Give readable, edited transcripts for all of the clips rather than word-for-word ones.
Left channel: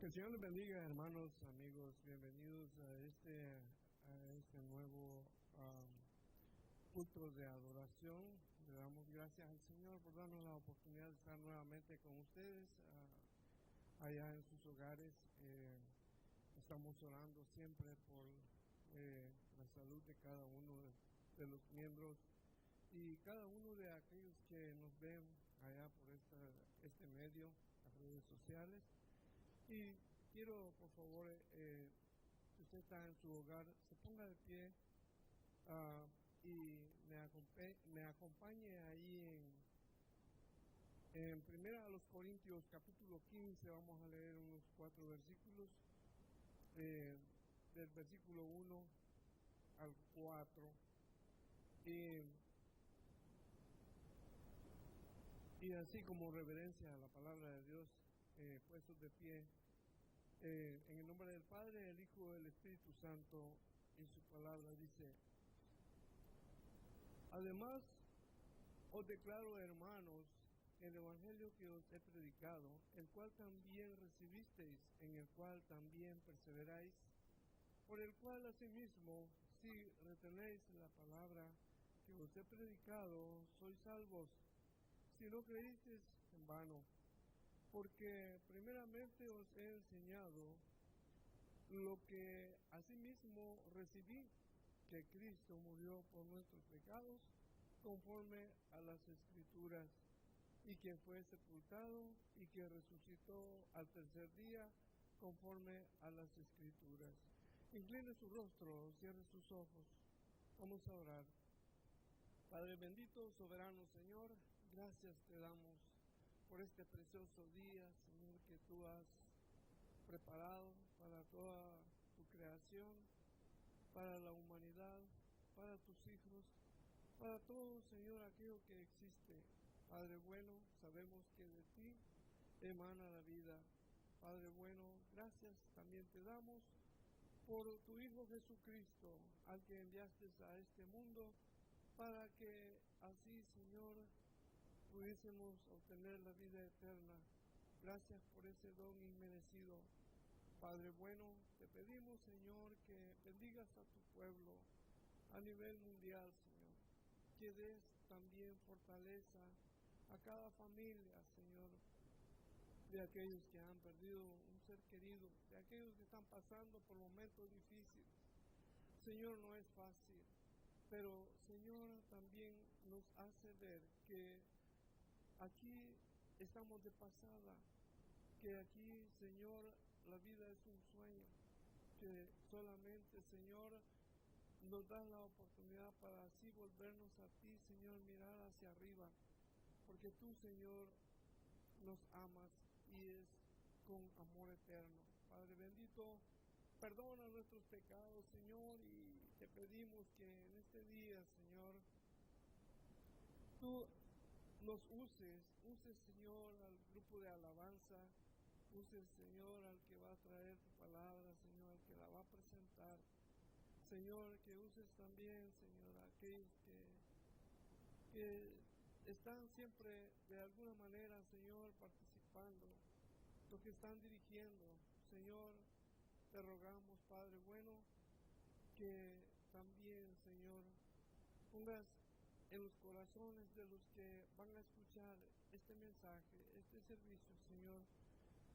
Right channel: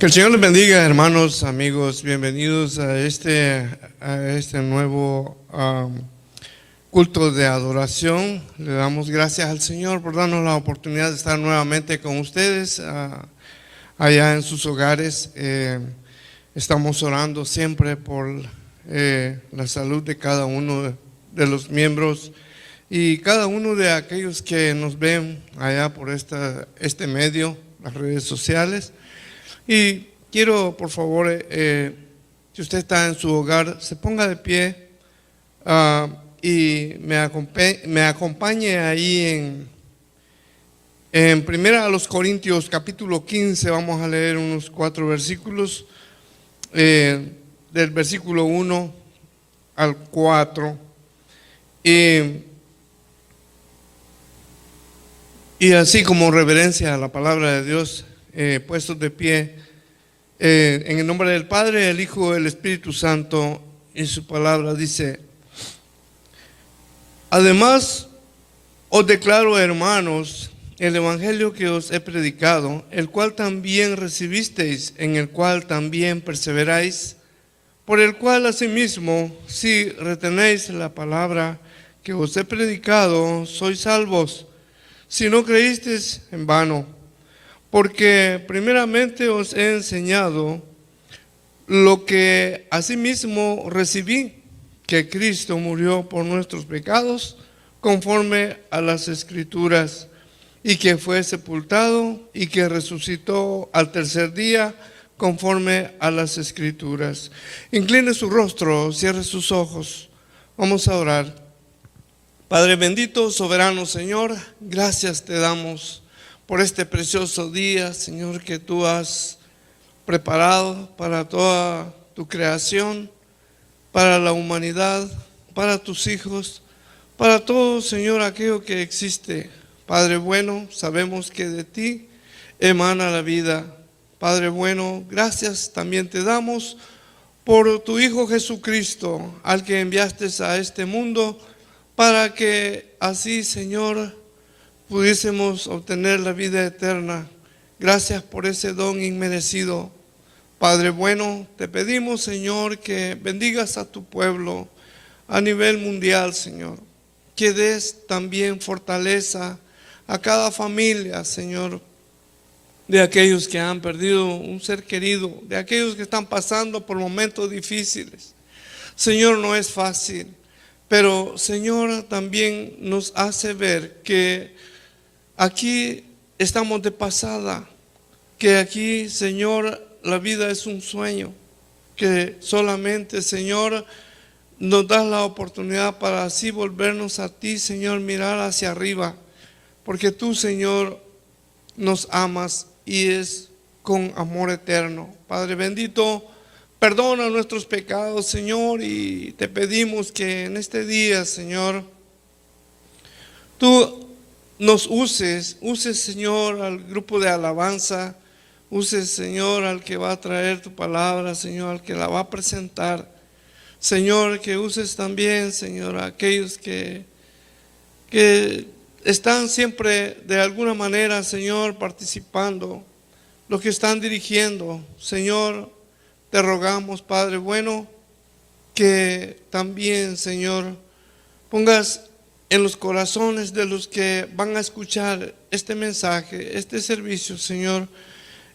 Que el Señor les bendiga, hermanos, amigos. Bienvenidos a este nuevo culto de adoración. Le damos gracias al Señor por darnos la oportunidad de estar nuevamente con ustedes allá en sus hogares. Estamos orando siempre por la salud de cada uno de los miembros y cada uno de aquellos que nos ven allá por este medio, las redes sociales. Y quiero, por favor, si usted está en su hogar, se ponga de pie y me acompañe ahí en Primera a los Corintios, capítulo 15. Vamos a leer unos 4 versículos, del versículo 1 al 4. Y así como reverencia a la palabra de Dios, puestos de pie, en el nombre del Padre, del Hijo, del Espíritu Santo, y su palabra dice: además os declaro, hermanos, el evangelio que os he predicado, el cual también recibisteis, en el cual también perseveráis, por el cual asimismo, si retenéis la palabra que os he predicado, sois salvos, si no creísteis en vano. Porque primeramente os he enseñado lo que asimismo recibí, que Cristo murió por nuestros pecados conforme a las Escrituras, y que fue sepultado y que resucitó al tercer día conforme a las Escrituras. Incline su rostro, cierre sus ojos. Vamos a orar. Padre bendito, soberano Señor, gracias te damos por este precioso día, Señor, que tú has preparado para toda tu creación, para la humanidad, para tus hijos, para todo, Señor, aquello que existe. Padre bueno, sabemos que de ti emana la vida. Padre bueno, gracias también te damos por tu Hijo Jesucristo, al que enviaste a este mundo, para que así, Señor, pudiésemos obtener la vida eterna. Gracias por ese don inmerecido. Padre bueno, te pedimos, Señor, que bendigas a tu pueblo a nivel mundial, Señor. Que des también fortaleza a cada familia, Señor, de aquellos que han perdido un ser querido, de aquellos que están pasando por momentos difíciles. Señor, no es fácil, pero Señor también nos hace ver que aquí estamos de pasada, que aquí, Señor, la vida es un sueño, que solamente, Señor, nos das la oportunidad para así volvernos a ti, Señor, mirar hacia arriba, porque tú, Señor, nos amas y es con amor eterno. Padre bendito, perdona nuestros pecados, Señor, y te pedimos que en este día, Señor, tú nos uses, Señor, al grupo de alabanza, uses, Señor, al que va a traer tu palabra, Señor, al que la va a presentar. Señor, que uses también, Señor, a aquellos que están siempre de alguna manera, Señor, participando, los que están dirigiendo. Señor, te rogamos, Padre bueno, que también, Señor, pongas en los corazones de los que van a escuchar este mensaje, este servicio, Señor,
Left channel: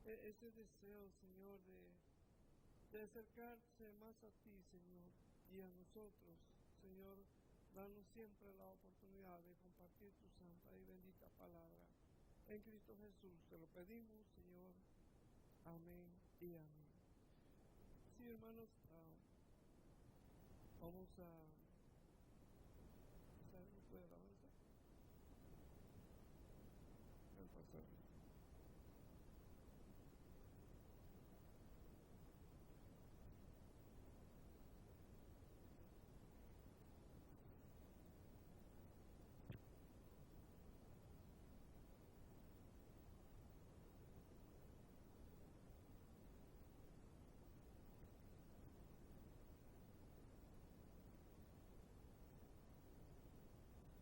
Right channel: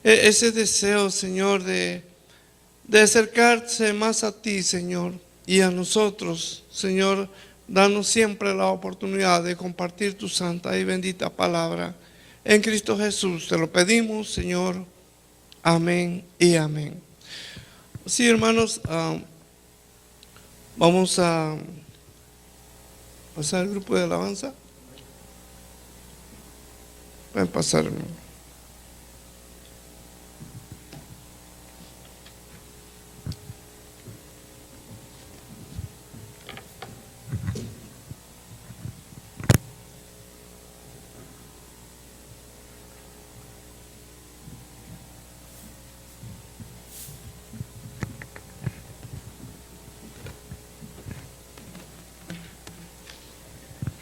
ese deseo, Señor, de acercarse más a ti, Señor, y a nosotros, Señor. Danos siempre la oportunidad de compartir tu santa y bendita palabra. En Cristo Jesús te lo pedimos, Señor. Amén y amén. Sí, hermanos, vamos a pasar al grupo de alabanza. Pueden pasar, hermano.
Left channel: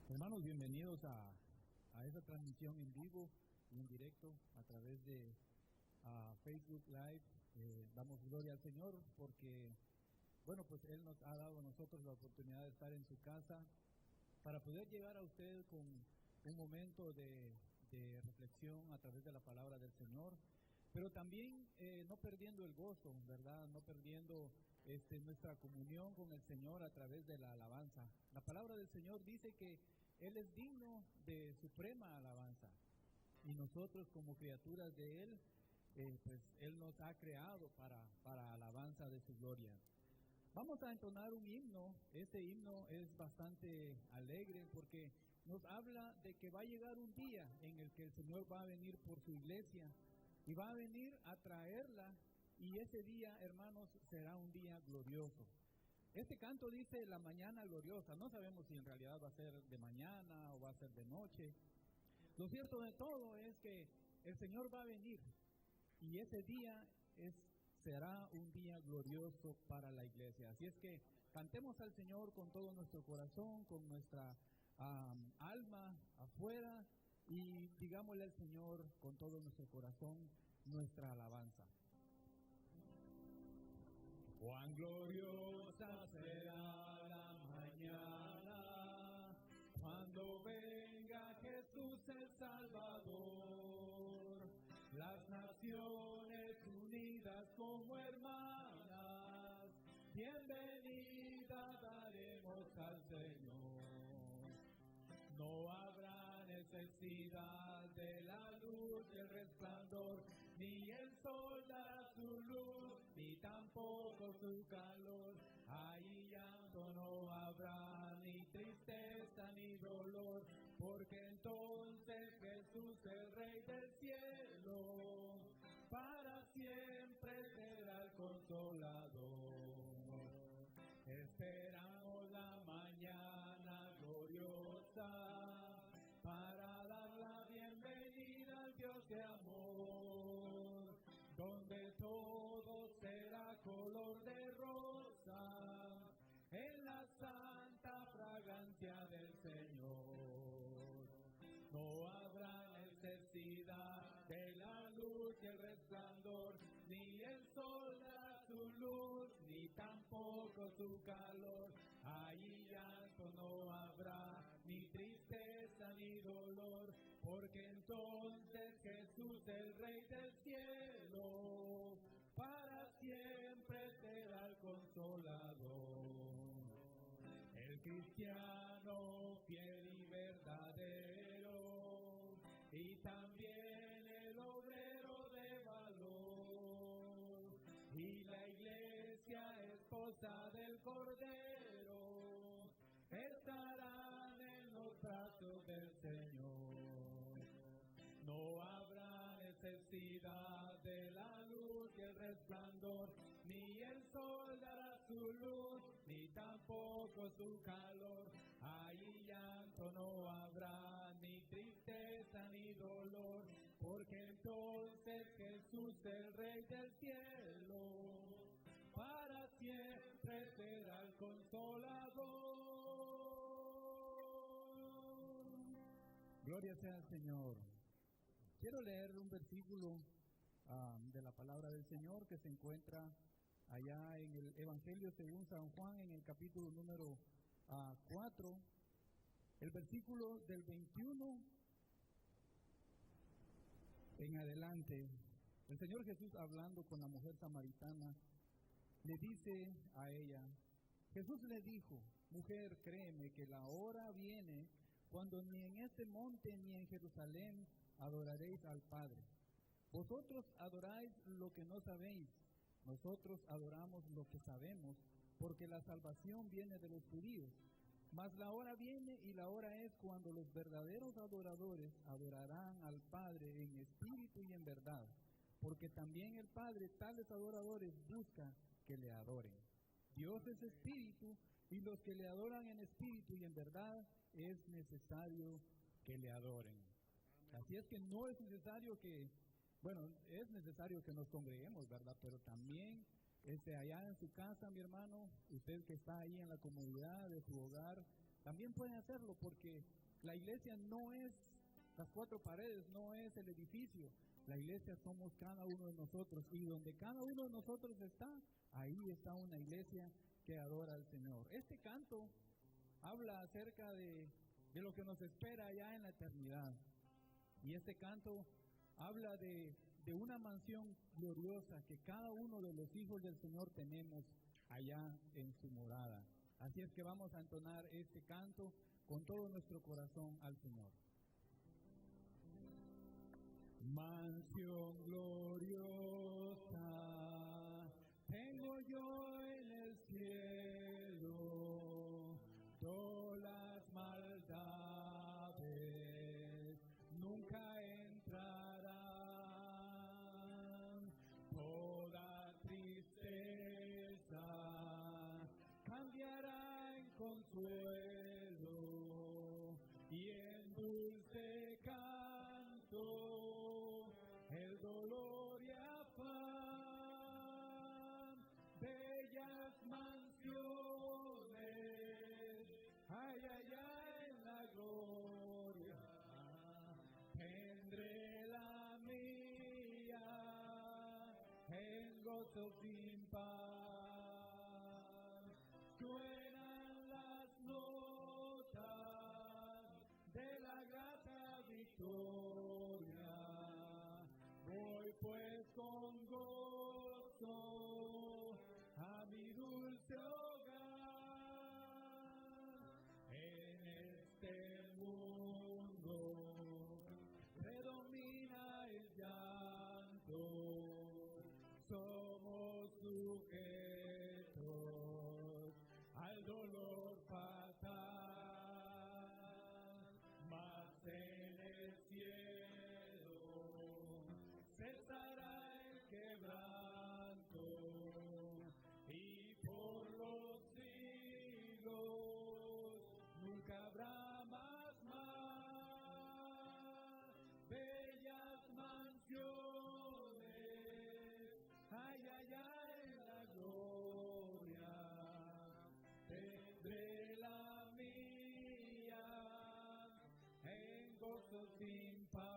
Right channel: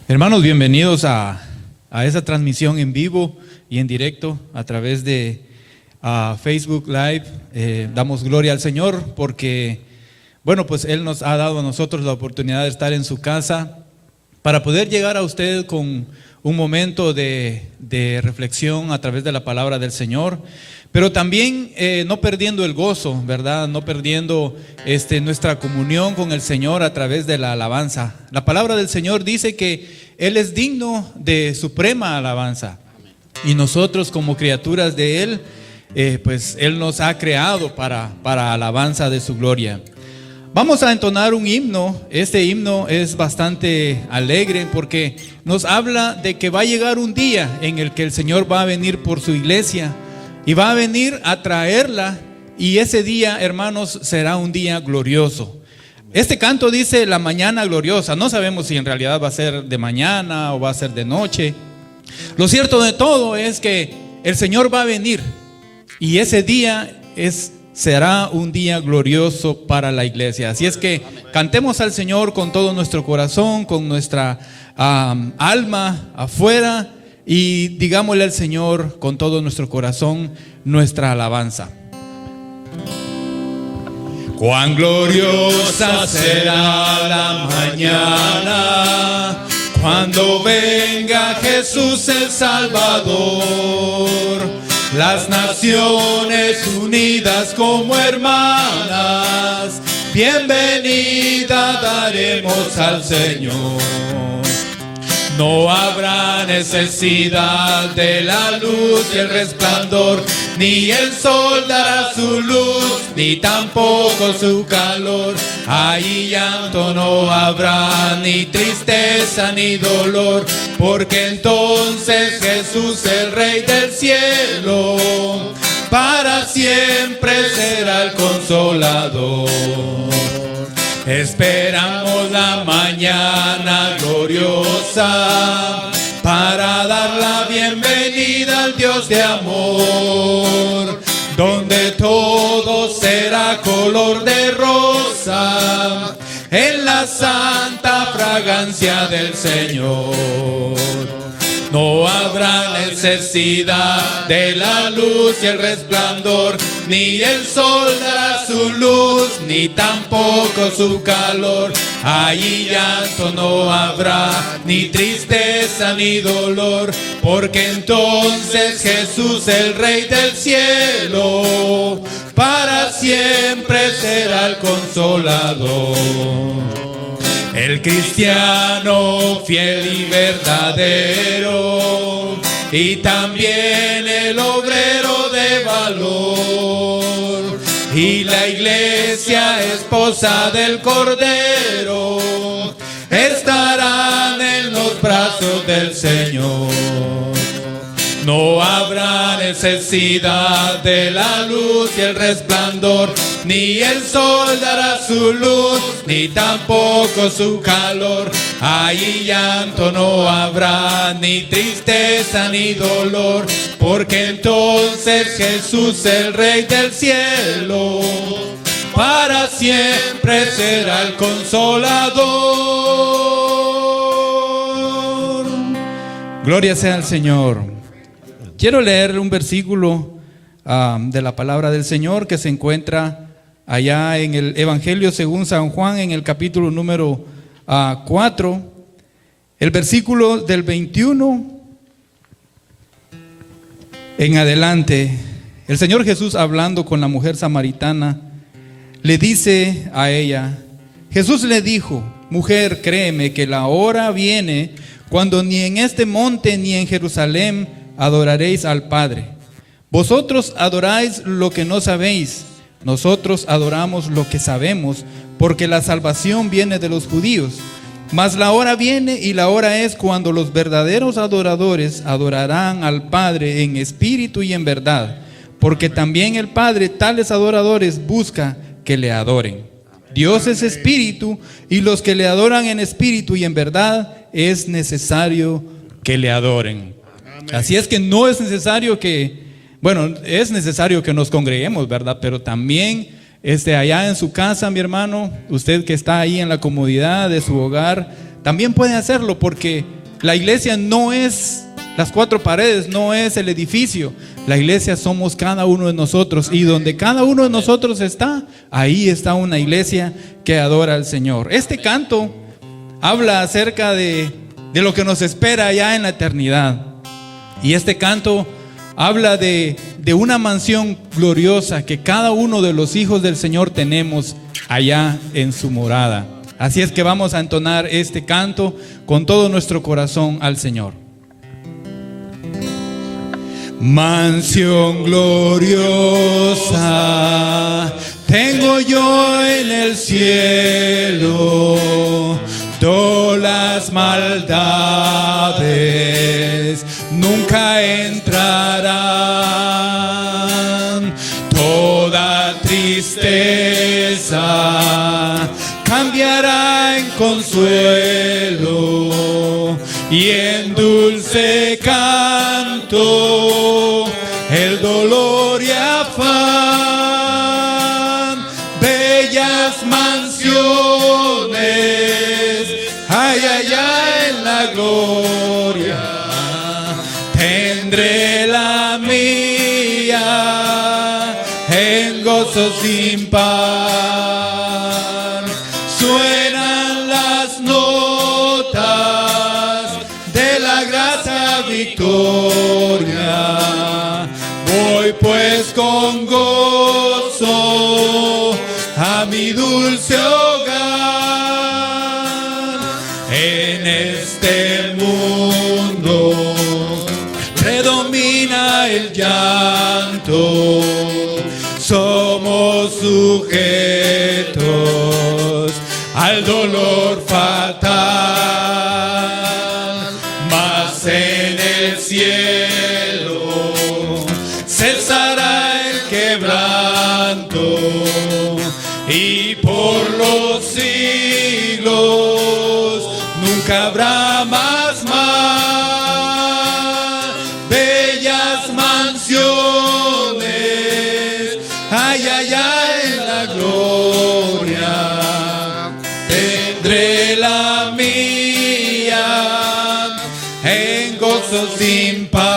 Hermanos, bienvenidos a esa transmisión en vivo y en directo a través de Facebook Live. Damos gloria al Señor porque, bueno, pues Él nos ha dado a nosotros la oportunidad de estar en su casa para poder llegar a usted con un momento de reflexión a través de la palabra del Señor, pero también no perdiendo el gozo, ¿verdad? No perdiendo nuestra comunión con el Señor a través de la alabanza. La palabra del Señor dice que Él es digno de suprema alabanza, y nosotros como criaturas de Él, pues Él nos ha creado para alabanza de su gloria. Vamos a entonar un himno. Este himno es bastante alegre porque nos habla de que va a llegar un día en el que el Señor va a venir por su iglesia y va a venir a traerla, y ese día, hermanos, será un día glorioso. Este canto dice la mañana gloriosa. No sabemos si en realidad va a ser de mañana o va a ser de noche. Lo cierto de todo es que el Señor va a venir y ese día será un día glorioso para la iglesia. Así es que cantemos al Señor con todo nuestro corazón, con nuestra alma afuera, y digámosle al Señor con todo nuestro corazón nuestra alabanza. Cuán gloriosa será la mañana cuando venga Jesús el Salvador. Las naciones unidas como hermanas, bienvenida daremos al Señor. No habrá necesidad de la luz y el resplandor, ni el sol dará su luz, ni tampoco su calor. Ahí llanto no habrá, ni tristeza ni dolor, porque entonces Jesús, el Rey del cielo, para siempre será el Consolador. Esperamos la mañana gloriosa para dar la bienvenida al Dios de amor, donde todo será color de rosa en la santa fragancia del Señor. No habrá necesidad de la luz y el resplandor, ni el sol dará su luz, ni tampoco su calor. Allí llanto no habrá, ni tristeza ni dolor, porque entonces Jesús, el Rey del cielo, para siempre será el Consolador. El cristiano fiel y verdadero, y también el obrero de valor, y la iglesia esposa del Cordero, estarán en los brazos del Señor. No habrá necesidad de la luz y el resplandor, ni el sol dará su luz, ni tampoco su calor. Ahí llanto no habrá, ni tristeza ni dolor, porque entonces Jesús, el Rey del cielo, para siempre será el Consolador. Gloria sea al Señor. Quiero leer un versículo de la palabra del Señor que se encuentra allá en el Evangelio según San Juan, en el capítulo número 4, el versículo del 21 en adelante. El Señor Jesús, hablando con la mujer samaritana, le dice a ella, Jesús le dijo: mujer, créeme que la hora viene cuando ni en este monte ni en Jerusalén adoraréis al Padre. Vosotros adoráis lo que no sabéis, nosotros adoramos lo que sabemos, porque la salvación viene de los judíos. Mas la hora viene y la hora es cuando los verdaderos adoradores adorarán al Padre en espíritu y en verdad, porque también el Padre tales adoradores busca que le adoren. Dios es espíritu, y los que le adoran en espíritu y en verdad es necesario que le adoren. Así es que no es necesario es necesario que nos congreguemos, ¿verdad? Pero también allá en su casa, mi hermano, usted que está ahí en la comodidad de su hogar, también puede hacerlo, porque la iglesia no es las cuatro paredes, no es el edificio. La iglesia somos cada uno de nosotros, y donde cada uno de nosotros está, ahí está una iglesia que adora al Señor. Este canto habla acerca de lo que nos espera allá en la eternidad. Y este canto habla de una mansión gloriosa que cada uno de los hijos del Señor tenemos allá en su morada. Así es que vamos a entonar este canto con todo nuestro corazón al Señor. Mansión gloriosa tengo yo en el cielo, todas las maldades nunca entrarán, toda tristeza cambiará en consuelo y en dulce canto el dolor y afán. Bellas mansiones hay allá en la gloria, tendré la mía en gozo sin par. Suenan las notas de la grata victoria, voy pues con gozo a mi dulce hogar. En este mundo predomina el llanto, somos sujetos al dolor fatal, mas en el cielo cesará el quebranto y por los siglos nunca habrá más mal. Bellas mansiones hay allá en la gloria, tendré la mía en gozo sin par.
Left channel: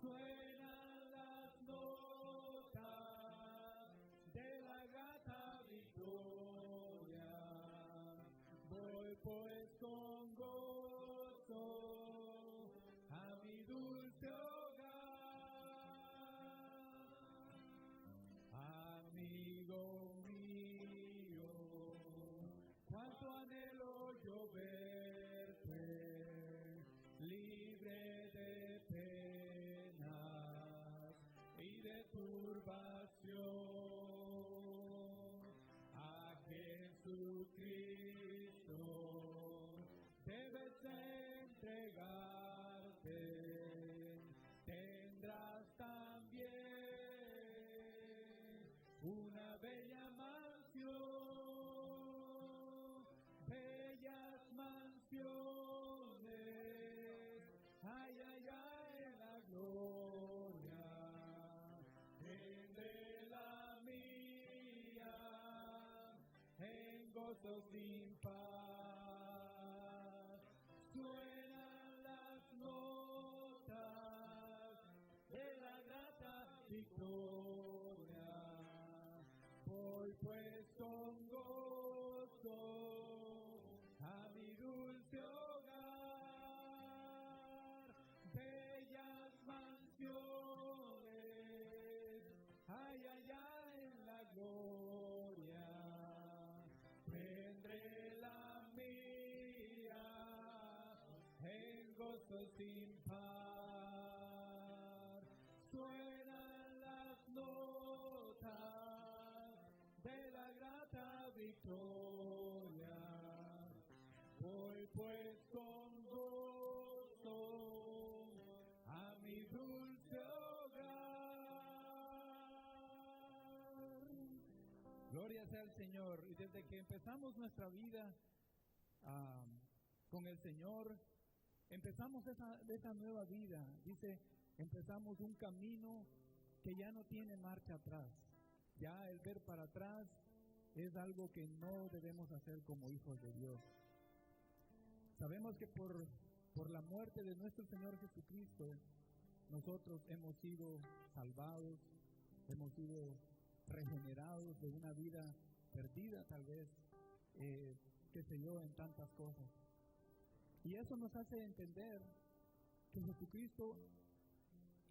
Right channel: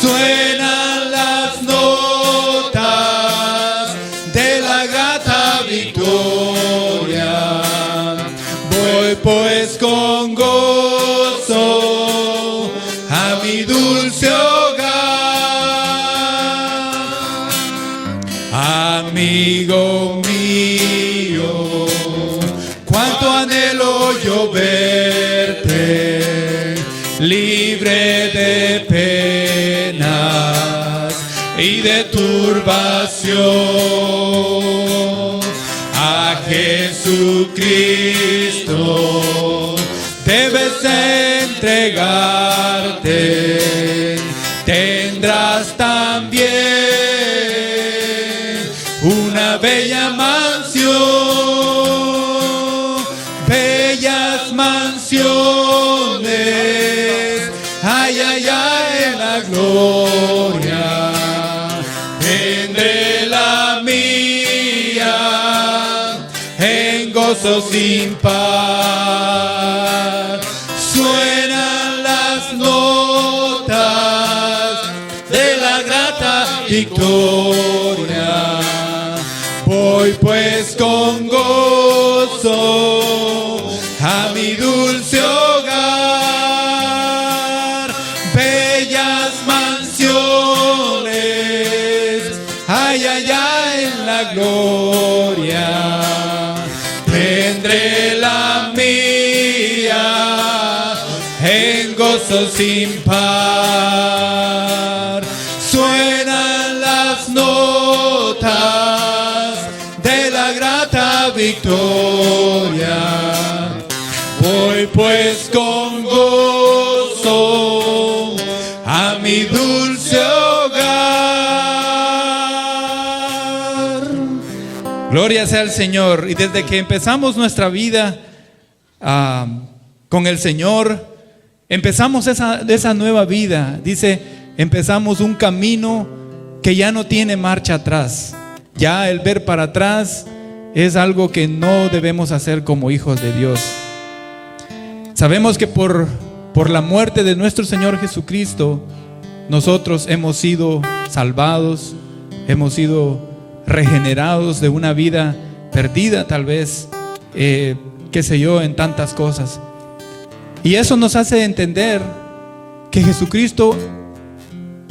Suenan las notas de la grata victoria, voy pues con gozo a mi dulce hogar. Amigo mío, cuánto anhelo yo verte libre de penas y de turbación. A Jesucristo debes entregarte, tendrás también una bella mansión. Bellas mansiones hay allá en la gloria, tendré la mía en gozo sin par. Suenan las notas de la grata victoria, voy pues con gozo a mi dulce hogar. Bellas mansiones hay allá en la gloria, tendré la mía en gozo sin par. Suenan las notas de la grata victoria, voy pues con gozo a mi dulce hogar. Gloria sea al Señor. Y desde que empezamos nuestra vida con el Señor, empezamos esa nueva vida. Dice, empezamos un camino que ya no tiene marcha atrás. Ya el ver para atrás es algo que no debemos hacer como hijos de Dios. Sabemos que por por la muerte de nuestro Señor Jesucristo, nosotros hemos sido salvados, hemos sido regenerados de una vida perdida, tal vez, qué sé yo, en tantas cosas. Y eso nos hace entender que Jesucristo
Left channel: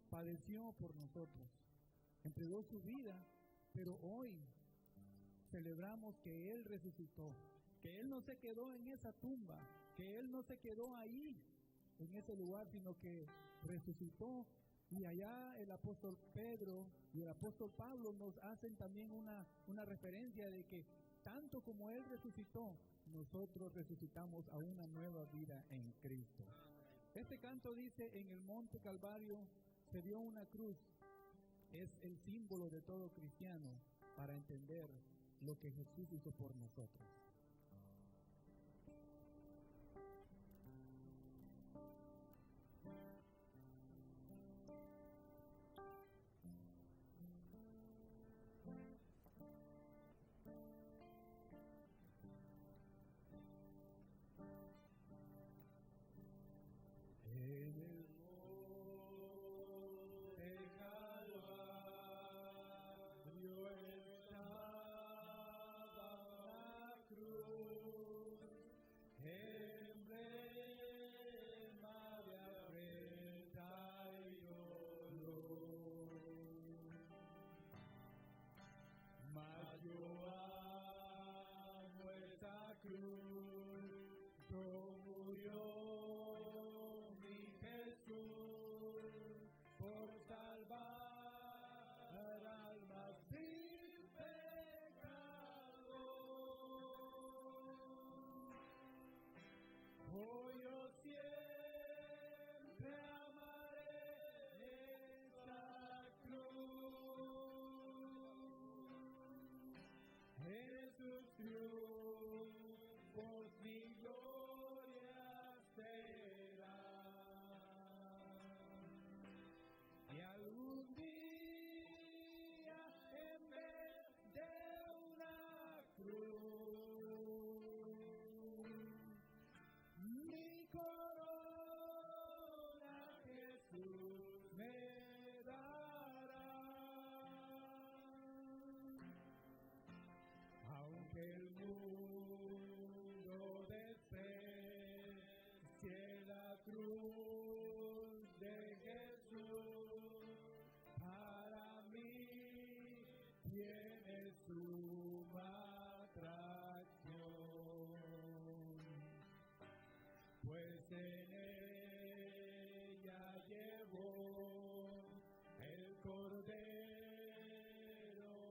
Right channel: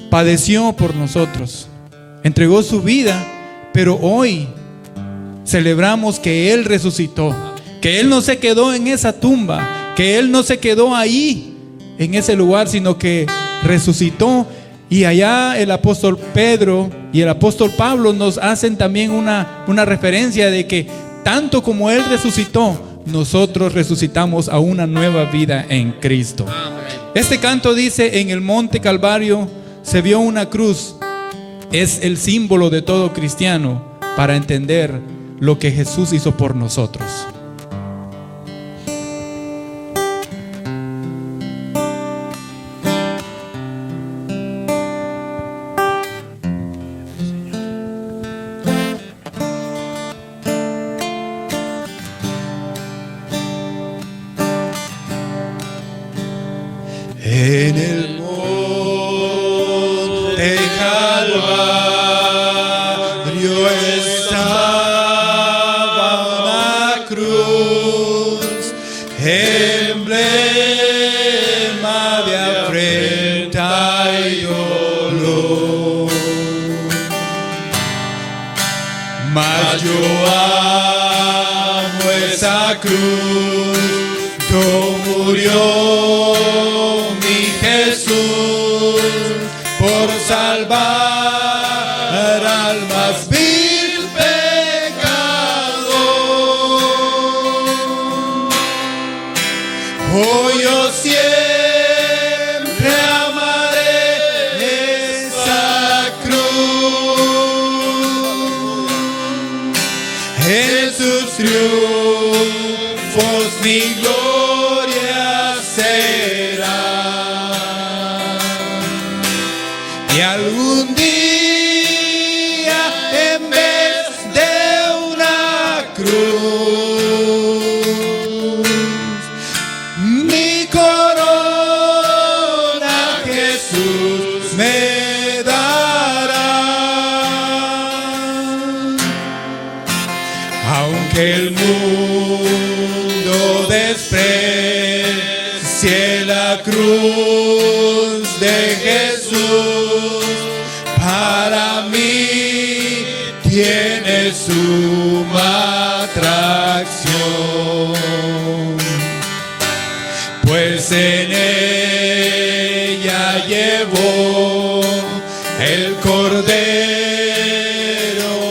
padeció por nosotros, entregó su vida, pero hoy celebramos que Él resucitó, que Él no se quedó en esa tumba, que Él no se quedó ahí, en ese lugar, sino que resucitó. Y allá el apóstol Pedro y el apóstol Pablo nos hacen también una referencia de que tanto como Él resucitó, nosotros resucitamos a una nueva vida en Cristo. Este canto dice: en el monte Calvario se vio una cruz. Es el símbolo de todo cristiano para entender lo que Jesús hizo por nosotros. En el monte Calvario estaba una cruz, emblema de afrenta y dolor. Mas yo amo esa cruz, no murió por salvar al más vil pecador. Hoy yo siempre amaré esa cruz. En sus triunfos mi gloria será. Y algún día, en vez de una cruz, mi corona Jesús me dará. Aunque el mundo desprecie la cruz de Jesús, para mí tiene suma atracción, pues en ella llevó el Cordero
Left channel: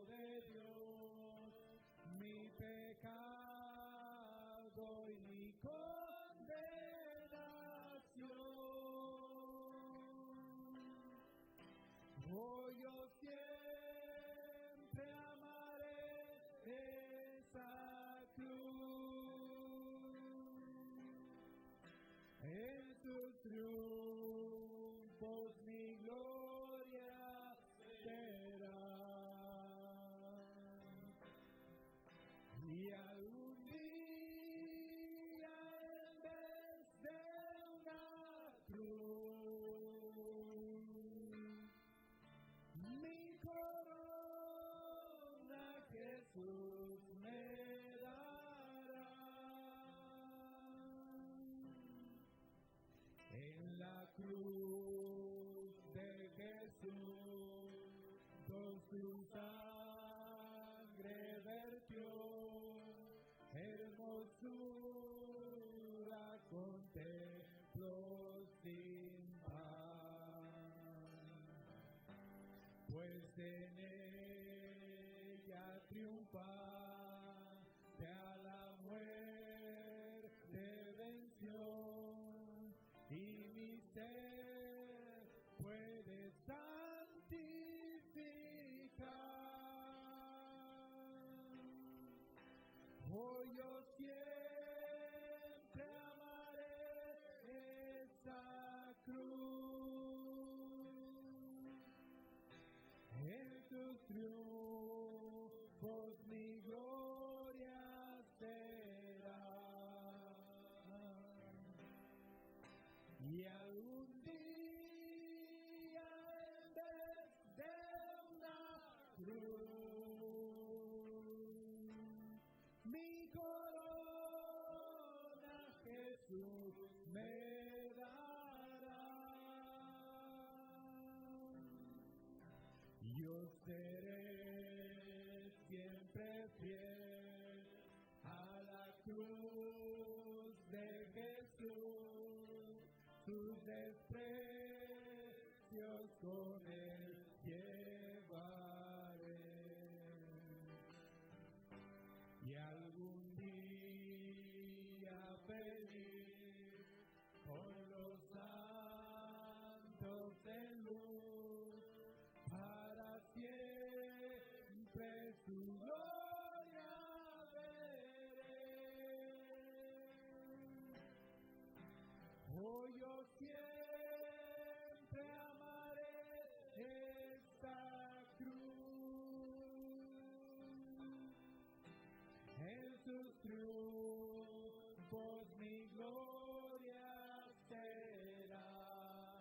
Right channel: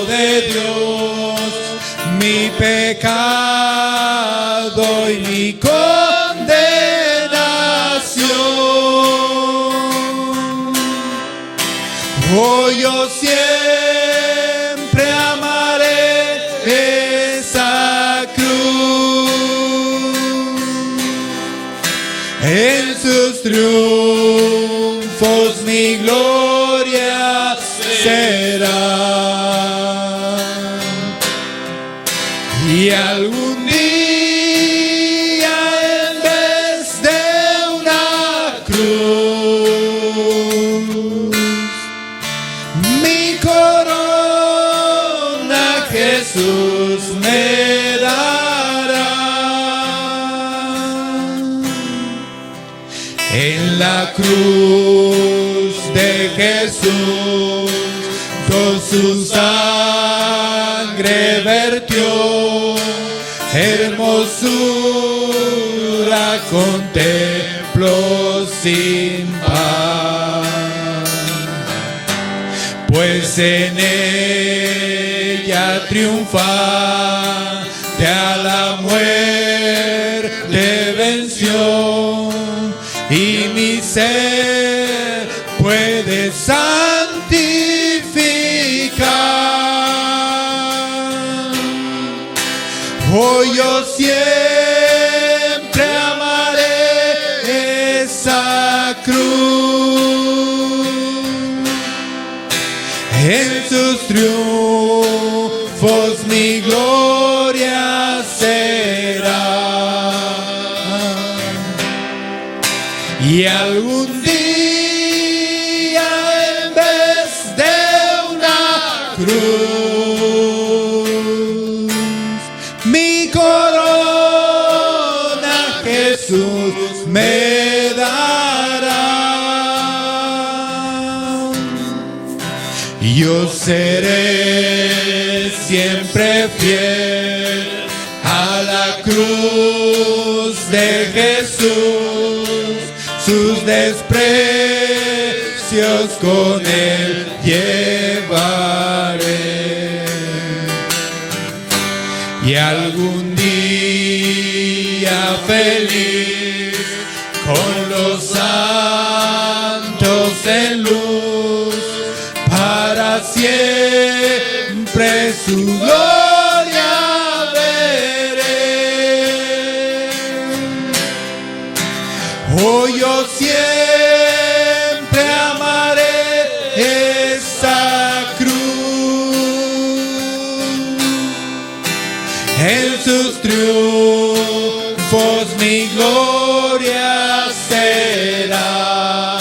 de Dios mi pecado y mi condenación. Hoy yo siempre amaré esa cruz. En sus triunfos mi gloria será. Y algún día, en vez de una cruz, mi corona Jesús me dará. En la cruz de Jesús, con su sangre vertió, hermosura contemplo sin par. Pues en ella triunfa, de a la muerte venció, y mi ser puede santificar. Hoy yo siempre amaré esa cruz. En sus triunfos mi gloria será. cruz, mi corona Jesús me dará. Yo seré siempre fiel a la cruz de Jesús, sus desprecios con él llevaré. Y algún día feliz con los santos en luz, para siempre su gloria veré. Oh, yo siempre amaré esa cruz, en sus triunfos mi gloria será.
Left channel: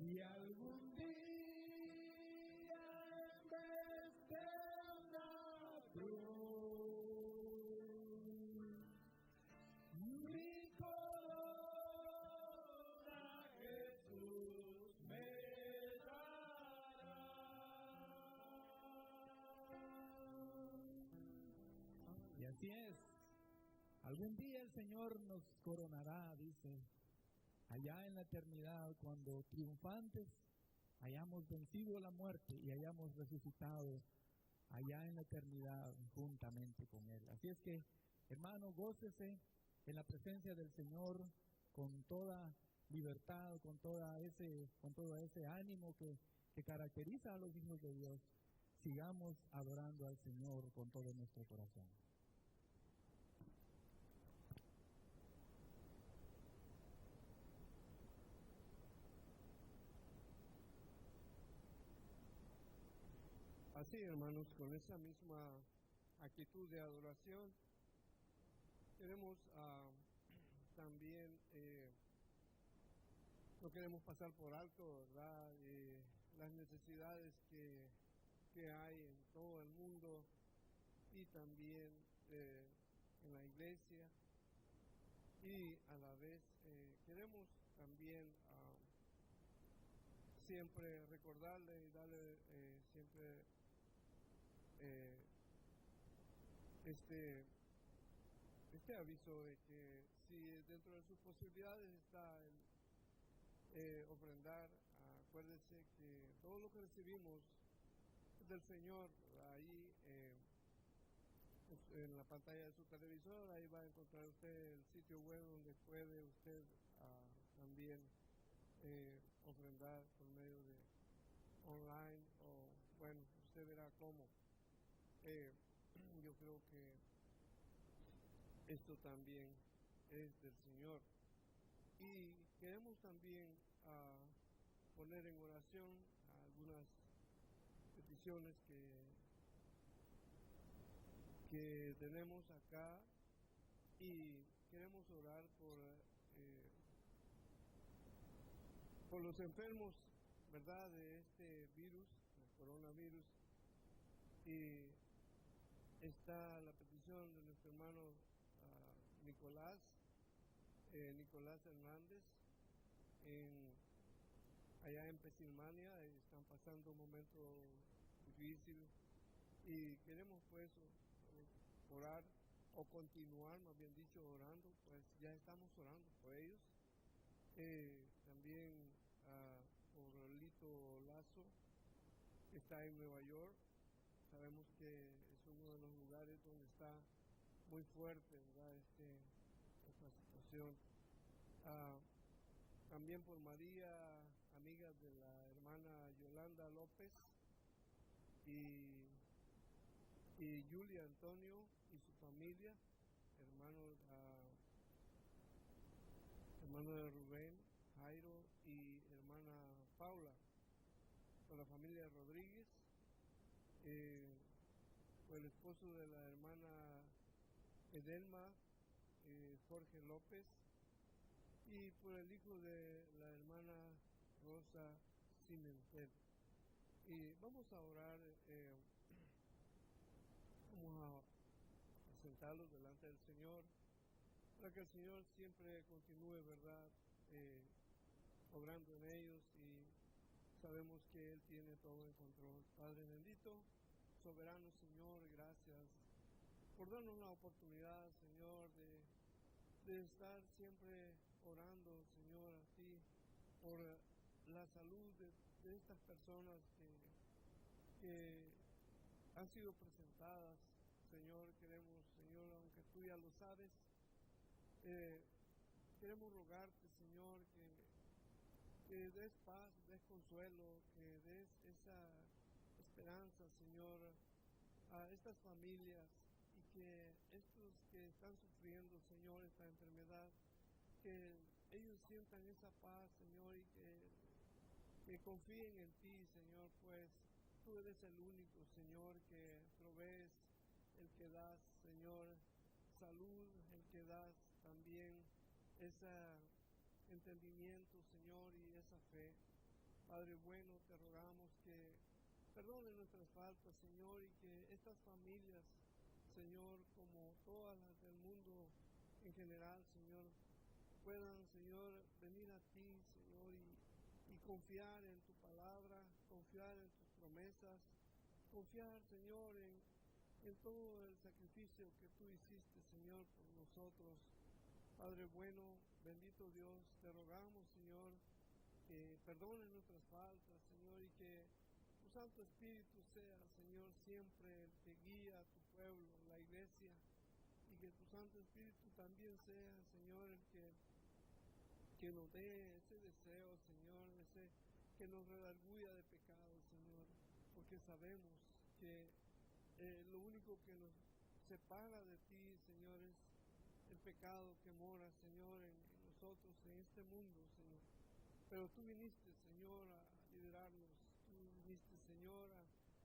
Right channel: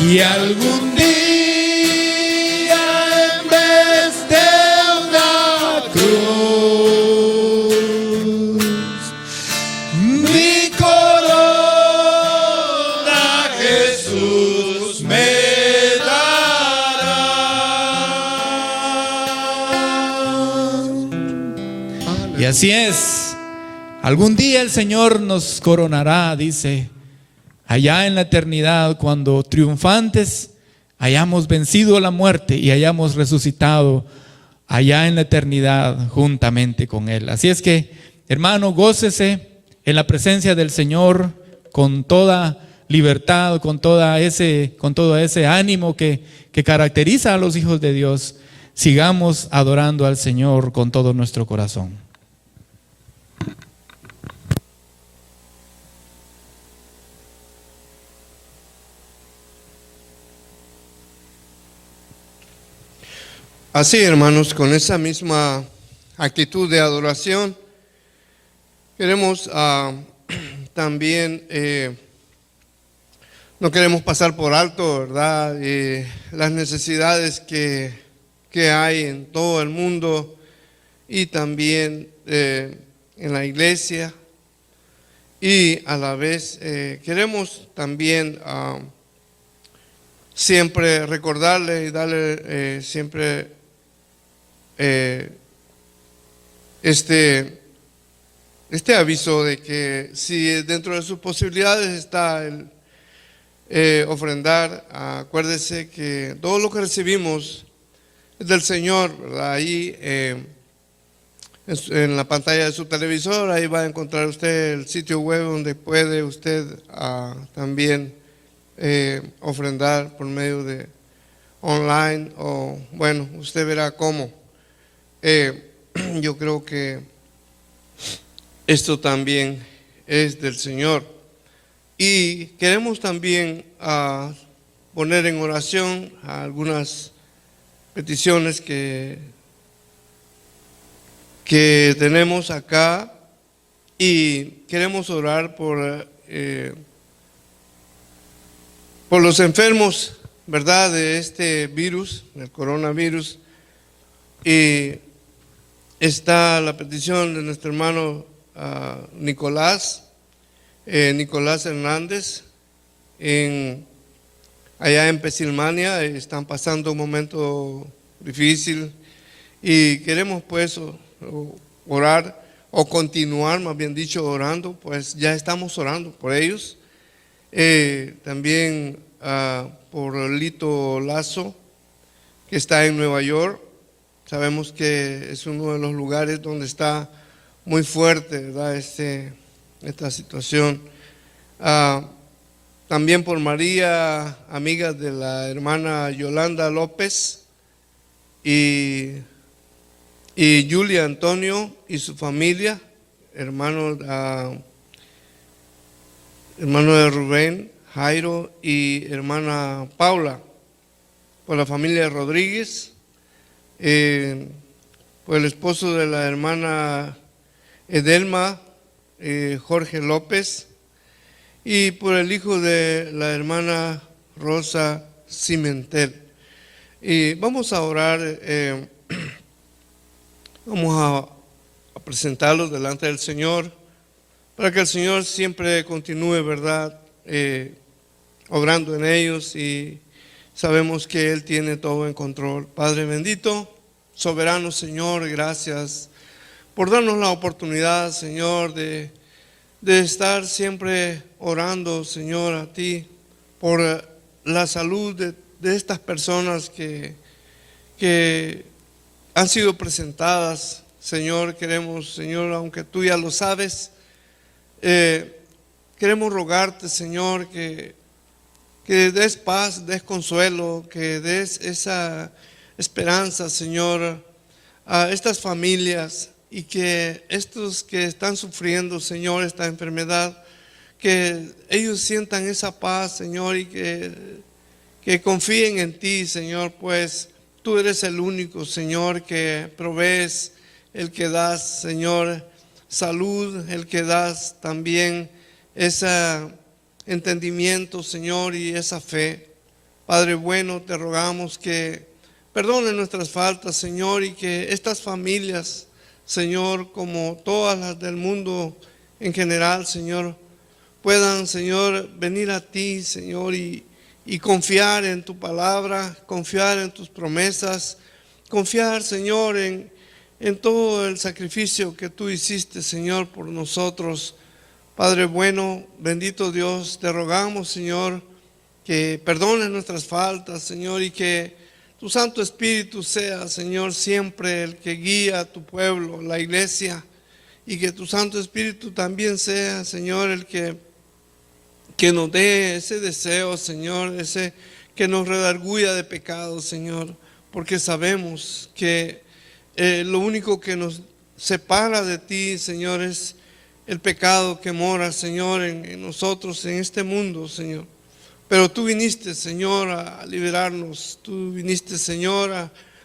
Y algún día en vez de una cruz, mi corona Jesús me dará. Y así es. Algún día el Señor nos coronará, dice, allá en la eternidad, cuando triunfantes hayamos vencido la muerte y hayamos resucitado allá en la eternidad juntamente con Él. Así es que, hermano, gócese en la presencia del Señor con toda libertad, con todo ese ánimo que caracteriza a los hijos de Dios. Sigamos adorando al Señor con todo nuestro corazón. Así, hermanos, con esa misma actitud de adoración, queremos también, no queremos pasar por alto, ¿verdad?, las necesidades que hay en todo el mundo y también en la iglesia. Y a la vez queremos también siempre recordarle y darle siempre este aviso de que si dentro de sus posibilidades está el ofrendar, acuérdese que todo lo que recibimos es del Señor, ¿verdad? Ahí en la pantalla de su televisor, ahí va a encontrar usted el sitio web donde puede usted también ofrendar por medio de online, o bueno, usted verá cómo. Yo creo que esto también es del Señor, y queremos también poner en oración algunas peticiones que tenemos acá, y queremos orar por los enfermos, ¿verdad?, de este virus, del coronavirus. Y está la petición de nuestro hermano Nicolás Hernández, allá en Pensilvania. Están pasando un momento difícil y queremos pues orar, o continuar, más bien dicho, orando. Pues ya estamos orando por ellos. También por Lito Lazo, que está en Nueva York. Sabemos que es uno de los lugares donde está muy fuerte, ¿verdad?, esta situación. También por María, amiga de la hermana Yolanda López, y Julia Antonio y su familia, hermano de Rubén, Jairo y hermana Paula. Por la familia Rodríguez, por el esposo de la hermana Edelma, Jorge López, y por el hijo de la hermana Rosa Cimentel. Y vamos a orar, vamos a presentarlos delante del Señor, para que el Señor siempre continúe, ¿verdad?, obrando en ellos, y sabemos que Él tiene todo en control. Padre bendito, soberano Señor, gracias por darnos la oportunidad, Señor, de estar siempre orando, Señor, a ti, por la salud de estas personas que han sido presentadas. Señor, queremos, Señor, aunque tú ya lo sabes, queremos rogarte, Señor, que des paz, des consuelo, que des esa esperanza, Señor, a estas familias, y que estos que están sufriendo, Señor, esta enfermedad, que ellos sientan esa paz, Señor, y que confíen en ti, Señor, pues tú eres el único, Señor, que provees, el que das, Señor, salud, el que das también ese entendimiento, Señor, y esa fe. Padre bueno, te rogamos que perdone nuestras faltas, Señor, y que estas familias, Señor, como todas las del mundo en general, Señor, puedan, Señor, venir a ti, Señor, y confiar en tu palabra, confiar en tus promesas, confiar, Señor, en todo el sacrificio que tú hiciste, Señor, por nosotros. Padre bueno, bendito Dios, te rogamos, Señor, que perdones nuestras faltas, Señor, y que tu Santo Espíritu sea, Señor, siempre el que guía a tu pueblo, la iglesia, y que tu Santo Espíritu también sea, Señor, el que nos dé ese deseo, Señor, ese que nos redarguya de pecado, Señor, porque sabemos que lo único que nos separa de ti, Señor, es el pecado que mora, Señor, en nosotros, en este mundo, Señor. Pero tú viniste, Señor, a liberarnos, tú viniste, Señor,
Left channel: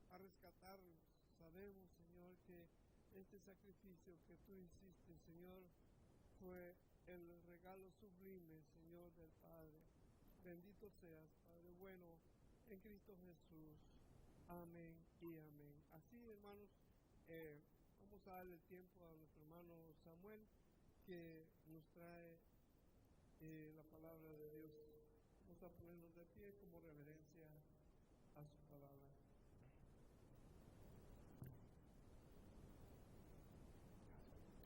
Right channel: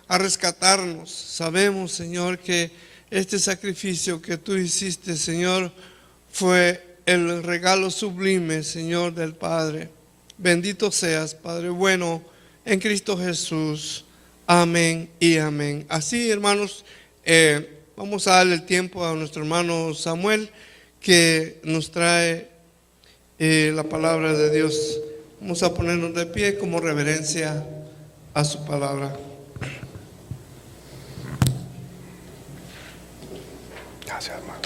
a rescatarnos. Sabemos, Señor, que este sacrificio que tú hiciste, Señor, fue el regalo sublime, Señor, del Padre. Bendito seas, Padre bueno, en Cristo Jesús. Amén y amén. Así, hermanos, vamos a darle el tiempo a nuestro hermano Samuel, que nos trae la palabra de Dios. Vamos a ponernos de pie como reverencia a su palabra. Gracias, hermano.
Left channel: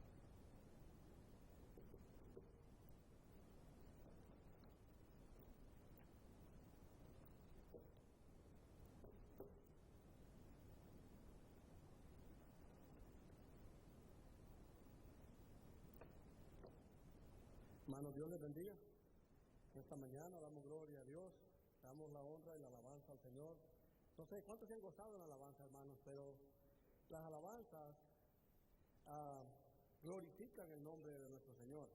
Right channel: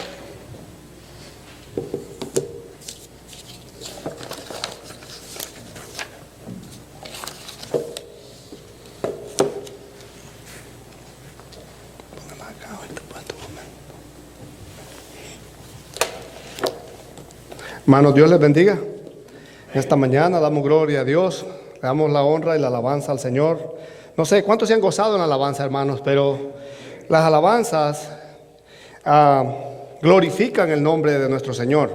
Hermanos, Dios les bendiga. Esta mañana damos gloria a Dios, le damos la honra y la alabanza al Señor. No sé cuántos se han gozado en la alabanza, hermanos, pero las alabanzas glorifican el nombre de nuestro Señor.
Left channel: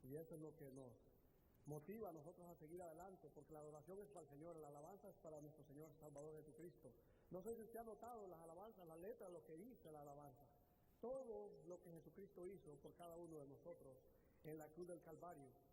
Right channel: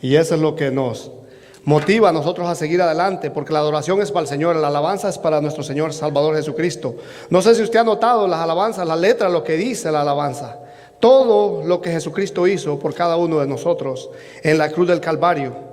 Y eso es lo que nos motiva a nosotros a seguir adelante, porque la adoración es para el Señor, la alabanza es para nuestro Señor Salvador Jesucristo. No sé si usted ha notado las alabanzas, la letra, lo que dice la alabanza. Todo lo que Jesucristo hizo por cada uno de nosotros en la cruz del Calvario.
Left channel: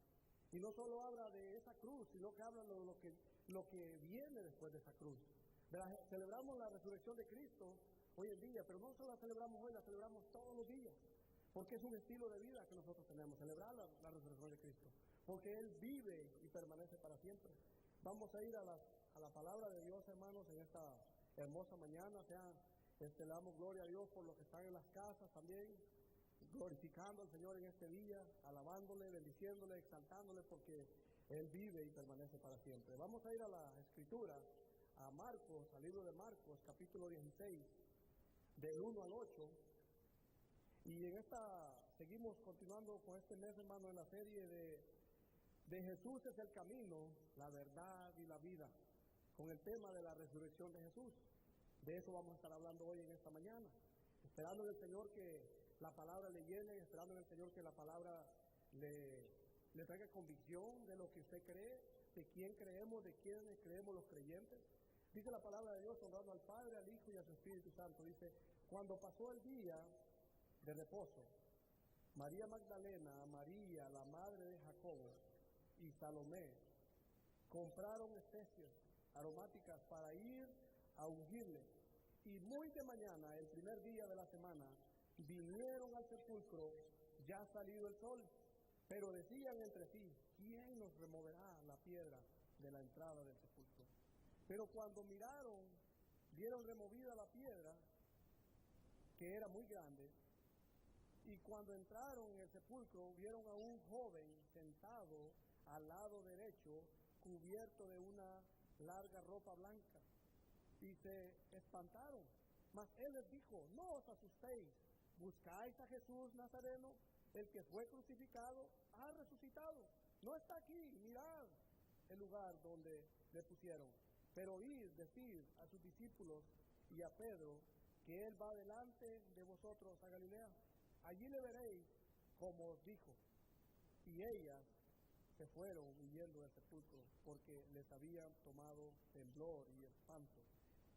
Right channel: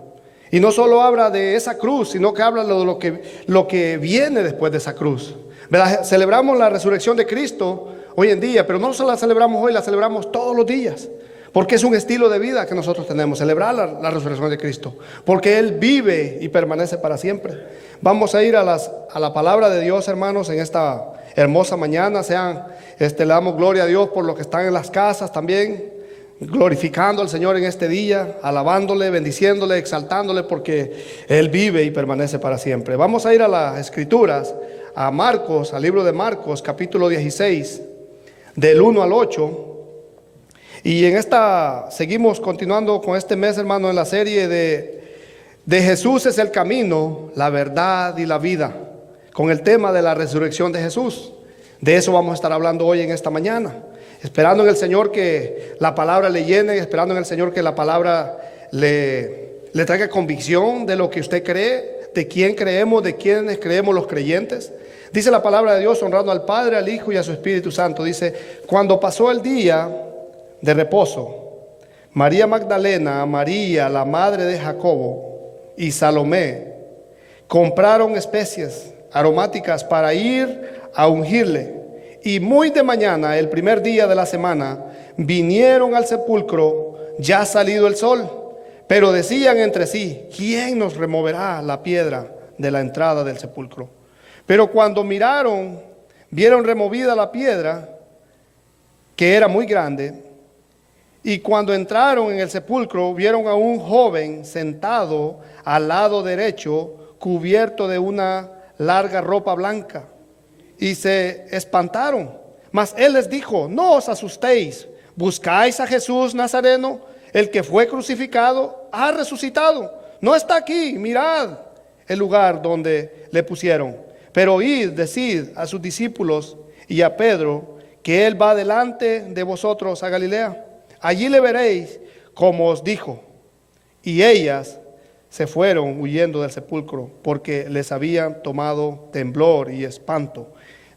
Y no solo habla de esa cruz, sino que habla de lo que viene después de esa cruz. ¿Verdad? Celebramos la resurrección de Cristo hoy en día, pero no solo la celebramos hoy, la celebramos todos los días. Porque es un estilo de vida que nosotros tenemos, celebrar la resurrección de Cristo. Porque Él vive y permanece para siempre. Vamos a ir a la palabra de Dios, hermanos, en esta hermosa mañana. Le damos gloria a Dios por los que están en las casas también, glorificando al Señor en este día, alabándole, bendiciéndole, exaltándole, porque Él vive y permanece para siempre. Vamos a ir a las Escrituras, a Marcos, al libro de Marcos, capítulo 16, del 1 al 8. Y seguimos continuando con este mes, hermano, en la serie de Jesús es el camino, la verdad y la vida, con el tema de la resurrección de Jesús. De eso vamos a estar hablando hoy en esta mañana, esperando en el Señor que la palabra le llene, esperando en el Señor que la palabra le traiga convicción de lo que usted cree, de quién creemos, de quiénes creemos los creyentes. Dice la palabra de Dios, honrando al Padre, al Hijo y a su Espíritu Santo. Dice, cuando pasó el día de reposo, María Magdalena, María, la madre de Jacobo, y Salomé compraron especies aromáticas para ir a ungirle. Y muy de mañana, el primer día de la semana, vinieron al sepulcro ya salido el sol, pero decían entre sí: ¿quién nos removerá la piedra de la entrada del sepulcro? Pero cuando miraron, vieron removida la piedra, que era muy grande. Y cuando entraron en el sepulcro, vieron a un joven sentado al lado derecho, cubierto de una larga ropa blanca, y se espantaron. Mas él les dijo: no os asustéis, buscáis a Jesús Nazareno, el que fue crucificado, ha resucitado, no está aquí, mirad el lugar donde le pusieron. Pero id, decid a sus discípulos y a Pedro que él va delante de vosotros a Galilea. Allí le veréis como os dijo. Y ellas se fueron huyendo del sepulcro, porque les habían tomado temblor y espanto.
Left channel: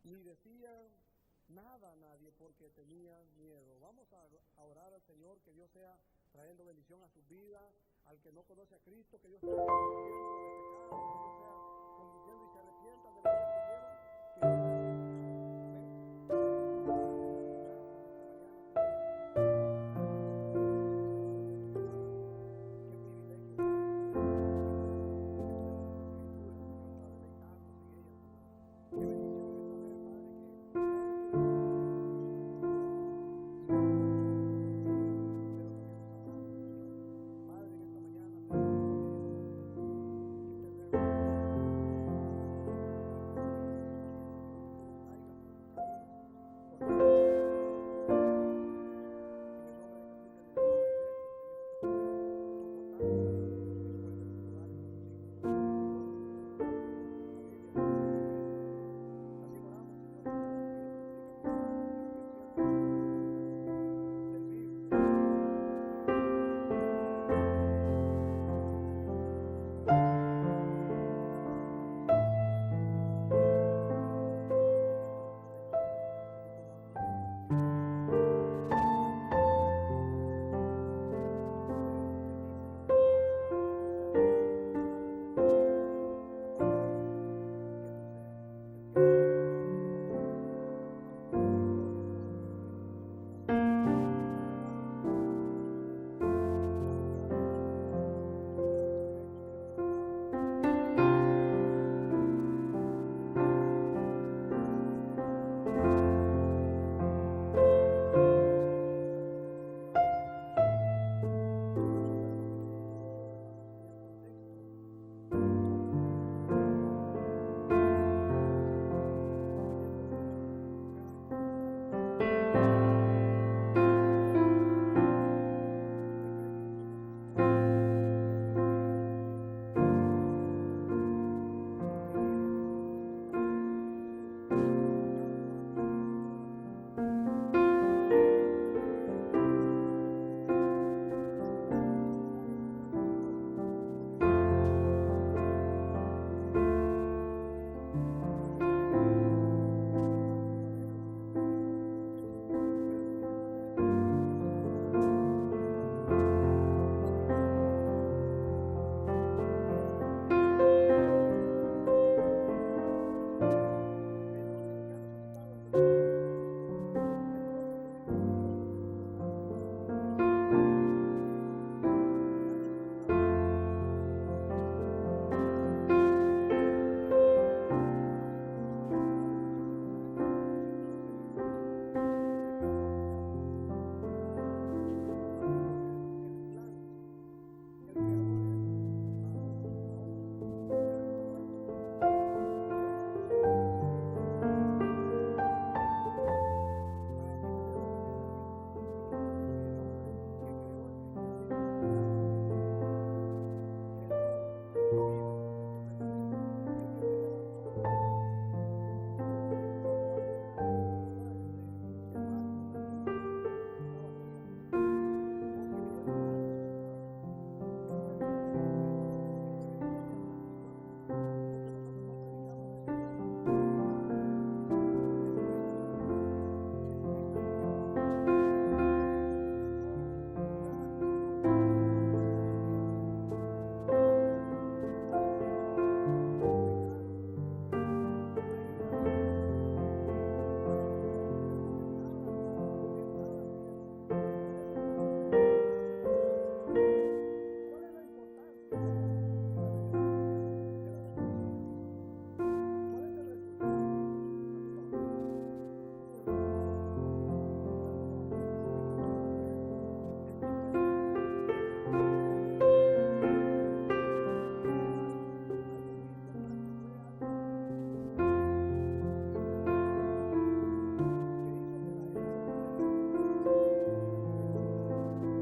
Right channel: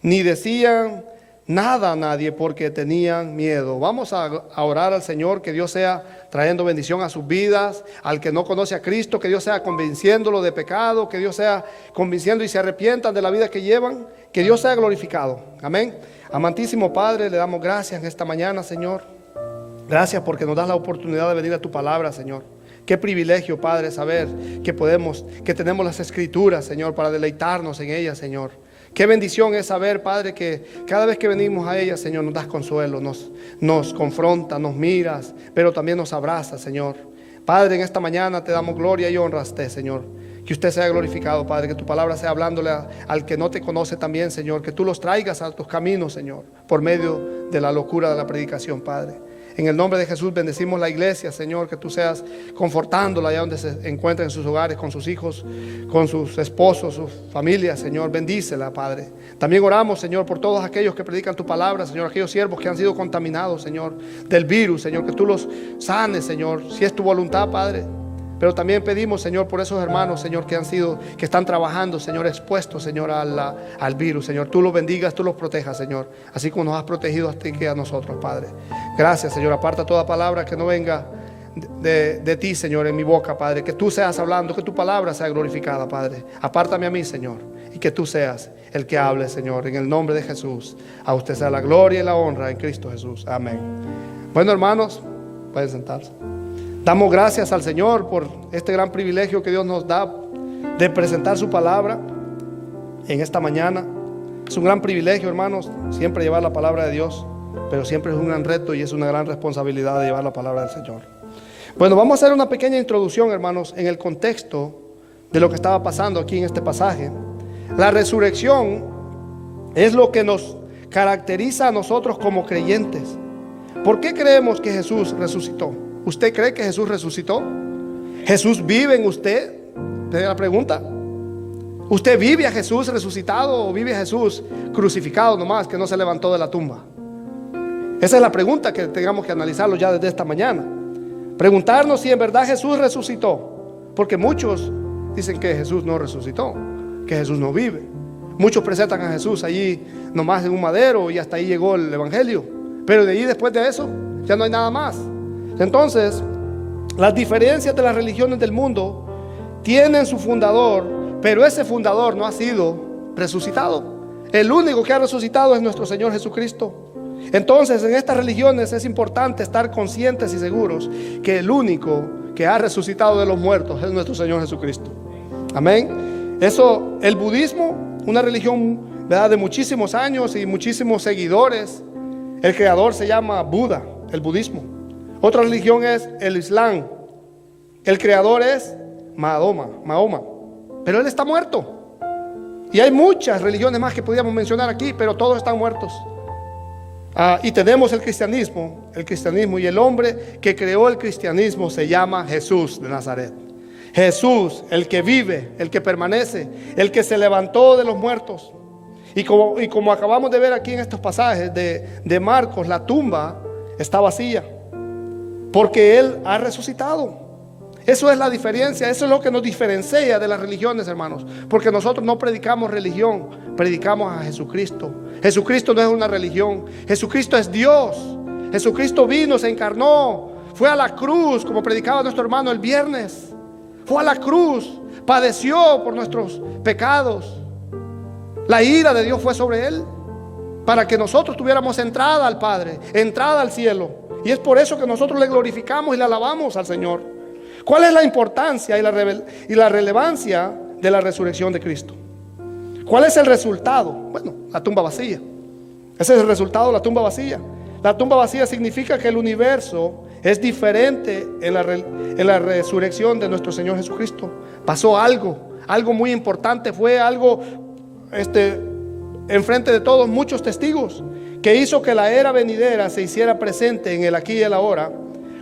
Ni decían nada a nadie porque tenían miedo. Vamos a orar al Señor, que Dios sea trayendo bendición a sus vidas. Al que no conoce a Cristo, que Dios sea convenciéndolo de pecado, que Dios sea convenciendo y se arrepientan de la vida que llevan. Que Dios sea glorificado. Amén. Amantísimo Padre, le damos gracias en esta mañana, Señor. Gracias porque nos das la oportunidad de venir a tu palabra, Señor. Qué privilegio, Padre, saber que tenemos las Escrituras, Señor, para deleitarnos en ellas, Señor. Qué bendición es saber, Padre, que cada vez que venimos a ellas, Señor, nos das consuelo, nos confrontas, nos miras, pero también nos abrazas, Señor. Padre, en esta mañana te damos gloria y honra a usted, Señor. Que usted sea glorificado, Padre, que tu palabra sea hablándole al que no te conoce también, Señor. Que tú los traigas a tus caminos, Señor, por medio de la locura de la predicación, Padre. En el nombre de Jesús bendecimos la iglesia, Señor, que tú seas confortándola allá donde se encuentra en sus hogares, con sus hijos, con sus esposos, sus familias, Señor. Bendícela, Padre. También oramos, Señor, por todos aquellos que predican tu palabra, Señor, aquellos siervos que han sido contaminados, Señor, del virus, Señor, que tú los sanes, Señor, si es tu voluntad, Padre. Pero también pedimos, Señor, por esos hermanos, Señor, que están trabajando, Señor, expuestos, Señor, al virus, Señor. Tú los bendigas, tú los protejas, Señor, así como nos has protegido a ti y a nosotros, Padre. Gracias, Señor. Aparta toda palabra que no venga de ti, Señor, en mi boca, Padre. Que tú seas hablando, que tu palabra sea glorificada, Padre. Apártame a mí, Señor, y que tú seas el que hable, Señor, en el nombre de Jesús. A usted sea la gloria y la honra en Cristo Jesús. Amén. Bueno, hermanos, pueden sentarse. Damos gracias al Señor por este gran privilegio que Dios nos da de presentar su palabra en esta mañana. Es un gran privilegio, hermanos, siempre llevar la palabra de Dios, pero siempre es un gran reto y es una gran responsabilidad de llevar la palabra del Señor. Bueno, vamos a hacer una pequeña introducción, hermanos, en el contexto de lo que estaba pasando aquí en este pasaje. La resurrección es lo que nos caracteriza a nosotros como creyentes. ¿Por qué creemos que Jesús resucitó? ¿Usted cree que Jesús resucitó? ¿Jesús vive en usted? Te la pregunta. ¿Usted vive a Jesús resucitado o vive a Jesús crucificado nomás, que no se levantó de la tumba? Esa es la pregunta que tengamos que analizarlo ya desde esta mañana. Preguntarnos si en verdad Jesús resucitó. Porque muchos dicen que Jesús no resucitó, que Jesús no vive. Muchos presentan a Jesús allí nomás en un madero y hasta ahí llegó el evangelio. Pero de ahí, después de eso, ya no hay nada más. Entonces, las diferencias de las religiones del mundo tienen su fundador, pero ese fundador no ha sido resucitado. El único que ha resucitado es nuestro Señor Jesucristo. Entonces, en estas religiones es importante estar conscientes y seguros que el único que ha resucitado de los muertos es nuestro Señor Jesucristo. Amén. Eso, el budismo, una religión, ¿verdad?, de muchísimos años y muchísimos seguidores. El creador se llama Buda, el budismo. Otra religión es el Islam. El creador es Mahoma. Pero él está muerto. Y hay muchas religiones más que podríamos mencionar aquí, pero todos están muertos. Y tenemos el cristianismo, y el hombre que creó el cristianismo se llama Jesús de Nazaret. Jesús, el que vive, el que permanece, el que se levantó de los muertos. Y como acabamos de ver aquí en estos pasajes de Marcos, la tumba está vacía, porque Él ha resucitado. Eso es la diferencia, eso es lo que nos diferencia de las religiones, hermanos. Porque nosotros no predicamos religión, predicamos a Jesucristo. Jesucristo no es una religión, Jesucristo es Dios. Jesucristo vino, se encarnó, fue a la cruz, como predicaba nuestro hermano el viernes. Fue a la cruz, padeció por nuestros pecados La ira de Dios fue sobre él para que nosotros tuviéramos entrada al Padre, entrada al cielo. Y es por eso que nosotros le glorificamos y le alabamos al Señor. ¿Cuál es la importancia y la relevancia de la resurrección de Cristo? ¿Cuál es el resultado? Bueno, la tumba vacía. Ese es el resultado de la tumba vacía. La tumba vacía significa que el universo es diferente en la resurrección de nuestro Señor Jesucristo. Pasó algo muy importante, fue algo enfrente de todos, muchos testigos, que hizo que la era venidera se hiciera presente en el aquí y el ahora,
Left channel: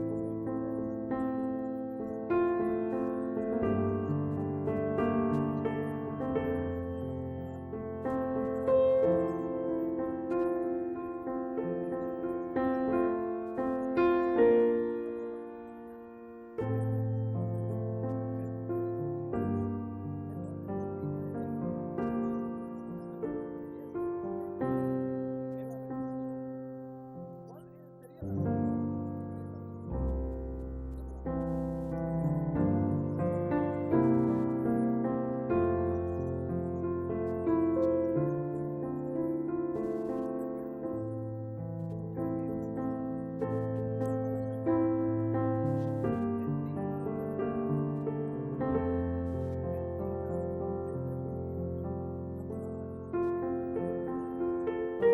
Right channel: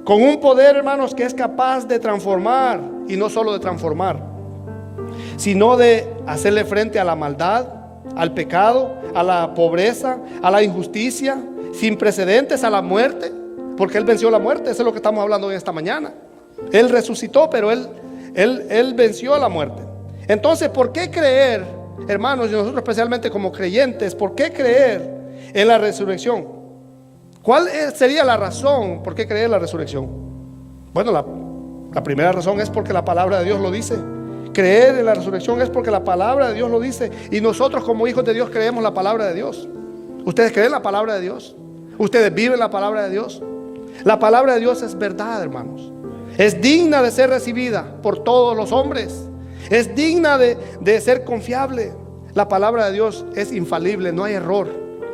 con un poder, hermanos, que es capaz de transformar, y no solo de transformar, sino de hacerle frente a la maldad, al pecado, a la pobreza, a la injusticia, sin precedentes, a la muerte, porque Él venció la muerte. Eso es lo que estamos hablando hoy esta mañana. Él resucitó, pero Él venció a la muerte. Entonces, ¿por qué creer, hermanos, y nosotros especialmente como creyentes, por qué creer en la resurrección? ¿Cuál sería la razón por qué creer en la resurrección? Bueno, la primera razón es porque la palabra de Dios lo dice. Creer en la resurrección es porque la palabra de Dios lo dice. Y nosotros como hijos de Dios creemos la palabra de Dios. ¿Ustedes creen la palabra de Dios? ¿Ustedes viven la palabra de Dios? La palabra de Dios es verdad, hermanos. Es digna de ser recibida por todos los hombres. Es digna de ser confiable. La palabra de Dios es infalible, no hay error.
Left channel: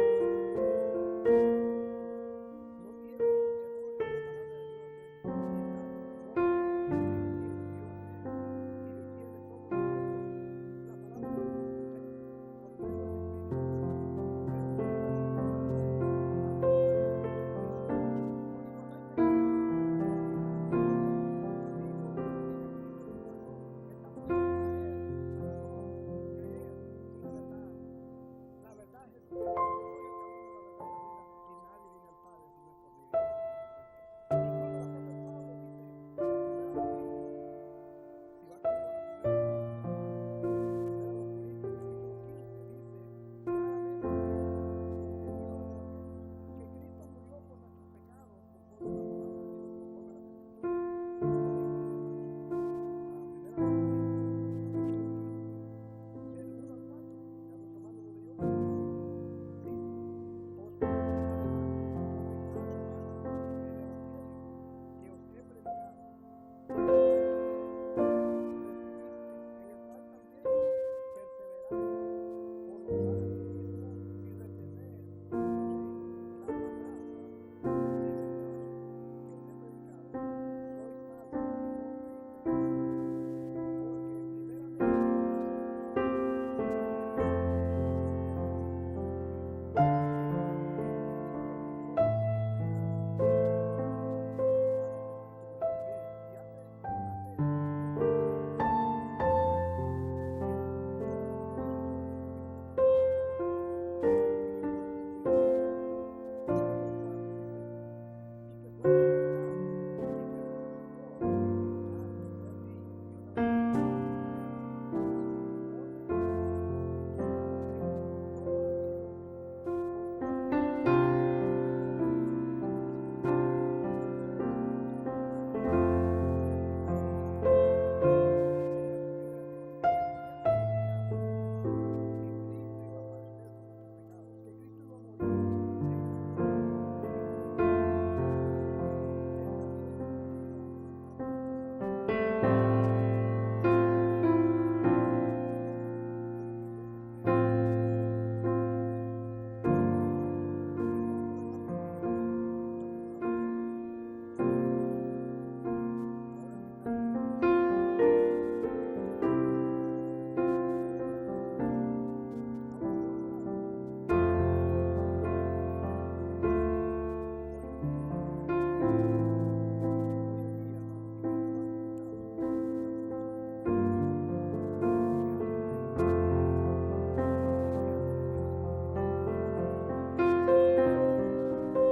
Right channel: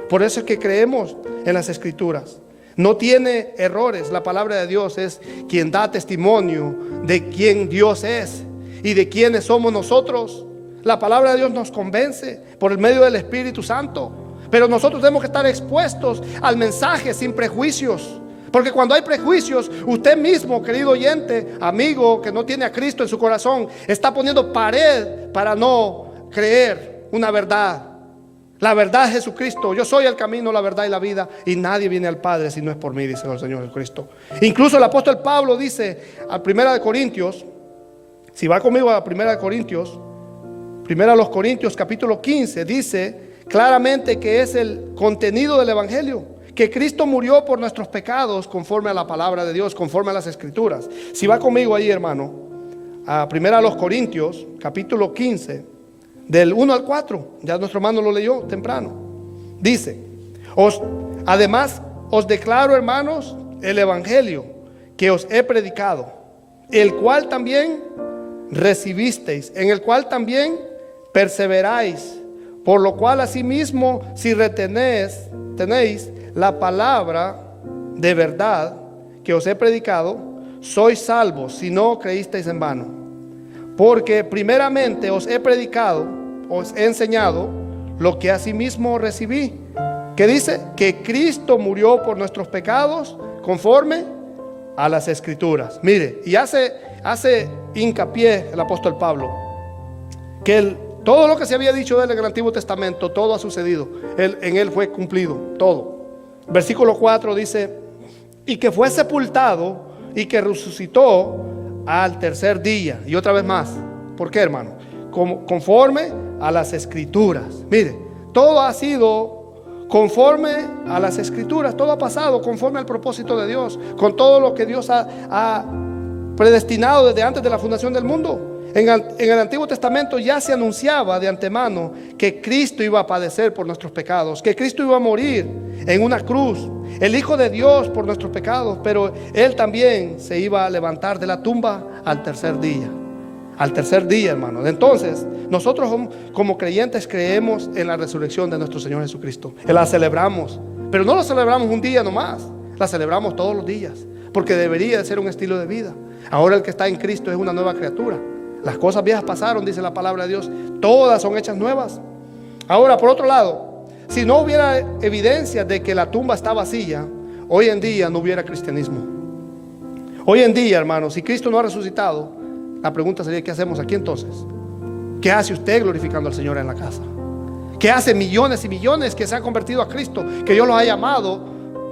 Por eso es que creemos en las Escrituras. No tiene errores. La palabra de Dios es quien da testimonio de quién Dios es y de quiénes somos nosotros. La palabra de Dios nos convence por el medio del Espíritu Santo. Pero nosotros tenemos que estar expuestos al mensaje sin prejuicios. Porque cuando hay prejuicios, usted mismo, querido oyente, amigo que no tiene a Cristo en su corazón, está poniendo pared para no creer una verdad. La verdad es Jesucristo. Yo soy el camino, la verdad y la vida, y nadie viene al Padre si no es por mí, dice el Señor Jesucristo. Incluso el apóstol Pablo dice a 1 Corintios, si va conmigo a 1 Corintios, 1 Corintios capítulo 15, dice claramente que es el contenido del Evangelio, que Cristo murió por nuestros pecados conforme a la palabra de Dios, conforme a las Escrituras. Si va conmigo ahí, hermano, a 1 Corintios capítulo 15, del 1 al 4, ya nuestro hermano lo leyó temprano. Dice: además os declaro, hermanos, el Evangelio que os he predicado, el cual también recibisteis, en el cual también perseveráis, por lo cual asimismo, si tenéis la palabra de verdad que os he predicado, sois salvos si no creísteis en vano. Porque primeramente os he predicado, os he enseñado lo que asimismo recibí, que dice que Cristo murió por nuestros pecados conforme a las Escrituras. Mire, y hace hincapié el apóstol Pablo que todo lo que se había dicho de él en el Antiguo Testamento, todo ha sucedido. En él fue cumplido todo. Versículo 4 dice: y que fue sepultado y que resucitó al tercer día. Y otra vez más, ¿por qué, hermano? Conforme a las Escrituras. Mire, todo ha sido conforme a las Escrituras. Todo ha pasado conforme al propósito de Dios, con todo lo que Dios ha predestinado desde antes de la fundación del mundo. En el Antiguo Testamento ya se anunciaba de antemano que Cristo iba a padecer por nuestros pecados, que Cristo iba a morir en una cruz, el Hijo de Dios por nuestros pecados, pero Él también se iba a levantar de la tumba al tercer día. Al tercer día, hermanos. Entonces, nosotros como creyentes creemos en la resurrección de nuestro Señor Jesucristo. La celebramos, pero no la celebramos un día nomás, la celebramos todos los días, porque debería de ser un estilo de vida. Ahora el que está en Cristo es una nueva criatura. Las cosas viejas pasaron, dice la palabra de Dios, todas son hechas nuevas. Ahora, por otro lado, si no hubiera evidencia de que la tumba está vacía, hoy en día no hubiera cristianismo. Hoy en día, hermanos, si Cristo no ha resucitado, la pregunta sería: ¿qué hacemos aquí entonces? ¿Qué hace usted glorificando al Señor en la casa? ¿Qué hace millones y millones que se han convertido a Cristo, que Dios los ha llamado?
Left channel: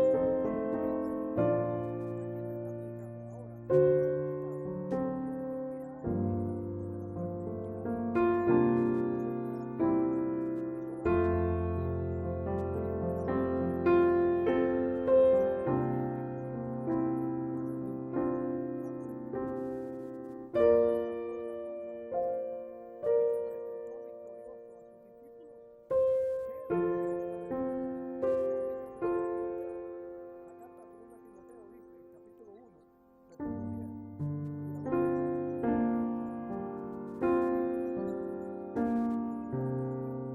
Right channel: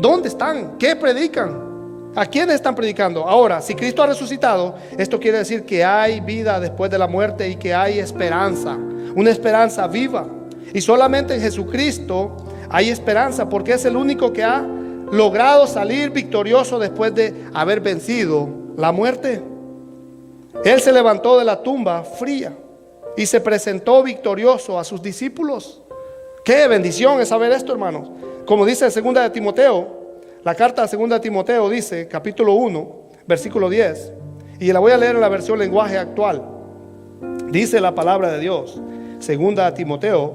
¿Dónde están? ¿Qué predican? ¿A quiénes están predicando? Ahora, si Cristo ha resucitado, esto quiere decir que hay vida después de la muerte y que hay esperanza, una esperanza viva. Y solamente en Jesucristo hay esperanza, porque es el único que ha logrado salir victorioso después de haber vencido la muerte. Él se levantó de la tumba fría y se presentó victorioso a sus discípulos. Qué bendición es saber esto, hermanos. Como dice en 2 de Timoteo, la carta de 2 de Timoteo dice, capítulo 1, versículo 10, y la voy a leer en la versión lenguaje actual. Dice la palabra de Dios, 2 de Timoteo,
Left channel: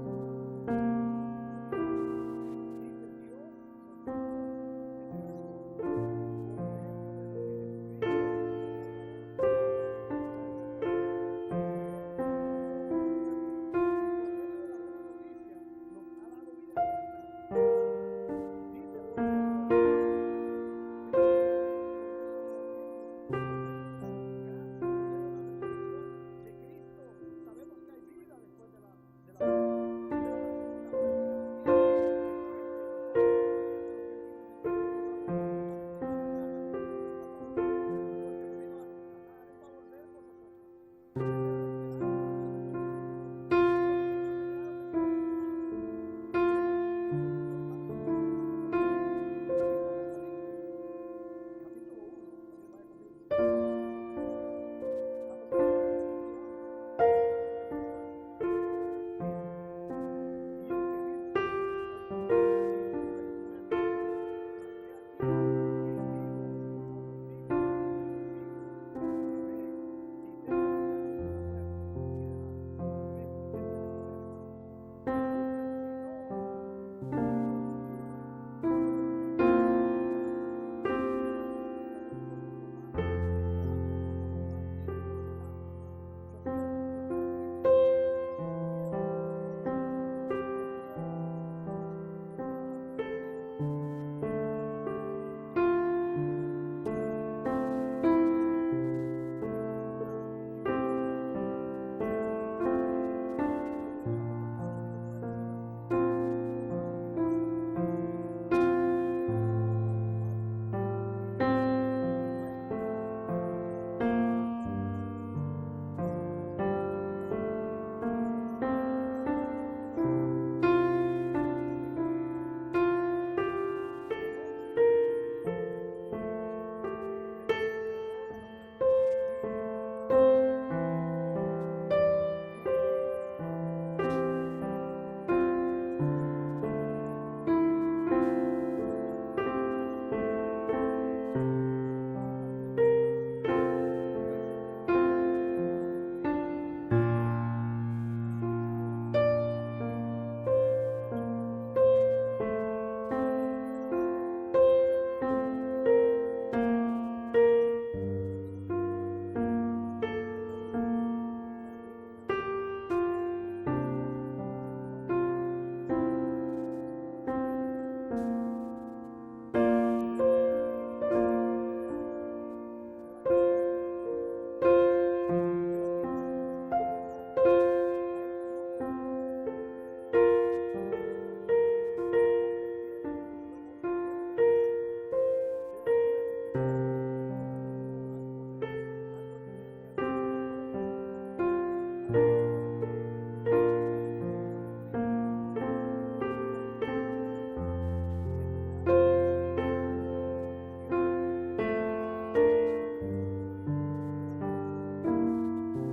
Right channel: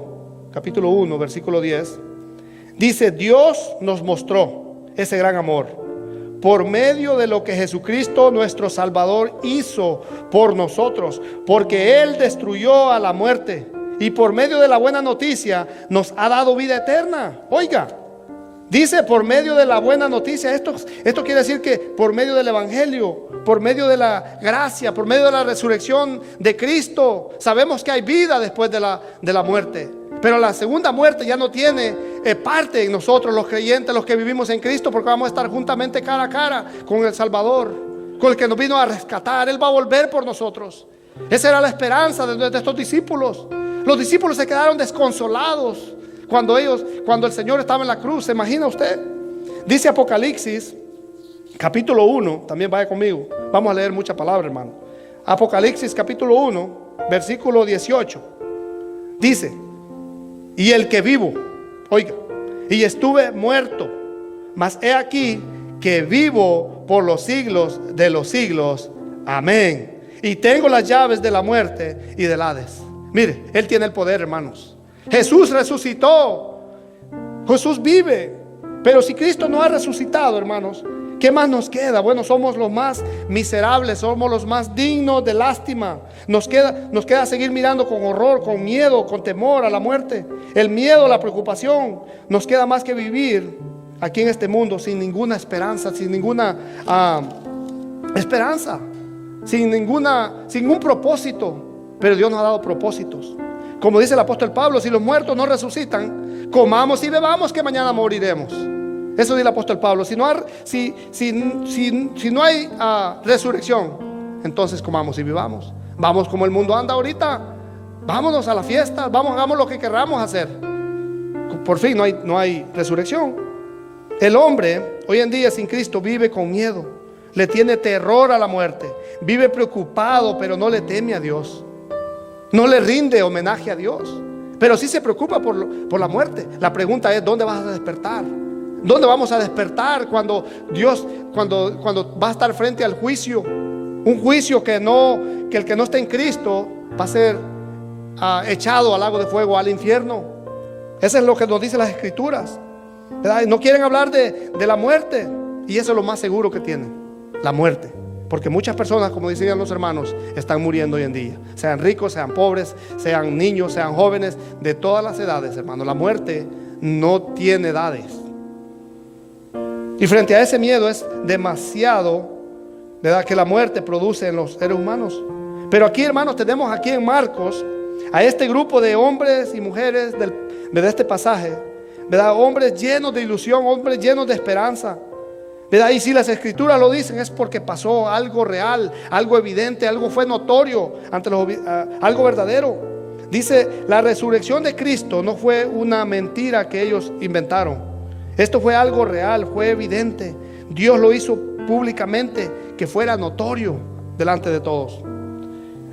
capítulo 1, versículo 10. Dice: Dios nos mostró ese gran amor por medio de lo que Jesucristo nuestro Salvador hizo por nosotros, porque Él destruyó a la muerte y por medio de la buena noticia nos ha dado vida eterna. Oiga, dice por medio de la buena noticia. Esto quiere decir que por medio del Evangelio, por medio de la gracia, por medio de la resurrección de Cristo, sabemos que hay vida después de la muerte. Pero la segunda muerte ya no tiene parte en nosotros, los creyentes, los que vivimos en Cristo, porque vamos a estar juntamente cara a cara con el Salvador, con el que nos vino a rescatar. Él va a volver por nosotros. Esa era la esperanza de estos discípulos. Los discípulos se quedaron desconsolados cuando el Señor estaba en la cruz. ¿Se imagina usted? Dice Apocalipsis, capítulo 1, también vaya conmigo. Vamos a leer mucha palabra, hermano. Apocalipsis, capítulo 1, versículo 18. Dice: y el que vivo, oiga, y estuve muerto, mas he aquí que vivo por los siglos de los siglos. Amén. Y tengo las llaves de la muerte y del Hades. Mire, Él tiene el poder, hermanos. Jesús resucitó. Jesús vive. Pero si Cristo no ha resucitado, hermanos, ¿qué más nos queda? Bueno, somos los más miserables, somos los más dignos de lástima. Nos queda seguir mirando con horror, con miedo, con temor a la muerte. El miedo, la preocupación. Nos queda más que vivir aquí en este mundo sin ninguna esperanza, sin ninguna esperanza, sin ningún propósito. Pero Dios nos ha dado propósitos. Como dice el apóstol Pablo: si los muertos no resucitan, comamos y bebamos, que mañana moriremos. Eso dice el apóstol Pablo. Si no hay resurrección, entonces comamos y vivamos. Vamos como el mundo anda ahorita. Vámonos a la fiesta, hagamos lo que queramos hacer. Por fin no hay resurrección. El hombre hoy en día sin Cristo vive con miedo, le tiene terror a la muerte, vive preocupado, pero no le teme a Dios, no le rinde homenaje a Dios, pero sí se preocupa por la muerte. La pregunta es: ¿dónde vas a despertar? ¿Dónde vamos a despertar cuando va a estar frente al juicio? Un juicio que el que no está en Cristo va a ser echado al lago de fuego, al infierno. Eso es lo que nos dicen las Escrituras, ¿verdad? No quieren hablar de la muerte, y eso es lo más seguro que tienen, la muerte. Porque muchas personas, como decían los hermanos, están muriendo hoy en día. Sean ricos, sean pobres, sean niños, sean jóvenes, de todas las edades, hermano. La muerte no tiene edades. Y frente a ese miedo es demasiado, ¿verdad?, que la muerte produce en los seres humanos. Pero aquí, hermanos, tenemos aquí en Marcos a este grupo de hombres y mujeres de este pasaje, ¿verdad? Hombres llenos de ilusión, hombres llenos de esperanza, ¿verdad? Y si las Escrituras lo dicen, es porque pasó algo real, algo evidente, algo fue notorio ante algo verdadero. Dice: la resurrección de Cristo no fue una mentira que ellos inventaron. Esto fue algo real, fue evidente. Dios lo hizo públicamente, que fuera notorio delante de todos.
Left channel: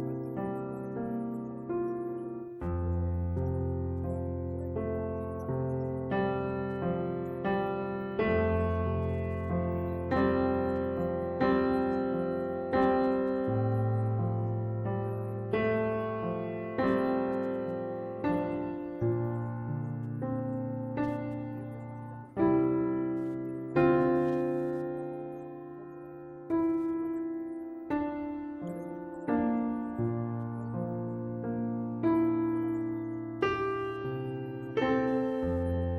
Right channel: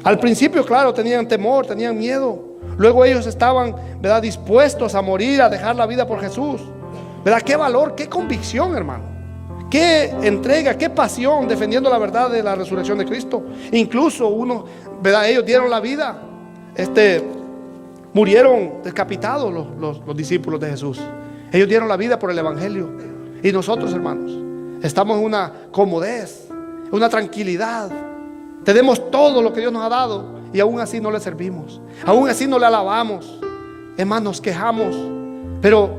Al principio, claro, tenían temor, tenían miedo. Luego ellos estaban, ¿verdad?, dispuestos a morir, a dejar la vida por Jesús, ¿verdad? Qué valor, qué convicción, hermano. Qué entrega, qué pasión defendiendo la verdad de la resurrección de Cristo. Incluso ¿verdad?, ellos dieron la vida. Murieron decapitados los discípulos de Jesús. Ellos dieron la vida por el Evangelio. Y nosotros, hermanos, estamos en una comodez, una tranquilidad. Tenemos todo lo que Dios nos ha dado, y aún así no le servimos, aún así no le alabamos. Es más, nos quejamos. Pero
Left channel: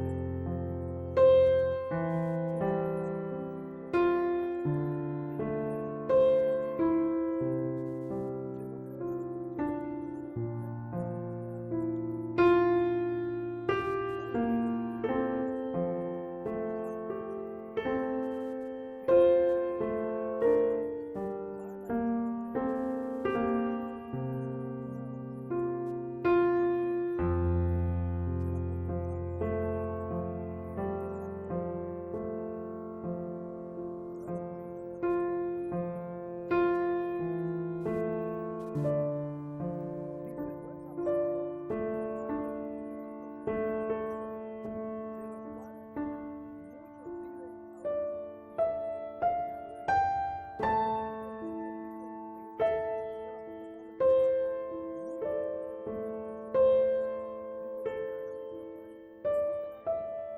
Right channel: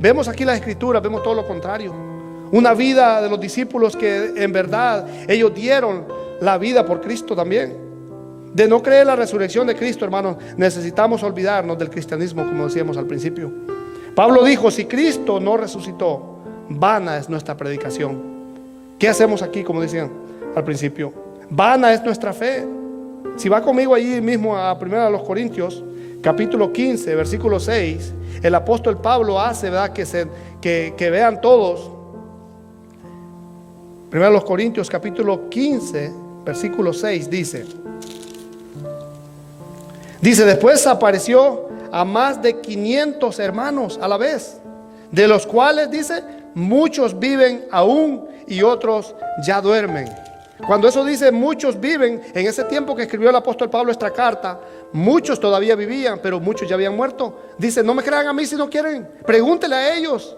vemos aquí la Escritura, vemos todo lo contrario. Una vida de los discípulos que en verdad ellos dieron la vida por Cristo también. De no creer la resurrección de Cristo, hermanos, necesitamos olvidarnos del cristianismo, como decíamos al principio. Pablo dijo: si Cristo no resucitó, vana es nuestra predicación. ¿Qué hacemos aquí? Como decían al principio, vana es nuestra fe. Si va conmigo allí mismo a 1 Corintios, capítulo 15, versículo 6, el apóstol Pablo hace, ¿verdad?, que vean todos. 1 Corintios capítulo 15, versículo 6 dice: Dice, después apareció a más de 500 hermanos a la vez, de los cuales, dice, muchos viven aún y otros ya duermen. Cuando eso dice muchos viven, en ese tiempo que escribió el apóstol Pablo esta carta, muchos todavía vivían, pero muchos ya habían muerto. Dice, no me crean a mí si no quieren, pregúntele a ellos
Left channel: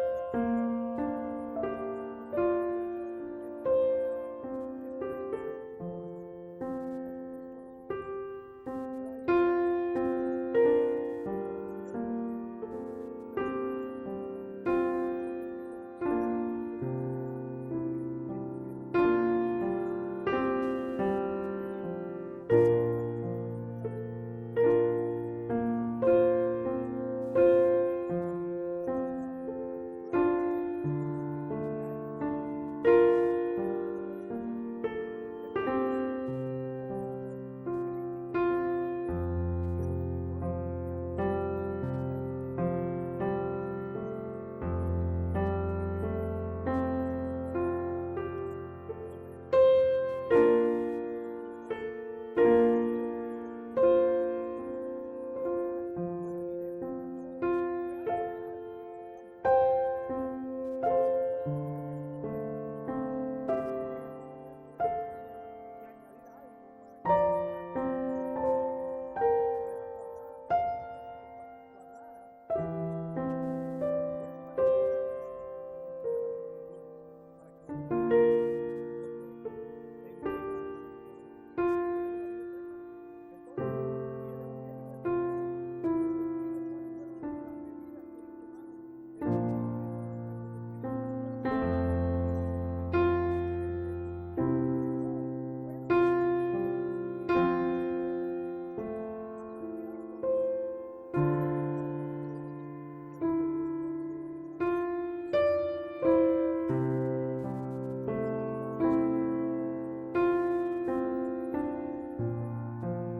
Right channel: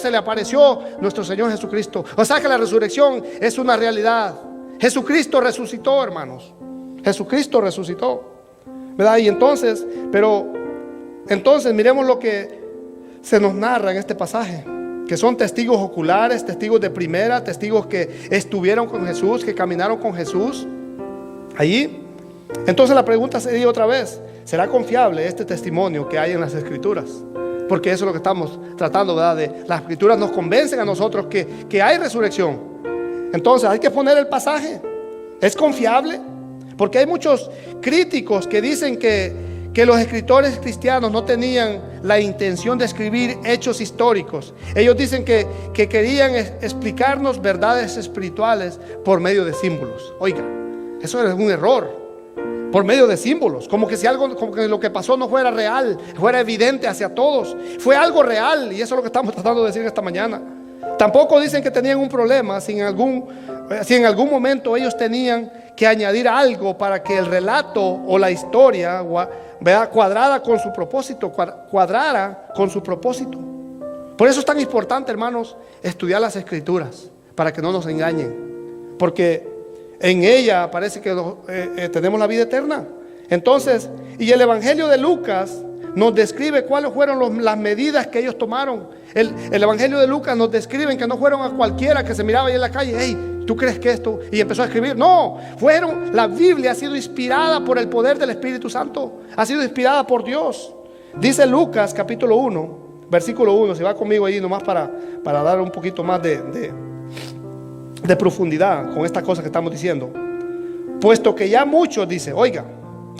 se le apareció nuestro Señor Jesucristo. O sea que la resurrección es una realidad. Jesucristo resucitó, hermanos. Jesucristo resucitó, ¿verdad? Y entonces miremos lo que se nos narra en este pasaje, que son testigos oculares, testigos de primera, testigos que estuvieron con Jesús, que caminaron con Jesús allí. Entonces la pregunta sería otra vez, ¿será confiable este testimonio que hay en las Escrituras? Porque eso es lo que estamos tratando, ¿verdad? Las Escrituras nos convencen a nosotros que hay resurrección. Entonces hay que poner el pasaje. ¿Es confiable? Porque hay muchos críticos que dicen que los escritores cristianos no tenían la intención de escribir hechos históricos. Ellos dicen que querían explicarnos verdades espirituales por medio de símbolos. Oiga, eso es un error. Por medio de símbolos, como que si algo, como que lo que pasó no fuera real, fuera evidente hacia todos. Fue algo real, y eso es lo que estamos tratando de decir esta mañana. Tampoco dicen que tenían un problema si en algún momento ellos tenían que añadir algo para que el relato o la historia, ¿verdad?, cuadrara con su propósito. Por eso es tan importante, hermanos, estudiar las Escrituras, para que no nos engañen, porque en ella parece que tenemos la vida eterna. Entonces, y el Evangelio de Lucas nos describe cuáles fueron las medidas que ellos tomaron. El Evangelio de Lucas nos describe que no fueron a cualquiera que se miraba ahí en la calle. Hey, ¿tú crees que esto? Y empezó a escribir. No, la Biblia ha sido inspirada por el poder del Espíritu Santo. Ha sido inspirada por Dios. Dice Lucas capítulo 1, versículo 1. Si va conmigo ahí nomás para dar un poquito más de profundidad con esta cosa que estamos diciendo. Puesto que ya muchos, dice, oiga,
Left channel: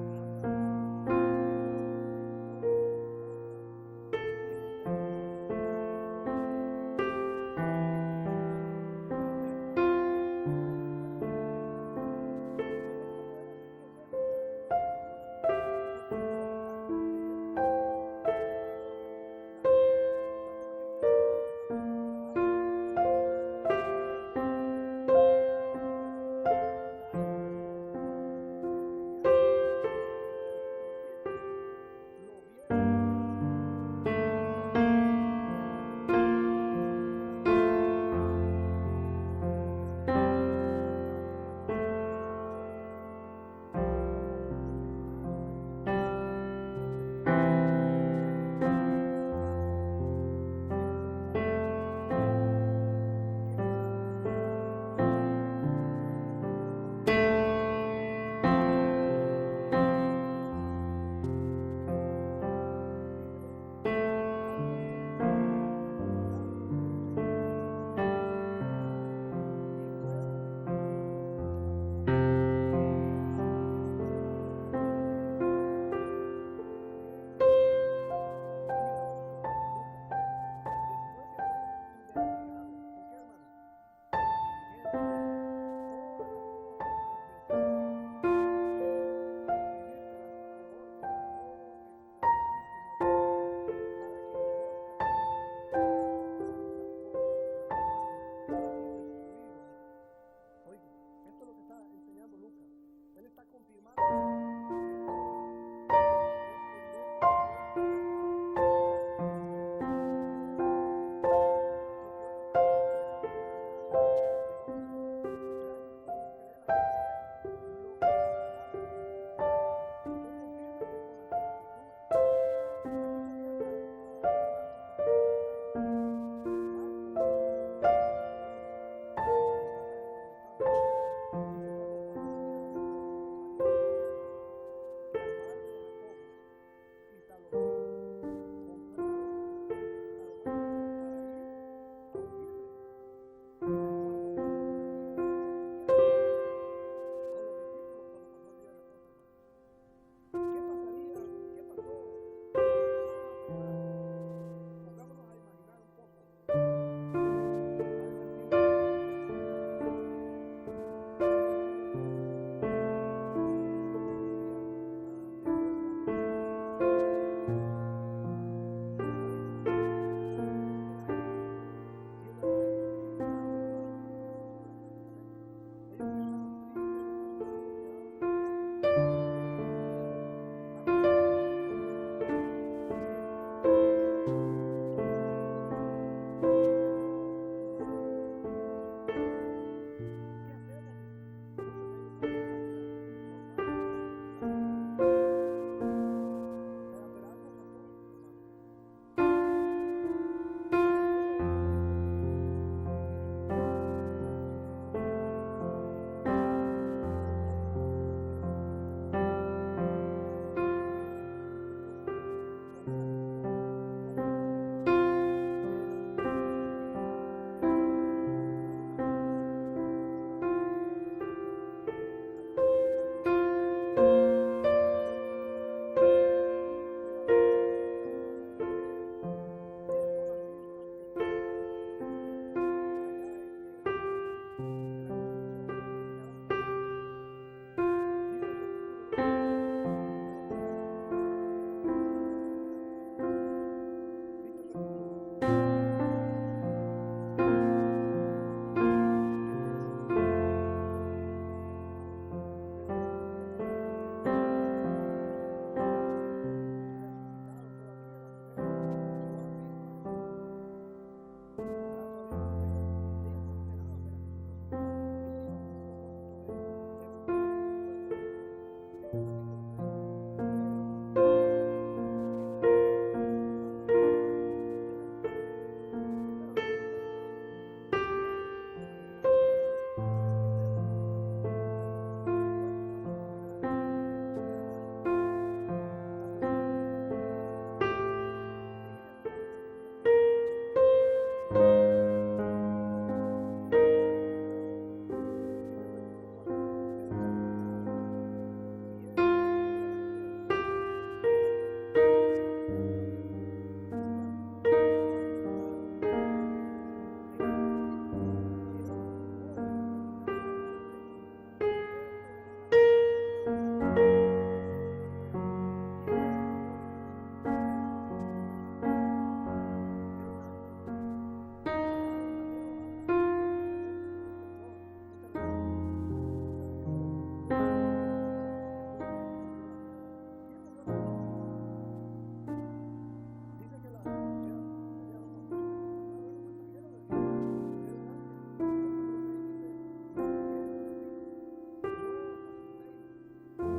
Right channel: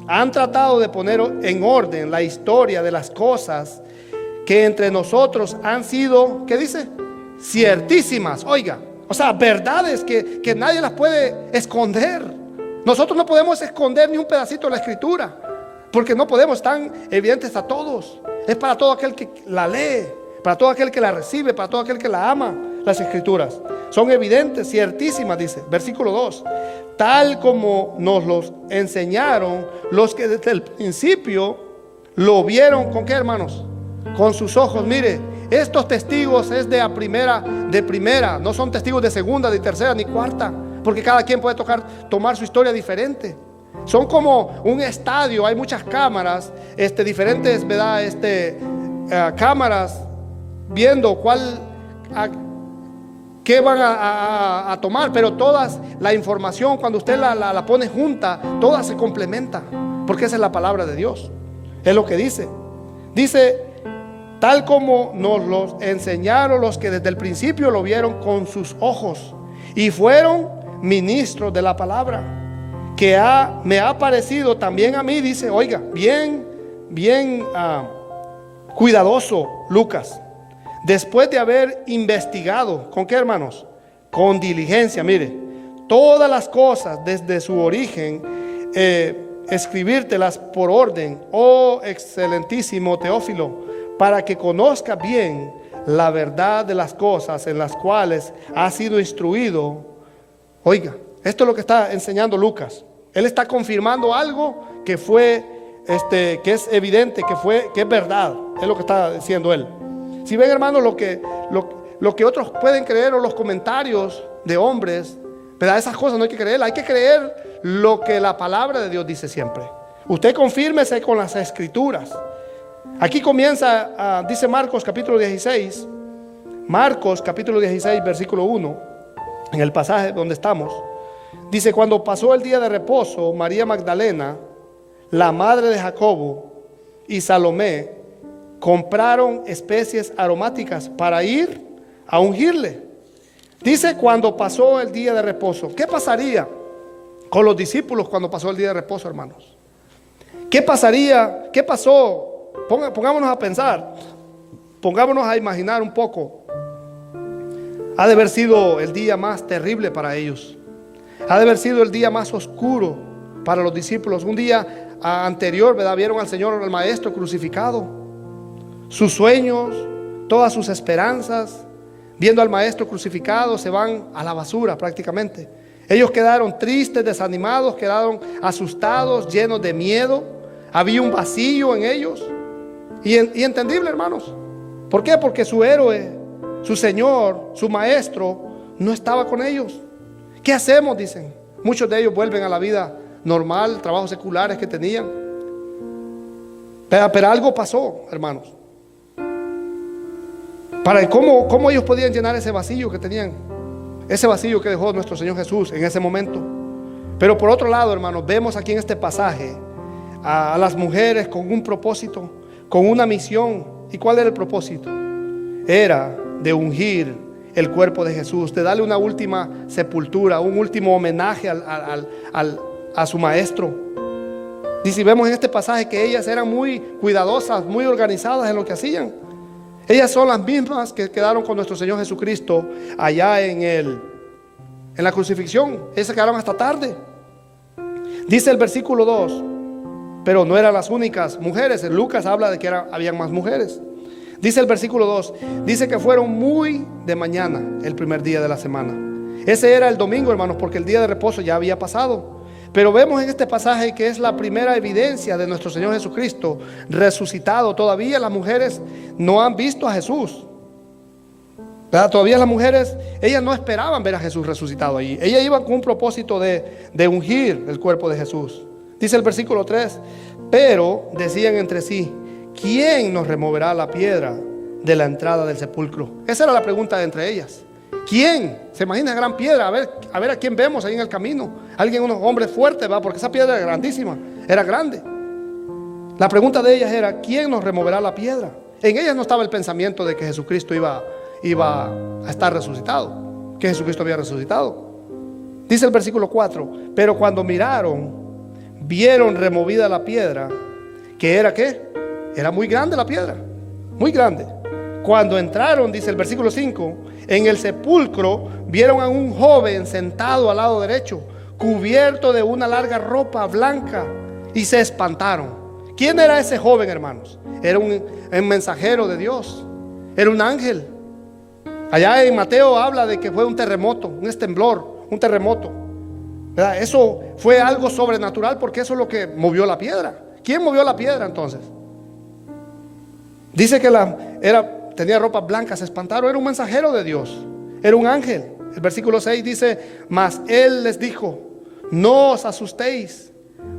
han tratado de poner en orden la historia de las cosas que entre nosotros han sido, ¿qué dice? Ciertísimas, oiga. O sea, verdades que nadie las puede esconder. Nosotros no podemos esconder ni un pedacito de la Escritura, porque no podemos, están evidentes a todos. Es para todo aquel que la lee, para todo aquel que la recibe, para todo aquel que la ama. Las Escrituras son evidentes, ciertísimas, dice, versículo 2, tal como nos los enseñaron los que desde el principio lo vieron. ¿Con qué, hermanos? Con sus ojos. Mire, estos testigos es de primera, no son testigos de segunda, ni tercera, ni cuarta, porque cada quien puede tomar su historia diferente. Son como un estadio, hay muchas cámaras, diferentes, ¿verdad? Cámaras viendo qué van a tomar, pero todas, la información cuando usted la pone junta, toda se complementa, porque esa es la palabra de Dios. Es lo que dice. Dice, tal como nos los enseñaron los que desde el principio lo vieron con sus ojos y fueron ministros de la palabra, que me ha parecido también a mí, dice, oiga, bien cuidadoso Lucas, después de haber investigado, ¿con qué, hermanos? Con diligencia, mire, todas las cosas desde su origen, escribírtelas por orden, oh excelentísimo Teófilo, para que conozca bien la verdad de las cosas en las cuales ha sido instruido. Oiga, esto es lo que está enseñando Lucas. Él está confirmando algo que fue, que es evidente, que es verdad. Es lo que está diciendo él. Si ven, hermanos, lo que otros pueden creer, o los comentarios de hombres, pero esas cosas no hay que creer. Hay que creer lo que la palabra de Dios dice siempre. Usted confírmese con las Escrituras. Aquí comienza, dice Marcos capítulo 16. Marcos capítulo 16 versículo 1, en el pasaje donde estamos. Dice, cuando pasó el día de reposo, María Magdalena, la madre de Jacobo, y Salomé compraron especies aromáticas para ir a ungirle. Dice, cuando pasó el día de reposo. ¿Qué pasaría con los discípulos cuando pasó el día de reposo, hermanos? ¿Qué pasaría? ¿Qué pasó? Pongámonos a pensar, pongámonos a imaginar un poco. Ha de haber sido el día más terrible para ellos. Ha de haber sido el día más oscuro para los discípulos. Un día anterior, ¿verdad? Vieron al Señor, al Maestro crucificado. Sus sueños, todas sus esperanzas, viendo al Maestro crucificado, se van a la basura prácticamente. Ellos quedaron tristes, desanimados, quedaron asustados, llenos de miedo. Había un vacío en ellos. Y entendible, hermanos. ¿Por qué? Porque su héroe, su Señor, su Maestro, no estaba con ellos. ¿Qué hacemos? Dicen. Muchos de ellos vuelven a la vida normal, trabajos seculares que tenían. Pero algo pasó, hermanos. ¿Cómo ellos podían llenar ese vacío que tenían? Ese vacío que dejó nuestro Señor Jesús en ese momento. Pero por otro lado, hermanos, vemos aquí en este pasaje a las mujeres con un propósito, con una misión. ¿Y cuál era el propósito? Era de ungir el cuerpo de Jesús, de darle una última sepultura, un último homenaje a su Maestro. Y si vemos en este pasaje que ellas eran muy cuidadosas, muy organizadas en lo que hacían. Ellas son las mismas que quedaron con nuestro Señor Jesucristo allá en la crucifixión. Ellas se quedaron hasta tarde. Dice el versículo 2, pero no eran las únicas mujeres. En Lucas habla de que habían más mujeres. Dice el versículo 2, dice que fueron muy de mañana el primer día de la semana. Ese era el domingo, hermanos, porque el día de reposo ya había pasado. Pero vemos en este pasaje que es la primera evidencia de nuestro Señor Jesucristo resucitado. Todavía las mujeres no han visto a Jesús, ¿verdad? Todavía las mujeres, ellas no esperaban ver a Jesús resucitado allí. Ellas iban con un propósito de ungir el cuerpo de Jesús. Dice el versículo 3, pero decían entre sí, ¿quién nos removerá la piedra de la entrada del sepulcro? Esa era la pregunta de entre ellas. ¿Quién? Se imagina gran piedra, a ver a quién vemos ahí en el camino. Alguien, unos hombres fuertes, ¿va? Porque esa piedra era grandísima, era grande. La pregunta de ellas era, ¿quién nos removerá la piedra? En ellas no estaba el pensamiento de que Jesucristo iba a estar resucitado, que Jesucristo había resucitado. Dice el versículo 4, pero cuando miraron, vieron removida la piedra, que era ¿qué? Era muy grande la piedra, muy grande. Cuando entraron, dice el versículo 5, en el sepulcro vieron a un joven sentado al lado derecho, cubierto de una larga ropa blanca, y se espantaron. ¿Quién era ese joven, hermanos? Era un mensajero de Dios, era un ángel. Allá en Mateo habla de que fue un terremoto, un temblor, un terremoto, ¿verdad? Eso fue algo sobrenatural, porque eso es lo que movió la piedra. ¿Quién movió la piedra entonces? Dice que tenía ropa blanca, se espantaron. Era un mensajero de Dios, era un ángel. El versículo 6 dice, mas él les dijo, no os asustéis,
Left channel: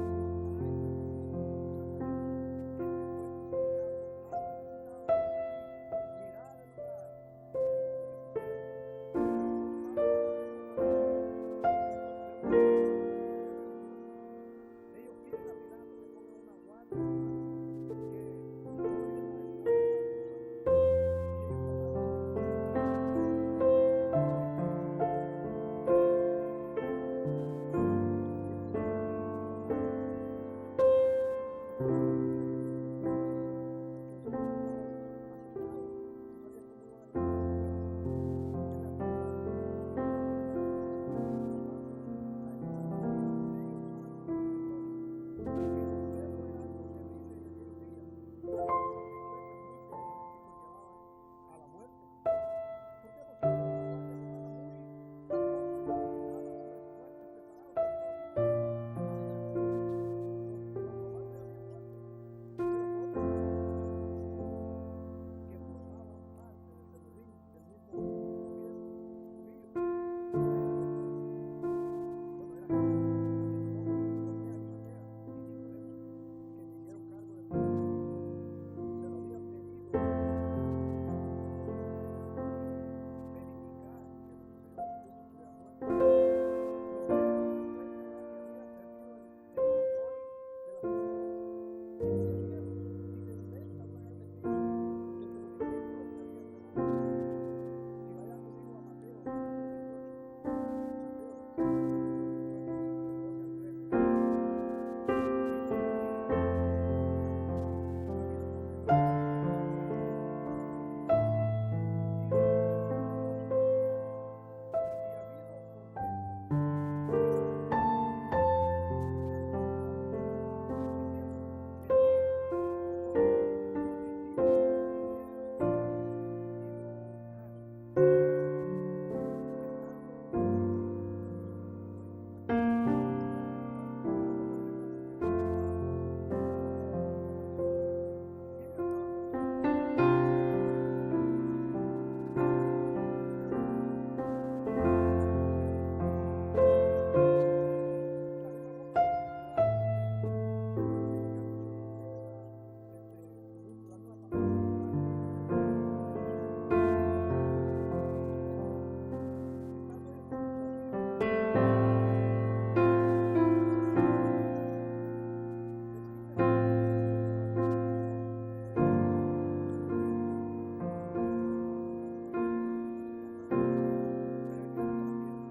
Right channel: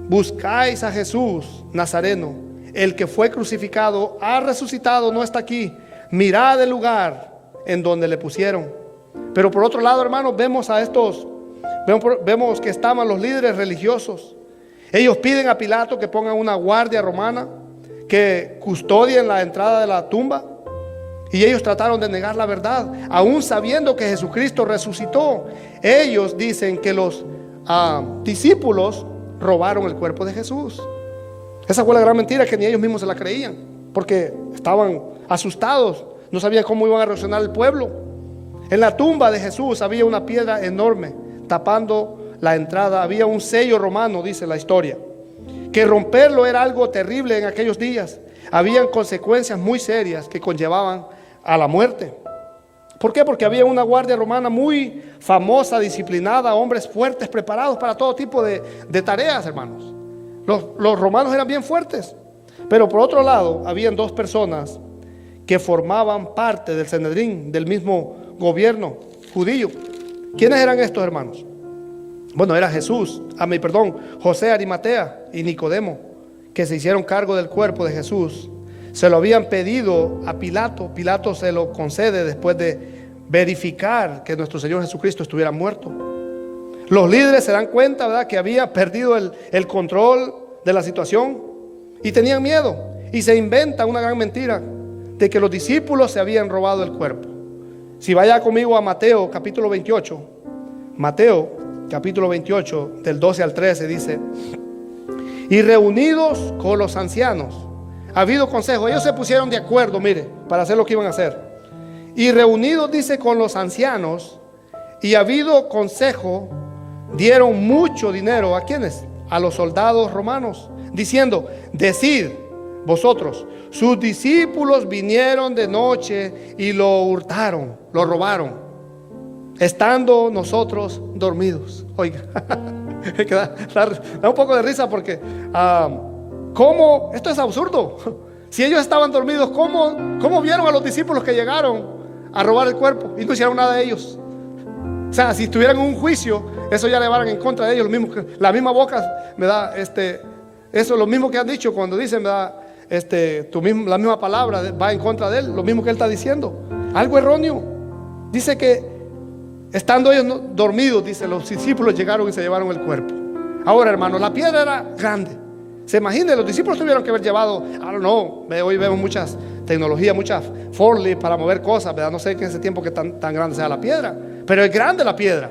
buscáis a Jesús Nazareno, el que fue crucificado, ha resucitado, no está aquí. Mirad el lugar en donde le pusieron. Pero por otro lado, hermanos, vemos que estaban los líderes religiosos. Ellos piden a Pilato que pongan una guardia romana que custodien la entrada de la tumba. Y ellos trataron de negar la verdad, aún sabiendo que Jesucristo resucitó. Ellos dicen que los discípulos robaron el cuerpo de Jesús. Esa fue la gran mentira, que ni ellos mismos se la creían, porque estaban asustados, no sabían cómo iban a reaccionar el pueblo. En la tumba de Jesús había una piedra enorme tapando la entrada. Había un sello romano, dice la historia, que romperlo era algo terrible en aquellos días. Habían consecuencias muy serias que conllevaban a la muerte. ¿Por qué? Porque había una guardia romana muy famosa, disciplinada, hombres fuertes, preparados para todo tipo de tareas, hermanos. Los romanos eran bien fuertes. Pero por otro lado, habían dos personas que formaban parte del Sanedrín, del mismo gobierno judío. ¿Quiénes eran estos, hermanos? Bueno, era José Arimatea y Nicodemo, que se hicieron cargo del cuerpo de Jesús. Se lo habían pedido a Pilato. Pilato se lo concede después de verificar que nuestro Señor Jesucristo estuviera muerto. Los líderes se dan cuenta, ¿verdad?, que había perdido el control de la situación y tenían miedo, y se inventa una gran mentira de que los discípulos se habían robado el cuerpo. Si vaya conmigo a Mateo capítulo 28, Mateo capítulo 28 del 12 al 13 dice: y reunidos con los ancianos, ha habido consejo. Ellos se pusieron de acuerdo, mire, para hacer lo que iban a hacer. Y reunidos, dice, con los ancianos, y ha habido consejo, dieron mucho dinero. ¿A quiénes? A los soldados romanos, diciendo: decid vosotros, sus discípulos vinieron de noche y lo hurtaron, lo robaron, estando nosotros dormidos. Oiga, da un poco de risa porque ¿cómo? Esto es absurdo. Si ellos estaban dormidos, ¿cómo vieron a los discípulos que llegaron a robar el cuerpo y no hicieron nada de ellos? O sea, si estuvieran en un juicio, eso ya le van en contra de ellos. Lo mismo que, la misma boca me da eso es lo mismo que han dicho cuando dicen, ¿verdad? La misma palabra va en contra de él, lo mismo que él está diciendo. Algo erróneo. Dice que estando ellos dormidos, dice, los discípulos llegaron y se llevaron el cuerpo. Ahora, hermano, la piedra era grande. Se imagina, los discípulos tuvieron que haber llevado, I don't know, hoy vemos muchas tecnologías, muchas forklift para mover cosas, ¿verdad? No sé que en ese tiempo que tan grande sea la piedra, pero es grande la piedra.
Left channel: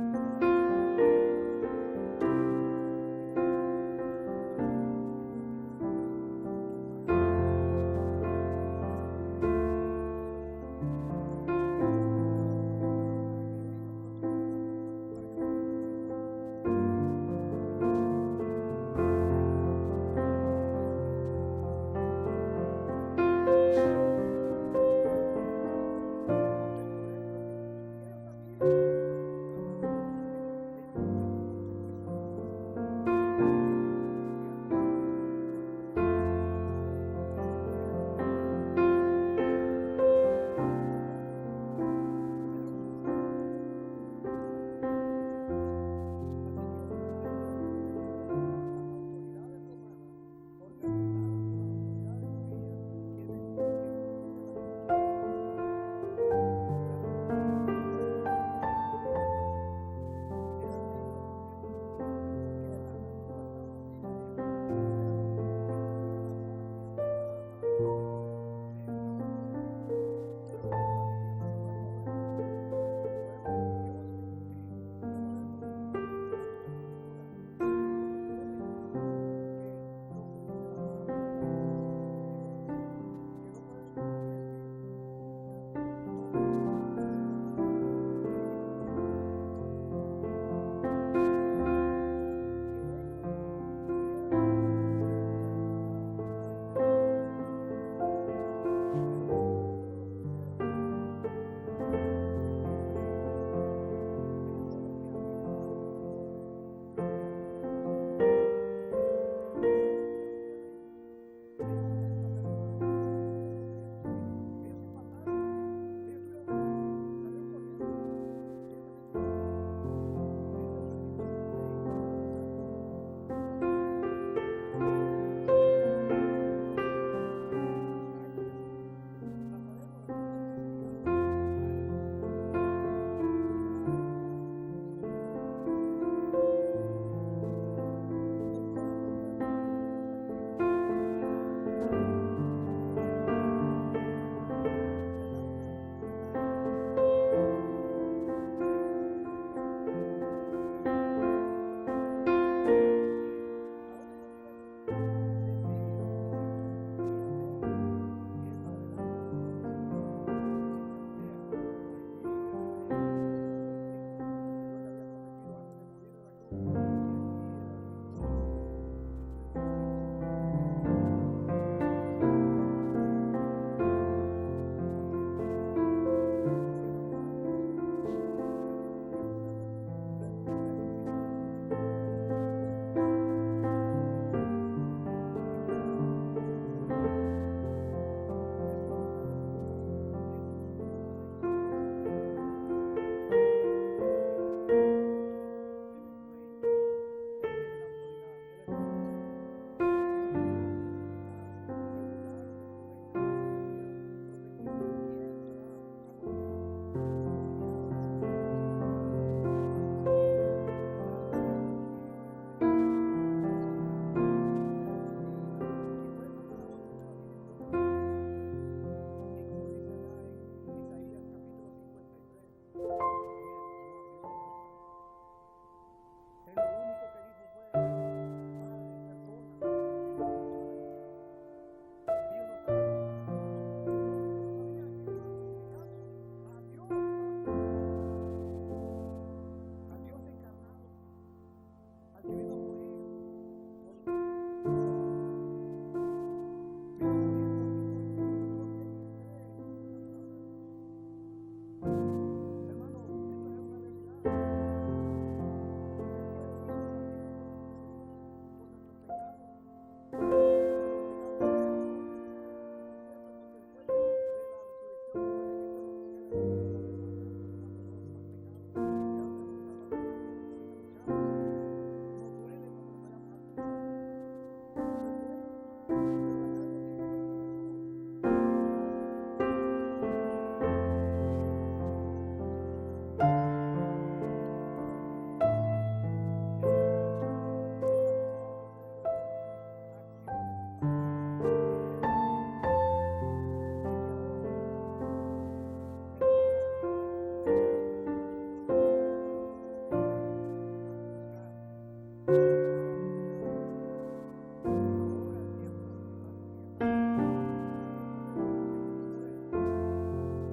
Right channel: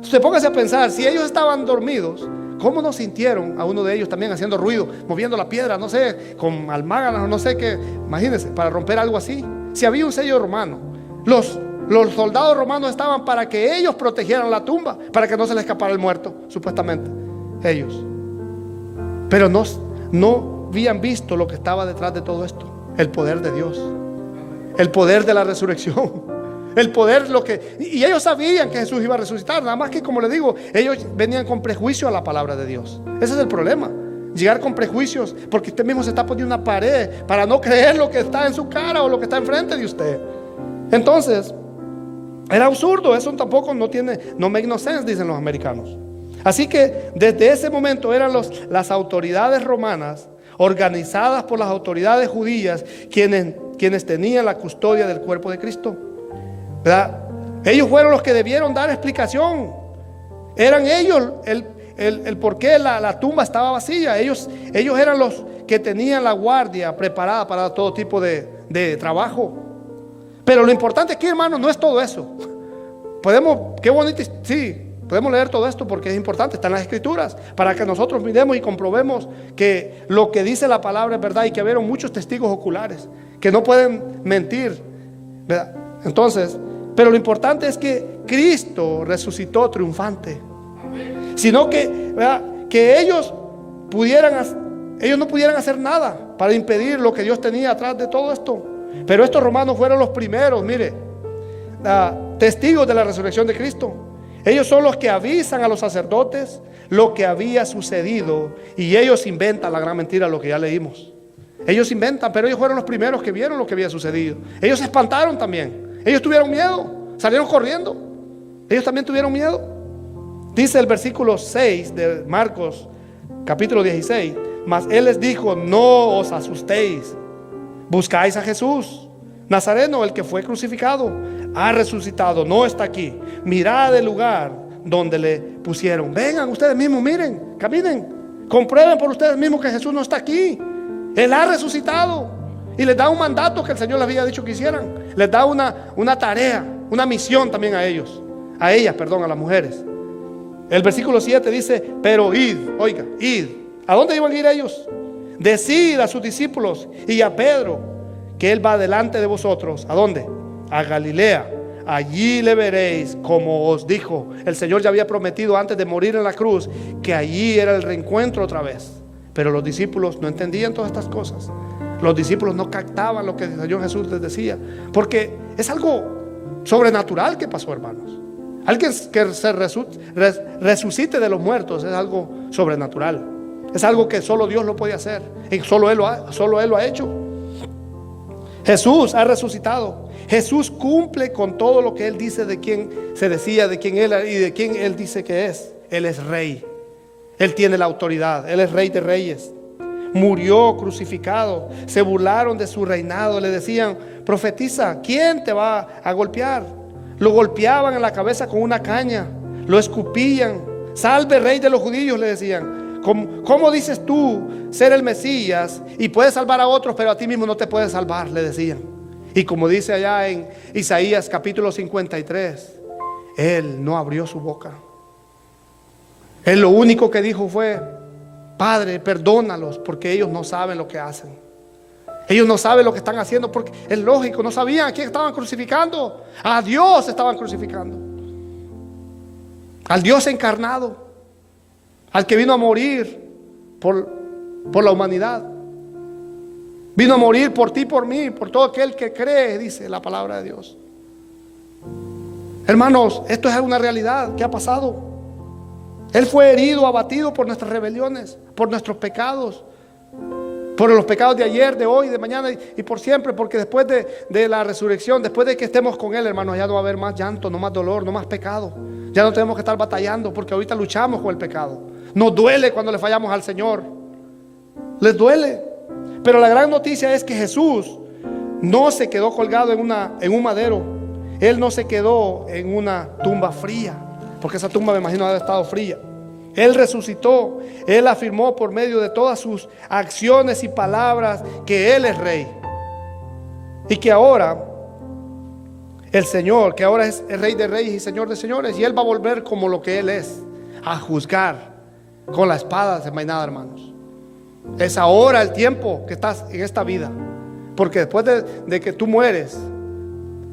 Usted póngase a pensar, si ellos estaban dormidos, ¿cómo no sintieron a uno de ellos también haciendo ruido, moviendo la piedra, no sé, con almáganas, no sé qué? Imagínense, para romper algo así. Si había un sello romano, los soldados romanos estaban para que ellos protegieran la tumba, para que no se les escapara el muerto, supuestamente, ellos. Pero no habían visto lo que estaba detrás de todo esto: el poder de Dios, el poder de la resurrección, el poder, y ellos sabían que Jesús iba a resucitar. Nada más que, como les digo, ellos venían con prejuicio a la palabra de Dios. Ese es el problema, llegar con prejuicios, porque usted mismo se está poniendo una pared para no creer lo que está en su cara o lo que está enfrente de usted. Entonces era absurdo. Eso tampoco no make no sense, dicen los americanos. Así que desde ese momento eran las autoridades romanas, organizadas por las autoridades judías, quienes tenían la custodia del cuerpo de Cristo, ¿verdad? Ellos fueron los que debieron dar explicación. Eran ellos el por qué la tumba estaba vacía. Ellos eran los que tenían la guardia preparada para todo tipo de trabajo. Pero lo importante aquí, hermano, no es todo eso. Qué bonito, sí, podemos leer todo esto porque es importante, está en las escrituras, para que nosotros miremos y comprobemos que lo que dice la palabra es verdad, y que hubieron muchos testigos oculares que no pueden mentir, ¿verdad? Entonces, pero lo importante es que Cristo resucitó triunfante. Sino que, ¿verdad?, que ellos no pudieran hacer nada para impedir lo que Dios tenía atrás de todo esto. Pero estos romanos fueron los primeros, mire, testigos de la resurrección de Cristo. Ellos son los que avisan a los sacerdotes lo que había sucedido, y ellos inventan la gran mentira, lo que ya leímos. Ellos inventan, pero ellos fueron los primeros que vieron lo que había sucedido. Ellos se espantaron también. Ellos tuvieron miedo, salieron corriendo. Ellos también tuvieron miedo. Dice el versículo 6 de Marcos capítulo 16: mas él les dijo: no os asustéis, buscáis a Jesús Nazareno, el que fue crucificado. Ha resucitado, no está aquí. Mirad el lugar donde le pusieron. Vengan ustedes mismos, miren, caminen, comprueben por ustedes mismos que Jesús no está aquí. Él ha resucitado. Y les da un mandato que el Señor les había dicho que hicieran. Les da una tarea, una misión también a ellos, a las mujeres. El versículo 7 dice: pero id, oiga, id. ¿A dónde iban a ir ellos? Decid a sus discípulos y a Pedro que él va delante de vosotros. ¿A dónde? A Galilea. Allí le veréis, como os dijo. El Señor ya había prometido antes de morir en la cruz que allí era el reencuentro otra vez. Pero los discípulos no entendían todas estas cosas. Los discípulos no captaban lo que el Señor Jesús les decía, porque es algo sobrenatural que pasó, hermanos. Alguien que se resucite de los muertos es algo sobrenatural. Es algo que solo Dios lo puede hacer, y solo Él lo ha hecho. Jesús ha resucitado. Jesús cumple con todo lo que Él dice, de quién se decía, de quién Él y de quién Él dice que es. Él es rey. Él tiene la autoridad. Él es rey de reyes. Murió crucificado. Se burlaron de su reinado. Le decían: profetiza, ¿quién te va a golpear? Lo golpeaban en la cabeza con una caña. Lo escupían. Salve, rey de los judíos, le decían. ¿Cómo dices tú ser el Mesías y puedes salvar a otros, pero a ti mismo no te puedes salvar?, le decían. Y como dice allá en Isaías capítulo 53, Él no abrió su boca. Él lo único que dijo fue: Padre, perdónalos, porque ellos no saben lo que hacen. Ellos no saben lo que están haciendo, porque es lógico, no sabían a quién estaban crucificando. A Dios estaban crucificando, al Dios encarnado, al que vino a morir por por la humanidad. Vino a morir por ti, por mí, por todo aquel que cree, dice la palabra de Dios. Hermanos, esto es una realidad que ha pasado. Él fue herido, abatido por nuestras rebeliones, por nuestros pecados, por los pecados de ayer, de hoy, de mañana y por siempre. Porque después de la resurrección, después de que estemos con Él, hermanos, ya no va a haber más llanto, no más dolor, no más pecado. Ya no tenemos que estar batallando, porque ahorita luchamos con el pecado. Nos duele cuando le fallamos al Señor. Les duele. Pero la gran noticia es que Jesús no se quedó colgado en un madero. Él no se quedó en una tumba fría, porque esa tumba me imagino haber estado fría. Él resucitó. Él afirmó por medio de todas sus acciones y palabras que Él es Rey. Y que ahora el Señor, que ahora es el Rey de Reyes y Señor de Señores. Y Él va a volver como lo que Él es, a juzgar con la espada desenvainada, hermanos. Es ahora el tiempo que estás en esta vida. Porque después de que tú mueres,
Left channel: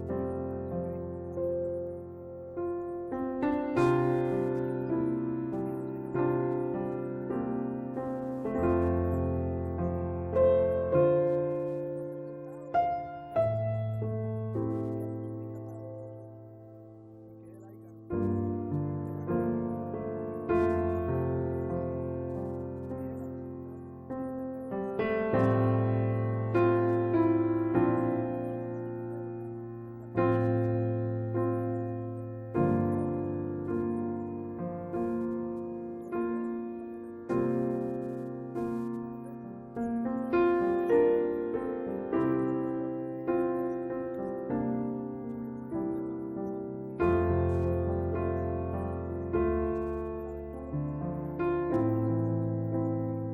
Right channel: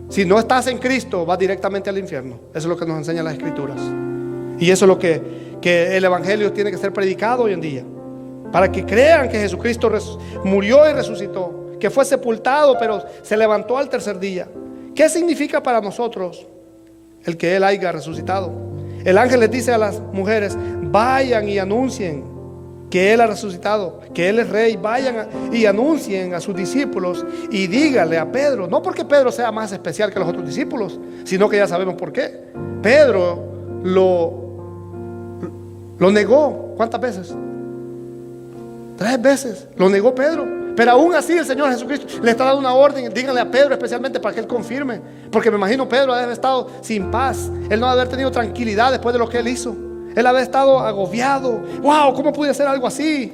si no estás en Cristo, vas directamente al infierno. Eso es lo que nos enseñan las Escrituras. Y eso es lo que el Evangelio tiene que ser predicado hoy en día, para que crean que Jesucristo murió y resucitó, que fue sepultado pero se levantó al tercer día. ¿Qué significa para nosotros el que Él haya resucitado? El ángel les dice a las mujeres: vayan y anuncien que Él ha resucitado, que Él es Rey. Vayan y anuncien a sus discípulos y díganle a Pedro. No porque Pedro sea más especial que los otros discípulos, sino que ya sabemos por qué. Pedro lo negó. ¿Cuántas veces? 3 veces lo negó Pedro. Pero aún así el Señor Jesucristo le está dando una orden: díganle a Pedro especialmente para que él confirme. Porque me imagino Pedro debe haber estado sin paz. Él no debe haber tenido tranquilidad después de lo que él hizo. Él había estado agobiado. Wow, ¿cómo pude hacer algo así?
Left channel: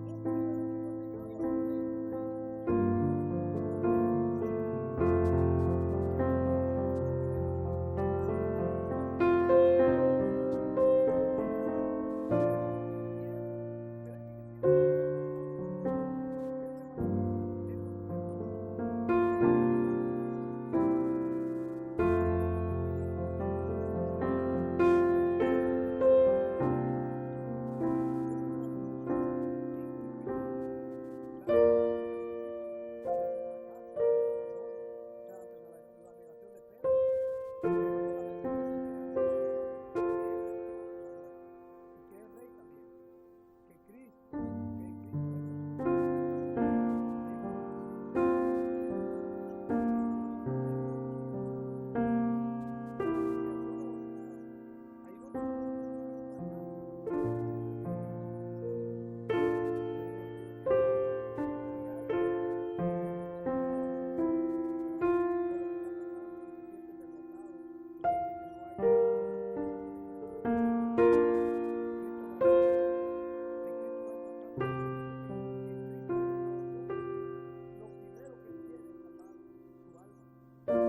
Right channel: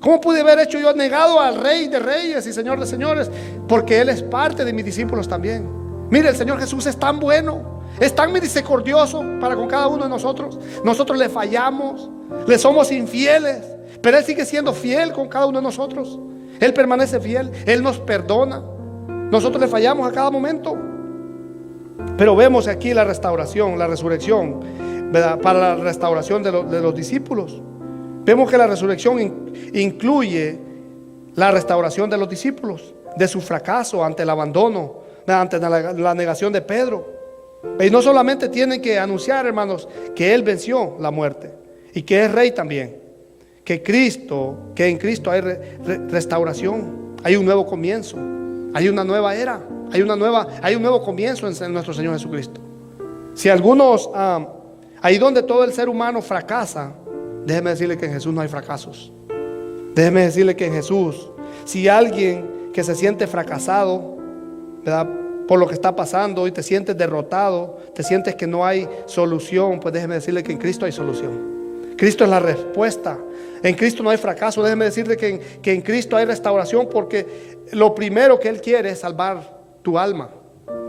¿Cómo pude haber hecho yo negado al Rey de Reyes y Señor de Señores? Porque Él es parte de mis discípulos también. Mire, el Señor Jesús es tan bueno, es tan misericordioso para con cada uno de nosotros. Nosotros le fallamos, le somos infieles, pero Él sigue siendo fiel con cada uno de nosotros. Él permanece fiel, Él nos perdona. Nosotros le fallamos a cada momento. Pero vemos aquí la restauración, la resurrección, ¿verdad? Para la restauración de los discípulos. Vemos que la resurrección incluye la restauración de los discípulos, de su fracaso ante el abandono, ante la negación de Pedro. Y no solamente tienen que anunciar, hermanos, que Él venció la muerte y que es Rey también, que en Cristo hay restauración, hay un nuevo comienzo, hay una nueva era, hay un nuevo comienzo en nuestro Señor Jesucristo. Si algunos ahí donde todo el ser humano fracasa, déjeme decirle que en Jesús no hay fracasos. Déjeme decirle que en Jesús, si alguien que se siente fracasado, ¿verdad?, por lo que está pasando y te sientes derrotado, te sientes que no hay solución, pues déjeme decirle que en Cristo hay solución. Cristo es la respuesta. En Cristo no hay fracaso. Déjeme decirle que en Cristo hay restauración, porque lo primero que Él quiere es salvar tu alma.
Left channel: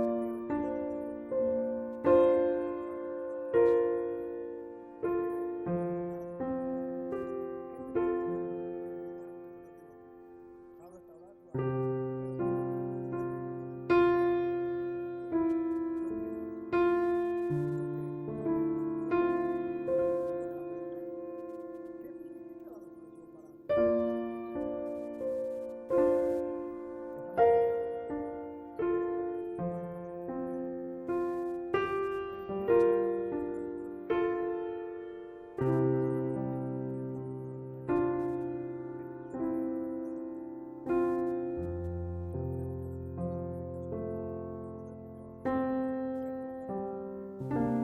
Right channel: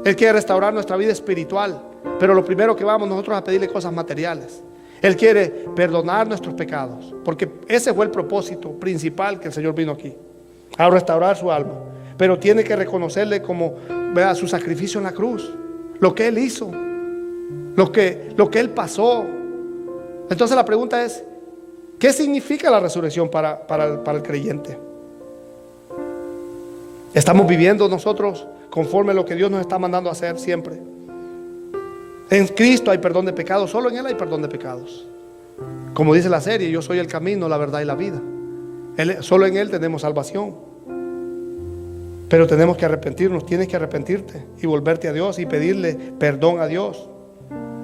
Él quiere restaurar nuestra vida espiritual. Pero lo primero que vamos nosotros a pedirle cosas materiales. Él quiere perdonar nuestros pecados, porque ese fue el propósito principal que el Señor vino aquí, a restaurar su alma. Pero tiene que reconocerle como, vea, su sacrificio en la cruz, lo que Él hizo, lo que Él pasó. Entonces la pregunta es: ¿qué significa la resurrección para el creyente? ¿Estamos viviendo nosotros conforme a lo que Dios nos está mandando a hacer siempre? En Cristo hay perdón de pecados, solo en Él hay perdón de pecados. Como dice la serie, yo soy el camino, la verdad y la vida. Solo en Él tenemos salvación. Pero tenemos que arrepentirnos, tienes que arrepentirte y volverte a Dios y pedirle perdón a Dios.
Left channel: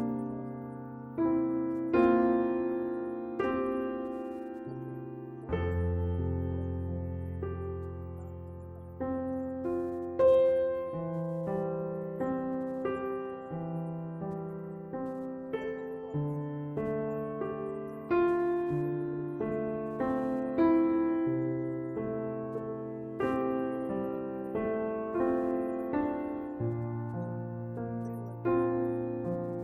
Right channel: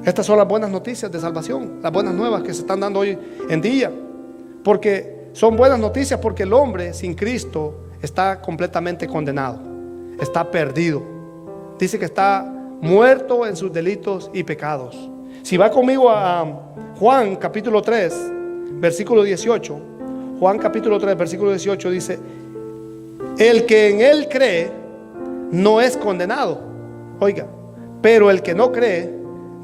Estas son las buenas noticias de salvación, las buenas nuevas que se están dando hoy en día. Porque son buenas noticias, porque el hombre sin Cristo está completamente condenado, está perdido. Dice que está muerto en sus delitos y pecados. Si va conmigo a Juan capítulo 3 versículo 18, Juan capítulo 3 versículo 18 dice: el que en Él cree no es condenado. Oiga, pero el que no cree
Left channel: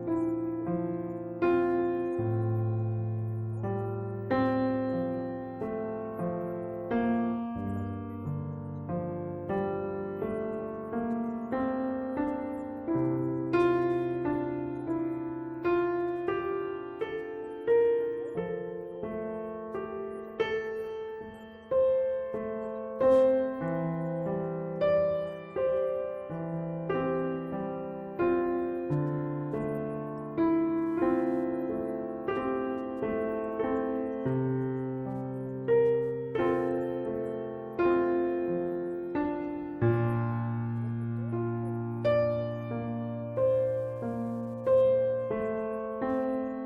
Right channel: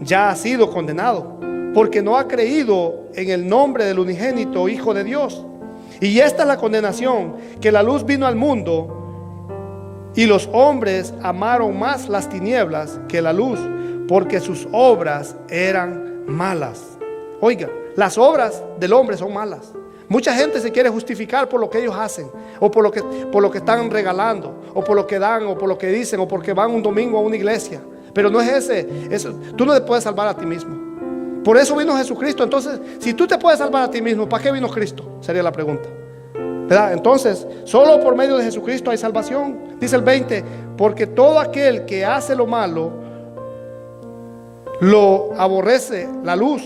ya ha sido condenado, porque no ha creído en el nombre del unigénito Hijo de Dios. Y esta es la condenación, que la luz vino al mundo, y los hombres amaron más las tinieblas que la luz, porque sus obras eran malas. Oiga, las obras del hombre son malas. Mucha gente se quiere justificar por lo que ellos hacen, o por lo que están regalando, o por lo que dan, o por lo que dicen, o porque van un domingo a una iglesia. Pero no es eso. Tú no te puedes salvar a ti mismo. Por eso vino Jesucristo. Entonces, si tú te puedes salvar a ti mismo, ¿para qué vino Cristo? Sería la pregunta, ¿verdad? Entonces, solo por medio de Jesucristo hay salvación. Dice el 20, porque todo aquel que hace lo malo lo aborrece la luz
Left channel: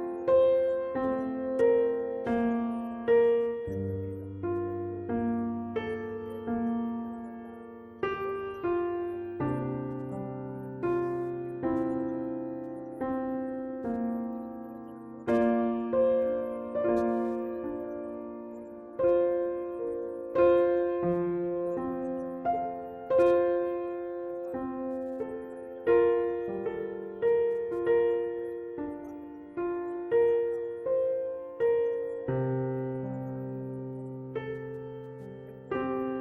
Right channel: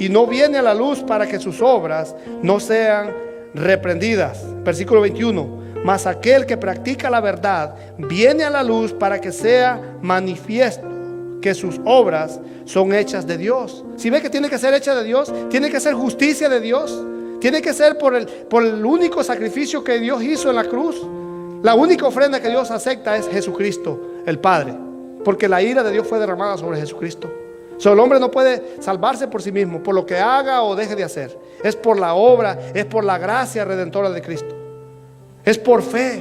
y no viene a la luz para que sus obras no sean reprendidas. Versículo 21, mas aquel que practica la verdad viene a la luz para que sea manifiesto que sus obras son hechas de Dios. Si ve que tiene que ser hecha de Dios, tiene que ser justicia de Dios, tiene que ser por el único sacrificio que Dios hizo en la cruz. La única ofrenda que Dios acepta es Jesucristo, el Padre, porque la ira de Dios fue derramada sobre Jesucristo. El hombre no puede salvarse por sí mismo, por lo que haga o deje de hacer. Es por la obra, es por la gracia redentora de Cristo. Es por fe,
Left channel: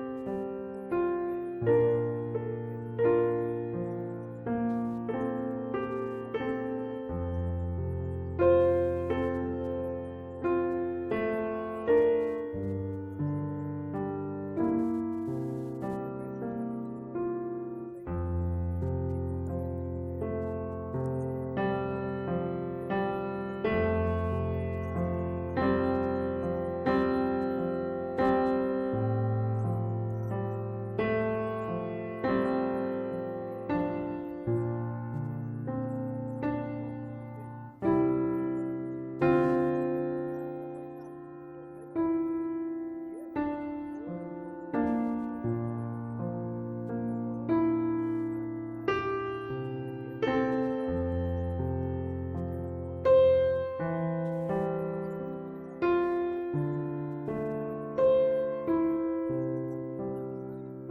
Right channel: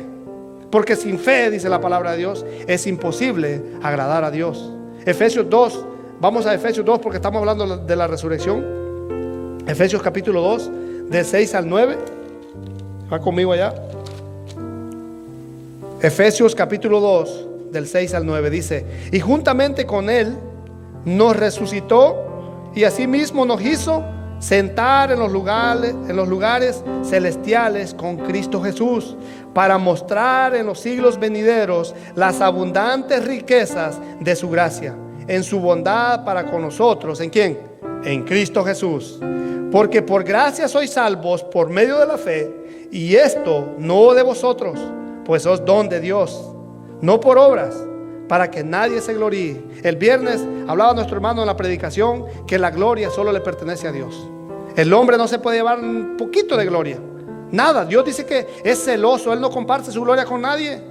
porque sin fe, dice la palabra de Dios, es imposible agradar a Dios. Efesios 2, vamos a Efesios 2 porque estamos hablando de la resurrección. Efesios capítulo 2, del 6 al 9. Va conmigo allá. Efesios capítulo 2, del 6 al 9 dice: y juntamente con él nos resucitó y asimismo nos hizo sentar en los lugares celestiales con Cristo Jesús, para mostrar en los siglos venideros las abundantes riquezas de su gracia, en su bondad para con nosotros. ¿En quién? En Cristo Jesús. Porque por gracia sois salvos por medio de la fe, y esto no de vosotros, pues es don de Dios, no por obras, para que nadie se gloríe. El viernes hablaba nuestro hermano en la predicación que la gloria solo le pertenece a Dios. El hombre no se puede llevar un poquito de gloria, nada. Dios dice que es celoso, Él no comparte su gloria con nadie.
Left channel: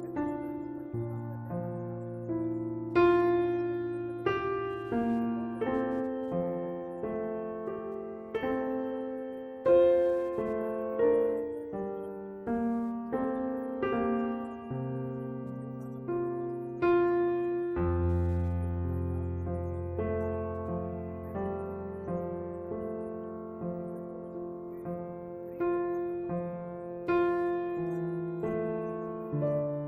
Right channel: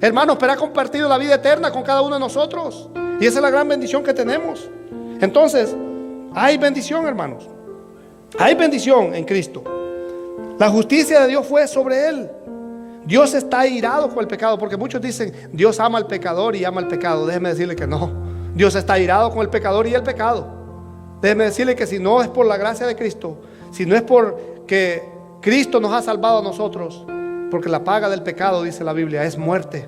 Hermanos, pero ha compartido la vida eterna con cada uno de nosotros, y esa es la gran bendición que tenemos. Entonces, hay bendición, hermanos. Hay bendición en Cristo. La justicia de Dios fue sobre Él. Dios está airado con el pecado, porque muchos dicen Dios ama al pecador y ama el pecado. Déjeme decirle que no. Dios está airado con el pecador y el pecado. Déjeme decirle que si no es por la gracia de Cristo, si no es porque Cristo nos ha salvado a nosotros, porque la paga del pecado, dice la Biblia, es muerte.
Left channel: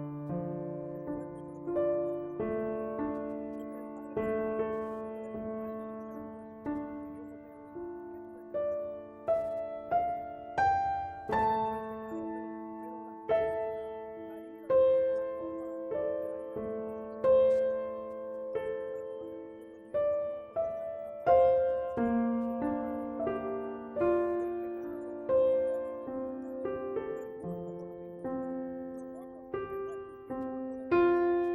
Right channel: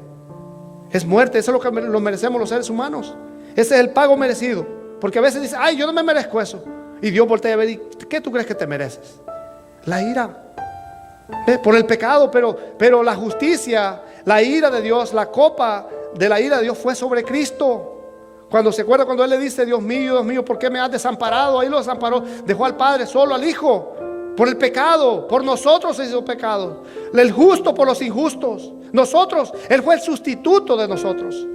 Es muerte. Eso es lo que lo merecemos los seres humanos. Ese es el pago merecido. Porque a veces dice, ay, yo no me merezco eso. Y Dios voltea a ver, ¿y qué tú crees que te mereces? La ira. Por el pecado, pero la justicia, la ira de Dios, la copa de la ira de Dios fue sobre Cristo. Cuando se acuerda cuando Él le dice, Dios mío, ¿por qué me has desamparado? Ahí lo desamparó, dejó al Padre solo, al Hijo, por el pecado. Por nosotros se hizo pecado, el justo por los injustos. Nosotros, Él fue el sustituto de nosotros.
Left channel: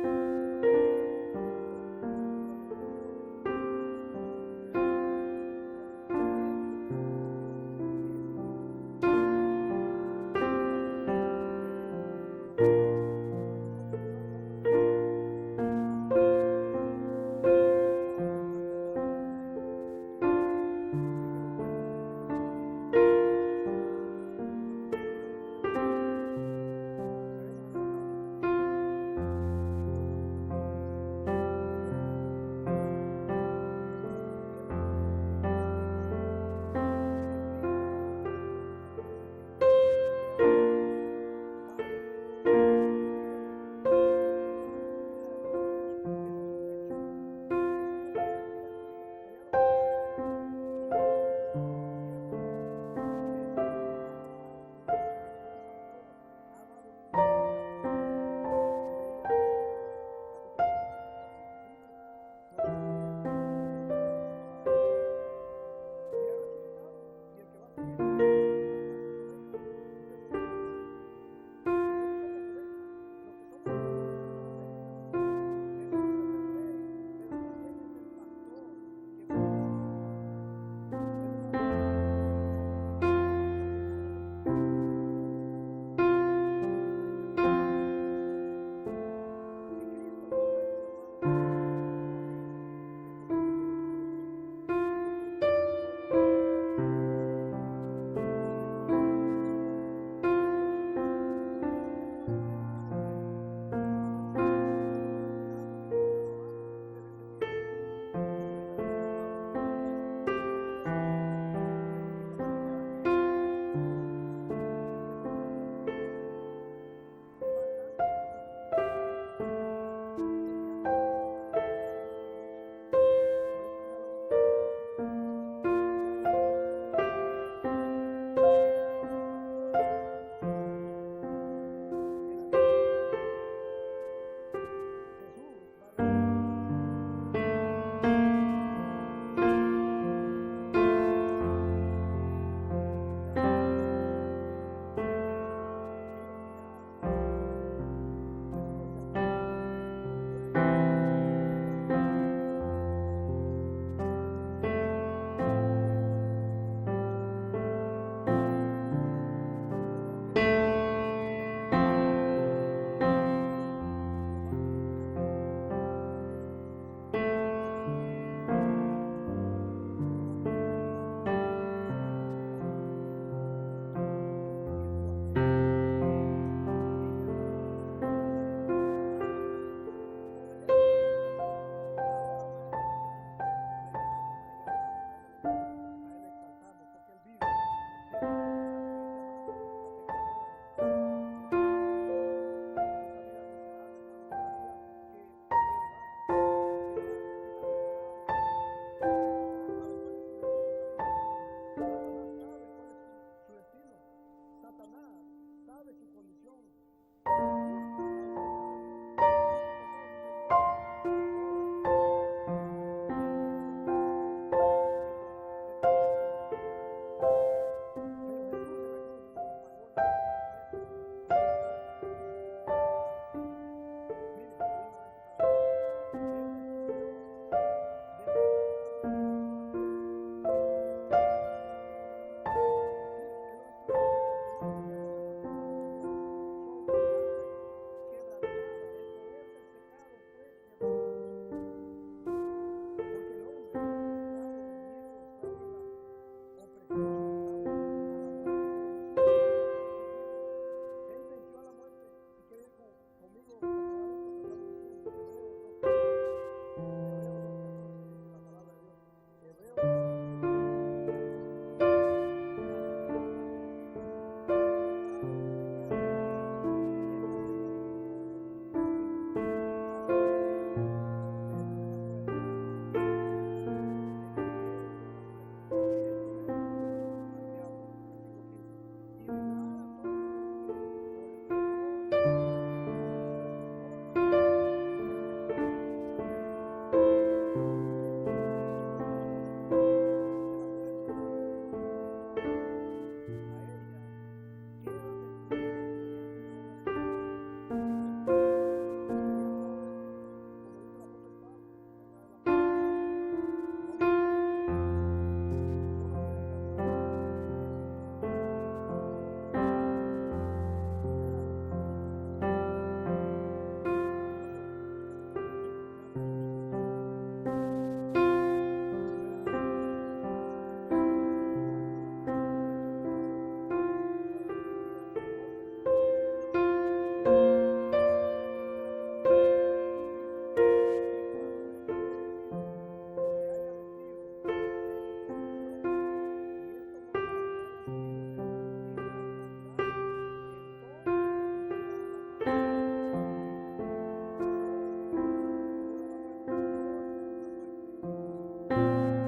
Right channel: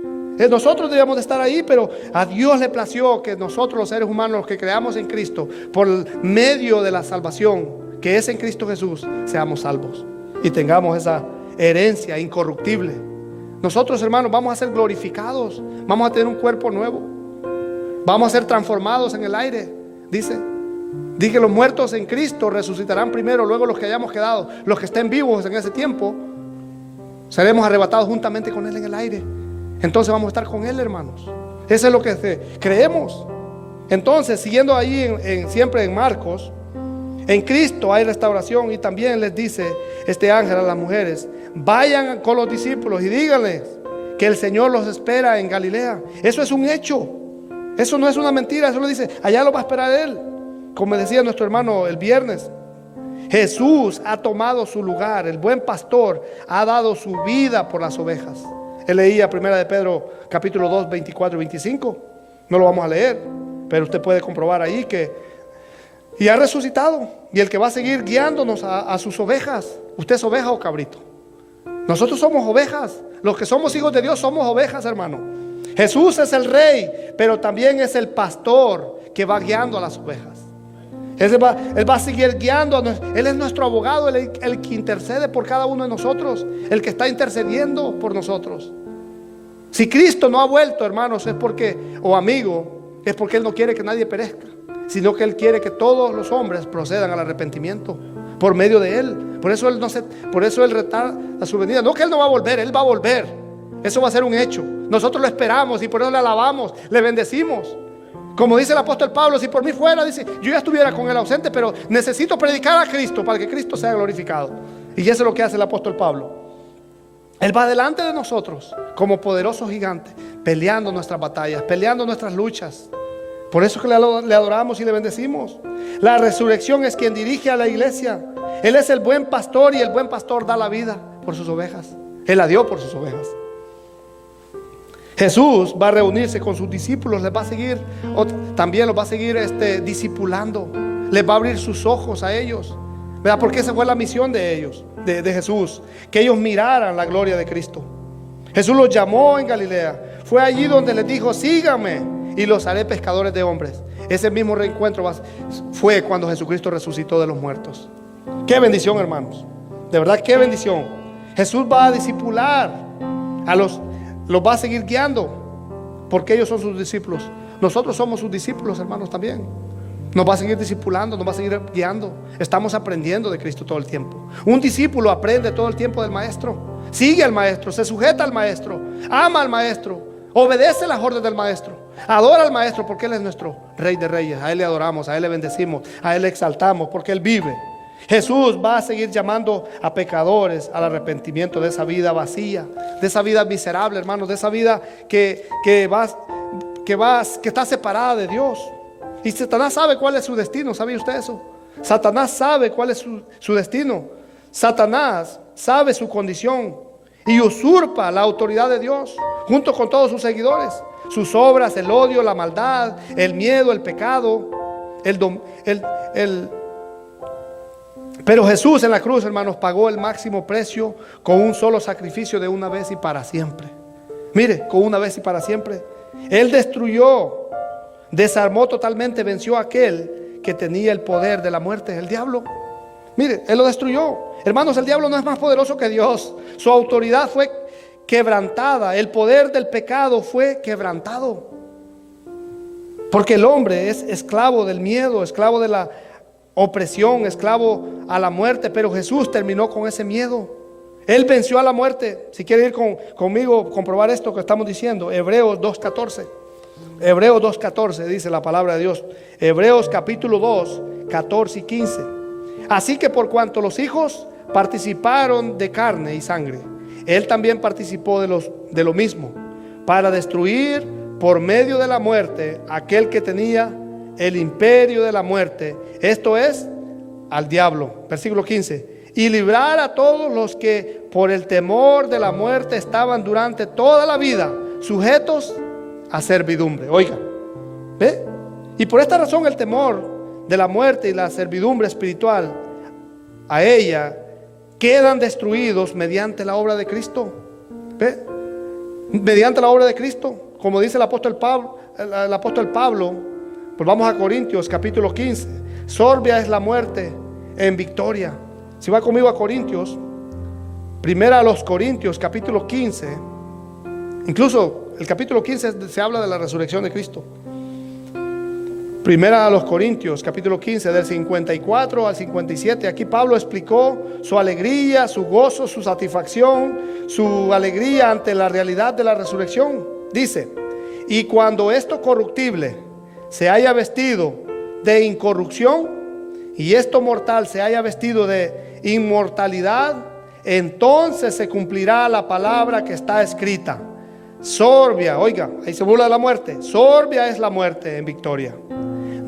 Nosotros debíamos de estar ahí, pero a Dios le plació que nosotros los seres humanos, los que creamos en Cristo, por medio de la salvación que es en Cristo Jesús, seamos salvos y tengamos esa herencia incorruptible. Nosotros, hermanos, vamos a ser glorificados, vamos a tener un cuerpo nuevo, vamos a ser transformados en el aire. Dice que los muertos en Cristo resucitarán primero, luego los que hayamos quedado, los que estén vivos en ese tiempo, seremos arrebatados juntamente con Él en el aire. Entonces vamos a estar con Él, hermanos. Eso es lo que creemos. Entonces, siguiendo ahí siempre en Marcos, en Cristo hay restauración. Y también les dice este ángel a las mujeres: vayan con los discípulos y díganles que el Señor los espera en Galilea. Eso es un hecho, eso no es una mentira. Eso lo dice, allá lo va a esperar Él. Como decía nuestro hermano el viernes, Jesús ha tomado su lugar. El buen pastor ha dado su vida por las ovejas. Él leía 1 de Pedro capítulo 2, 24 y 25. No lo vamos a leer, pero usted puede comprobar ahí que y ha resucitado, y el que va a seguir guiándonos a sus ovejas. ¿Usted es oveja o cabrito? Nosotros somos ovejas. Los que somos hijos de Dios somos ovejas, hermano. Jesús es el rey, pero también es el pastor que va guiando a las ovejas. Él va a seguir guiando. Él es nuestro abogado, el que intercede por cada uno de nosotros, el que está intercediendo por nosotros. Si Cristo no ha vuelto, hermanos, es porque, o amigo, es porque Él no quiere que nadie perezca, sino que Él quiere que todos los hombres procedan al arrepentimiento por medio de Él. Por eso Él retarda su venida. No que Él no va a volver, Él va a volver. Eso va a ser un hecho. Nosotros lo esperamos y por eso le alabamos, le bendecimos. Como dice el apóstol Pablo, si por mí fuera, dice, yo ya estuviera con el ausente, pero necesito predicar a Cristo para que Cristo sea glorificado. Y eso es lo que hace el apóstol Pablo. Él va delante de nosotros como poderoso gigante, peleando nuestras batallas, peleando nuestras luchas. Por eso que le adoramos y le bendecimos. La resurrección es quien dirige a la iglesia. Él es el buen pastor y el buen pastor da la vida por sus ovejas. Él la dio por sus ovejas. Jesús va a reunirse con sus discípulos, les va a seguir, también los va a seguir discipulando, les va a abrir sus ojos a ellos, ¿verdad? Porque esa fue la misión de ellos, de Jesús, que ellos miraran la gloria de Cristo. Jesús los llamó en Galilea, fue allí donde les dijo, síganme y los haré pescadores de hombres. Ese mismo reencuentro fue cuando Jesucristo resucitó de los muertos. Qué bendición, hermanos, de verdad, qué bendición. Jesús va a discipular a los va a seguir guiando, porque ellos son sus discípulos. Nosotros somos sus discípulos, hermanos, también. Nos va a seguir discipulando, nos va a seguir guiando. Estamos aprendiendo de Cristo todo el tiempo. Un discípulo aprende todo el tiempo del maestro. Sigue al maestro, se sujeta al maestro, ama al maestro, obedece las órdenes del maestro, adora al maestro, porque Él es nuestro Rey de Reyes. A Él le adoramos, a Él le bendecimos, a Él le exaltamos, porque Él vive. Jesús va a seguir llamando a pecadores al arrepentimiento de esa vida vacía, de esa vida miserable, hermanos, de esa vida que está separada de Dios. Y Satanás sabe cuál es su destino. ¿Sabía usted eso? Satanás sabe cuál es su destino. Satanás sabe su condición y usurpa la autoridad de Dios junto con todos sus seguidores. Sus obras, el odio, la maldad, el miedo, el pecado, Pero Jesús en la cruz, hermanos, pagó el máximo precio con un solo sacrificio de una vez y para siempre. Mire, con una vez y para siempre. Él destruyó, desarmó totalmente, venció a aquel que tenía el poder de la muerte, el diablo. Mire, Él lo destruyó. Hermanos, el diablo no es más poderoso que Dios. Su autoridad fue quebrantada. El poder del pecado fue quebrantado. Porque el hombre es esclavo del miedo, esclavo de la opresión, esclavo a la muerte. Pero Jesús terminó con ese miedo. Él venció a la muerte. Si quiere ir conmigo a comprobar esto que estamos diciendo, Hebreos 2:14. Hebreos 2:14 dice la palabra de Dios. Hebreos capítulo 2, 14 y 15. Así que por cuanto los hijos participaron de carne y sangre, Él también participó de lo mismo, para destruir por medio de la muerte aquel que tenía el imperio de la muerte, esto es, al diablo. Versículo 15. Y librar a todos los que por el temor de la muerte estaban durante toda la vida sujetos a servidumbre. Oiga, ¿ve? Y por esta razón el temor de la muerte y la servidumbre espiritual a ella quedan destruidos mediante la obra de Cristo. ¿Ve? Mediante la obra de Cristo, como dice el apóstol Pablo, pues vamos a Corintios capítulo 15. Sorbia es la muerte en victoria. Si va conmigo a Corintios, primera a los Corintios capítulo 15. Incluso el capítulo 15 se habla de la resurrección de Cristo. Primera a los Corintios capítulo 15, del 54 al 57. Aquí Pablo explicó su alegría, su gozo, su satisfacción, su alegría ante la realidad de la resurrección. Dice: y cuando esto corruptible se haya vestido de incorrupción y esto mortal se haya vestido de inmortalidad, entonces se cumplirá la palabra que está escrita: sorbia, oiga, ahí se burla de la muerte, sorbia es la muerte en victoria.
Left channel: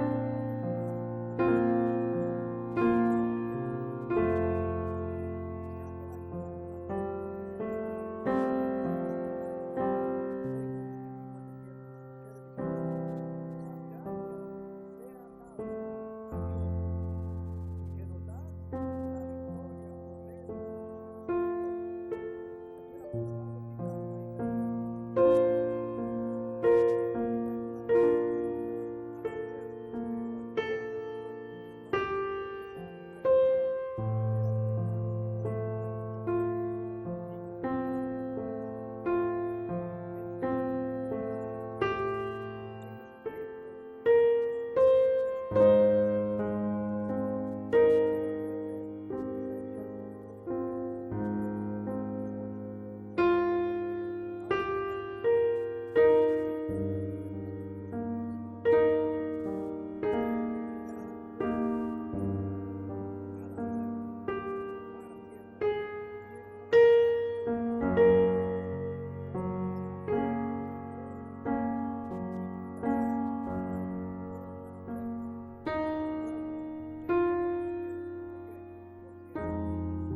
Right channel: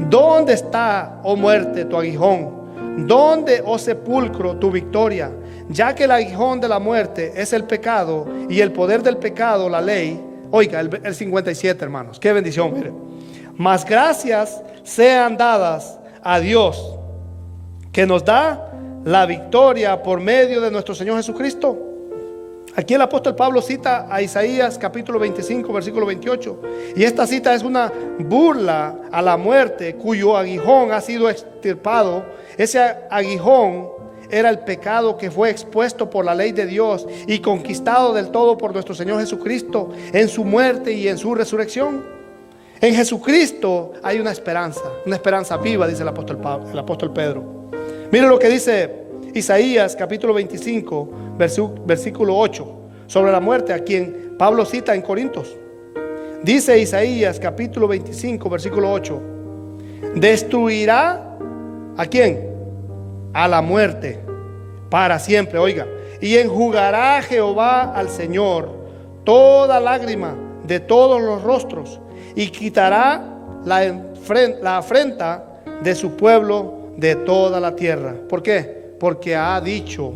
¿Dónde está, oh muerte, tu aguijón? ¿Dónde, oh sepulcro, tu victoria? Ya que el aguijón de la muerte es el pecado y el poder del pecado, la ley. Oiga, el 57, hermanos, qué bendición, mire. Mas gracias sean dadas a Dios, que nos da la victoria por medio de nuestro Señor Jesucristo. Aquí el apóstol Pablo cita a Isaías capítulo 25, versículo 28. Y esta cita es una burla a la muerte, cuyo aguijón ha sido extirpado. Ese aguijón era el pecado que fue expuesto por la ley de Dios y conquistado del todo por nuestro Señor Jesucristo en su muerte y en su resurrección. En Jesucristo hay una esperanza viva, dice el apóstol Pedro. Mire lo que dice Isaías capítulo 25, versículo 8, sobre la muerte, a quien Pablo cita en Corintios. Dice Isaías capítulo 25 versículo 8: destruirá ¿a quién? A la muerte para siempre. Oiga, y enjugará Jehová al Señor toda lágrima de todos los rostros, y quitará la afrenta de su pueblo de toda la tierra. ¿Por qué? Porque ha dicho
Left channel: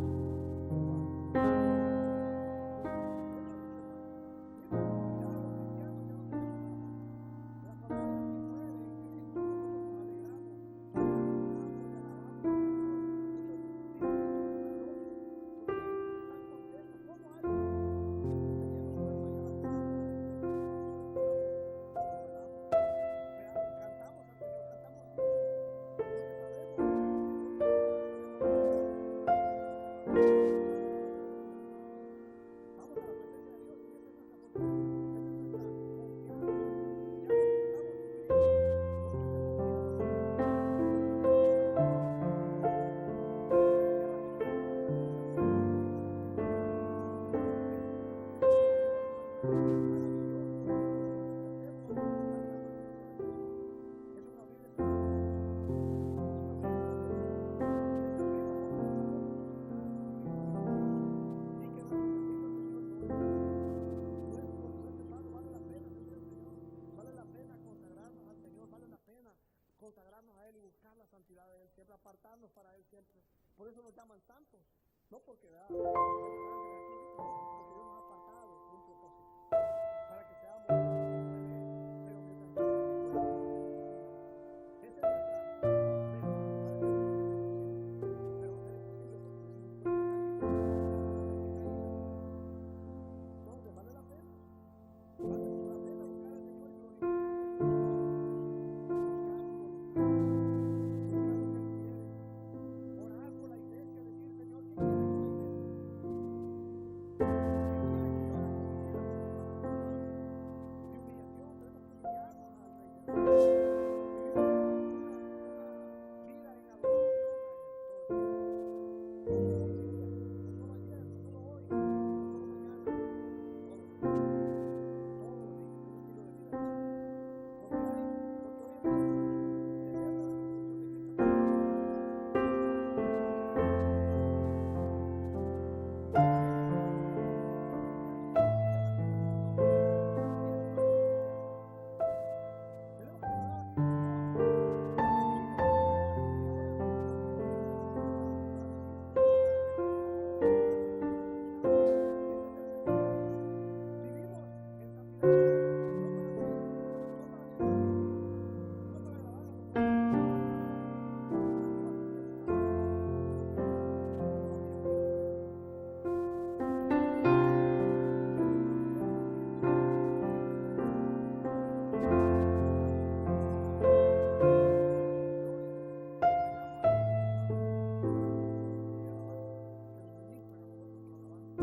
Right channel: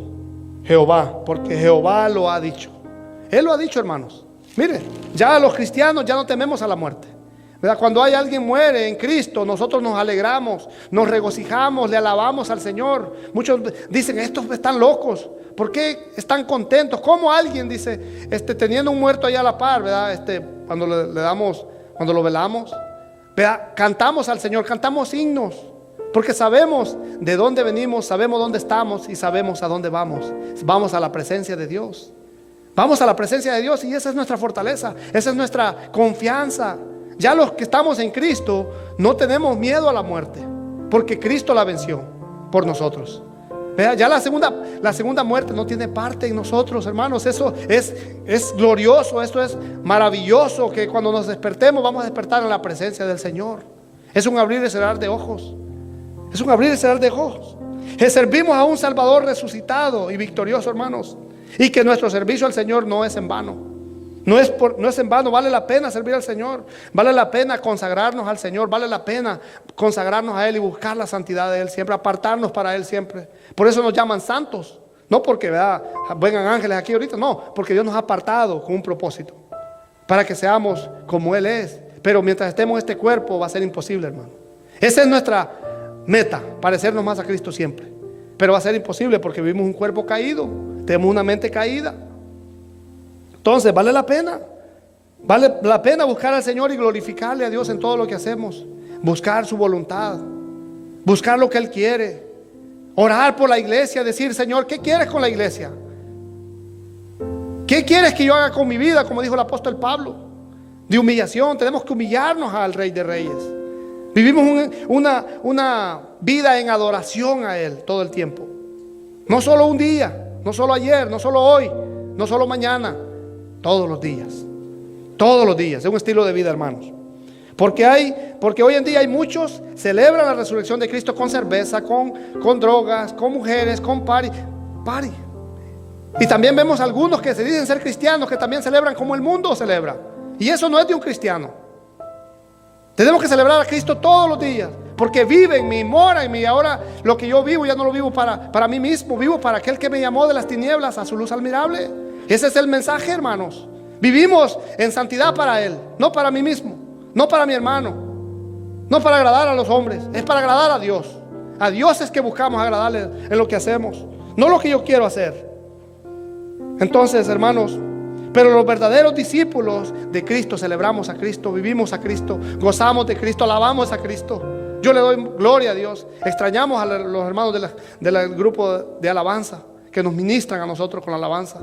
Jehová, porque Jehová lo ha dicho. Él lo ha dicho, hermanos. Mire, ya los cristianos ya no tememos a la muerte, ¿verdad? Cuando hay alguien muere en Cristo, nosotros nos alegramos, nos regocijamos, le alabamos al Señor. Muchos dicen, estos están locos, ¿por qué están contentos? ¿Cómo alguien dice, teniendo un muerto ahí a la par, ¿verdad? Cuando cuando lo velamos, ¿verdad? Cantamos al Señor, cantamos himnos, porque sabemos de dónde venimos, sabemos dónde estamos y sabemos a dónde vamos. Vamos a la presencia de Dios. Vamos a la presencia de Dios, y esa es nuestra fortaleza, esa es nuestra confianza. Ya los que estamos en Cristo no tenemos miedo a la muerte, porque Cristo la venció por nosotros. Vea, ya la segunda muerte no tiene parte en nosotros, hermanos. Eso es glorioso, esto es maravilloso, que cuando nos despertemos vamos a despertar en la presencia del Señor. Es un abrir y cerrar de ojos. Es un abrir y cerrar de ojos. Servimos a un Salvador resucitado y victorioso, hermanos. Y que nuestro servicio al Señor no es en vano. No es en vano. Vale la pena servir al Señor. Vale la pena consagrarnos al Señor. Vale la pena consagrarnos a Él y buscar la santidad de Él siempre, apartarnos para Él siempre. Por eso nos llaman santos. No porque, ¿verdad?, vengan ángeles aquí ahorita. No, porque Dios nos ha apartado con un propósito, para que seamos como Él es. Pero mientras estemos en este cuerpo va a ser imposible, hermano. Esa es nuestra meta, parecernos más a Cristo siempre. Pero va a ser imposible porque vivimos un cuerpo caído, tenemos una mente caída. Entonces vale la pena buscar al Señor y glorificarle a Dios en todo lo que hacemos. Buscar su voluntad, buscar lo que Él quiere, orar por la iglesia, decir, Señor, ¿qué quieres con la iglesia? ¿Qué quieres que yo haga con mi vida? Como dijo el apóstol Pablo, de humillación. Tenemos que humillarnos al Rey de Reyes. Vivimos una vida en adoración a Él todo el tiempo. No solo un día, no solo ayer, no solo hoy, no solo mañana. Todos los días. Todos los días. Es un estilo de vida, hermanos. Porque hoy en día hay muchos celebran la resurrección de Cristo con cerveza, con drogas, con mujeres, con party. Y también vemos algunos que se dicen ser cristianos, que también celebran como el mundo celebra. Y eso no es de un cristiano. Tenemos que celebrar a Cristo todos los días, porque vive en mí, mora en mí. Ahora lo que yo vivo ya no lo vivo para mí mismo, vivo para aquel que me llamó de las tinieblas a su luz admirable. Ese es el mensaje, hermanos. Vivimos en santidad para Él, no para mí mismo, no para mi hermano, no para agradar a los hombres, es para agradar a Dios. A Dios es que buscamos agradarle en lo que hacemos, no lo que yo quiero hacer. Entonces, hermanos, pero los verdaderos discípulos de Cristo celebramos a Cristo, vivimos a Cristo, gozamos de Cristo, alabamos a Cristo. Yo le doy gloria a Dios. Extrañamos a los hermanos del grupo de alabanza que nos ministran a nosotros con la alabanza.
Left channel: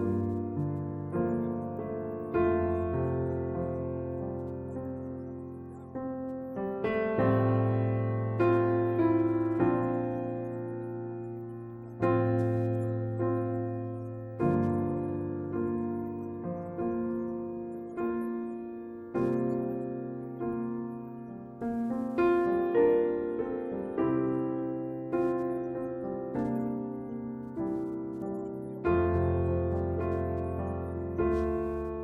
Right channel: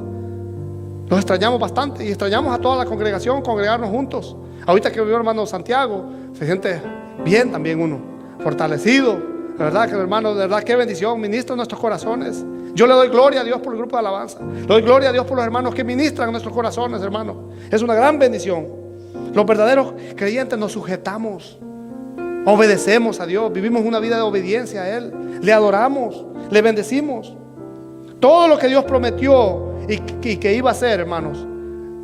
Los extrañamos bastante, y extrañamos a toda la congregación, congregarnos juntos. Ahorita que vio hermano Santiago, se siente bien también uno, fortalecido. La verdad que hermano, de verdad, qué bendición, ministra nuestros corazones. Yo le doy gloria a Dios por el grupo de alabanza. Le doy gloria a Dios por los hermanos que ministran nuestros corazones, hermano. Es una gran bendición. Los verdaderos creyentes nos sujetamos, obedecemos a Dios, vivimos una vida de obediencia a Él, le adoramos, le bendecimos. Todo lo que Dios prometió y que iba a hacer, hermanos,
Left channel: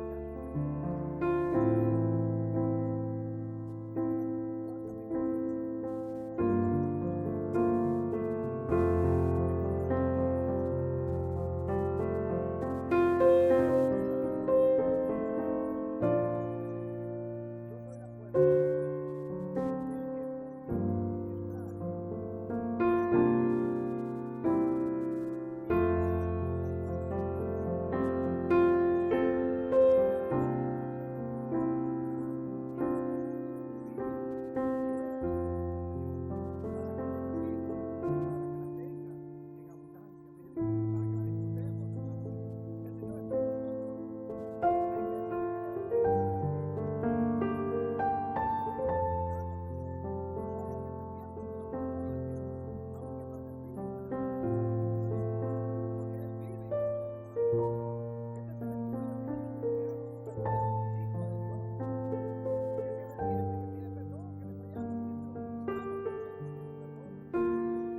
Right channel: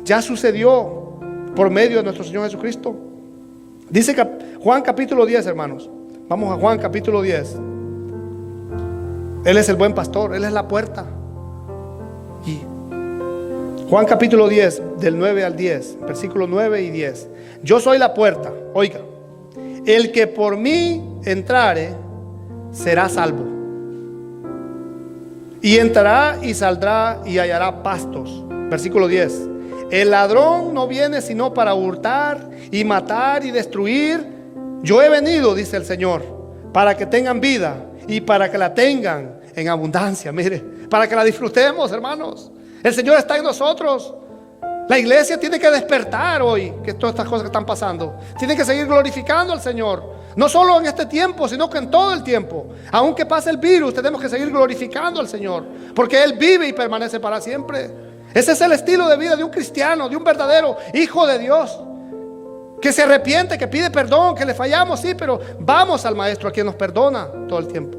ya sucedió por medio de nuestro Señor Jesucristo. Dice Juan capítulo 10, hermanos. Vamos a Juan capítulo 10. Él es el buen pastor, Él es la puerta. Y Juan capítulo 10, del 9 al 10, versículos 9 y 10. Yo soy la puerta, oiga. El que por mí entrare será salvo. Y entrará y saldrá y hallará pastos. Versículo 10. El ladrón no viene sino para hurtar y matar y destruir. Yo he venido, dice el Señor, para que tengan vida y para que la tengan en abundancia. Mire, para que la disfrutemos, hermanos. El Señor está en nosotros. La iglesia tiene que despertar hoy, que todas estas cosas que están pasando. Tiene que seguir glorificando al Señor. No solo en este tiempo, sino que en todo el tiempo. Aunque pase el virus, tenemos que seguir glorificando al Señor, porque Él vive y permanece para siempre. Ese es el estilo de vida de un cristiano, de un verdadero hijo de Dios. que se arrepiente, que pide perdón, que le fallamos, sí, pero vamos al Maestro, a quien nos perdona todo el tiempo.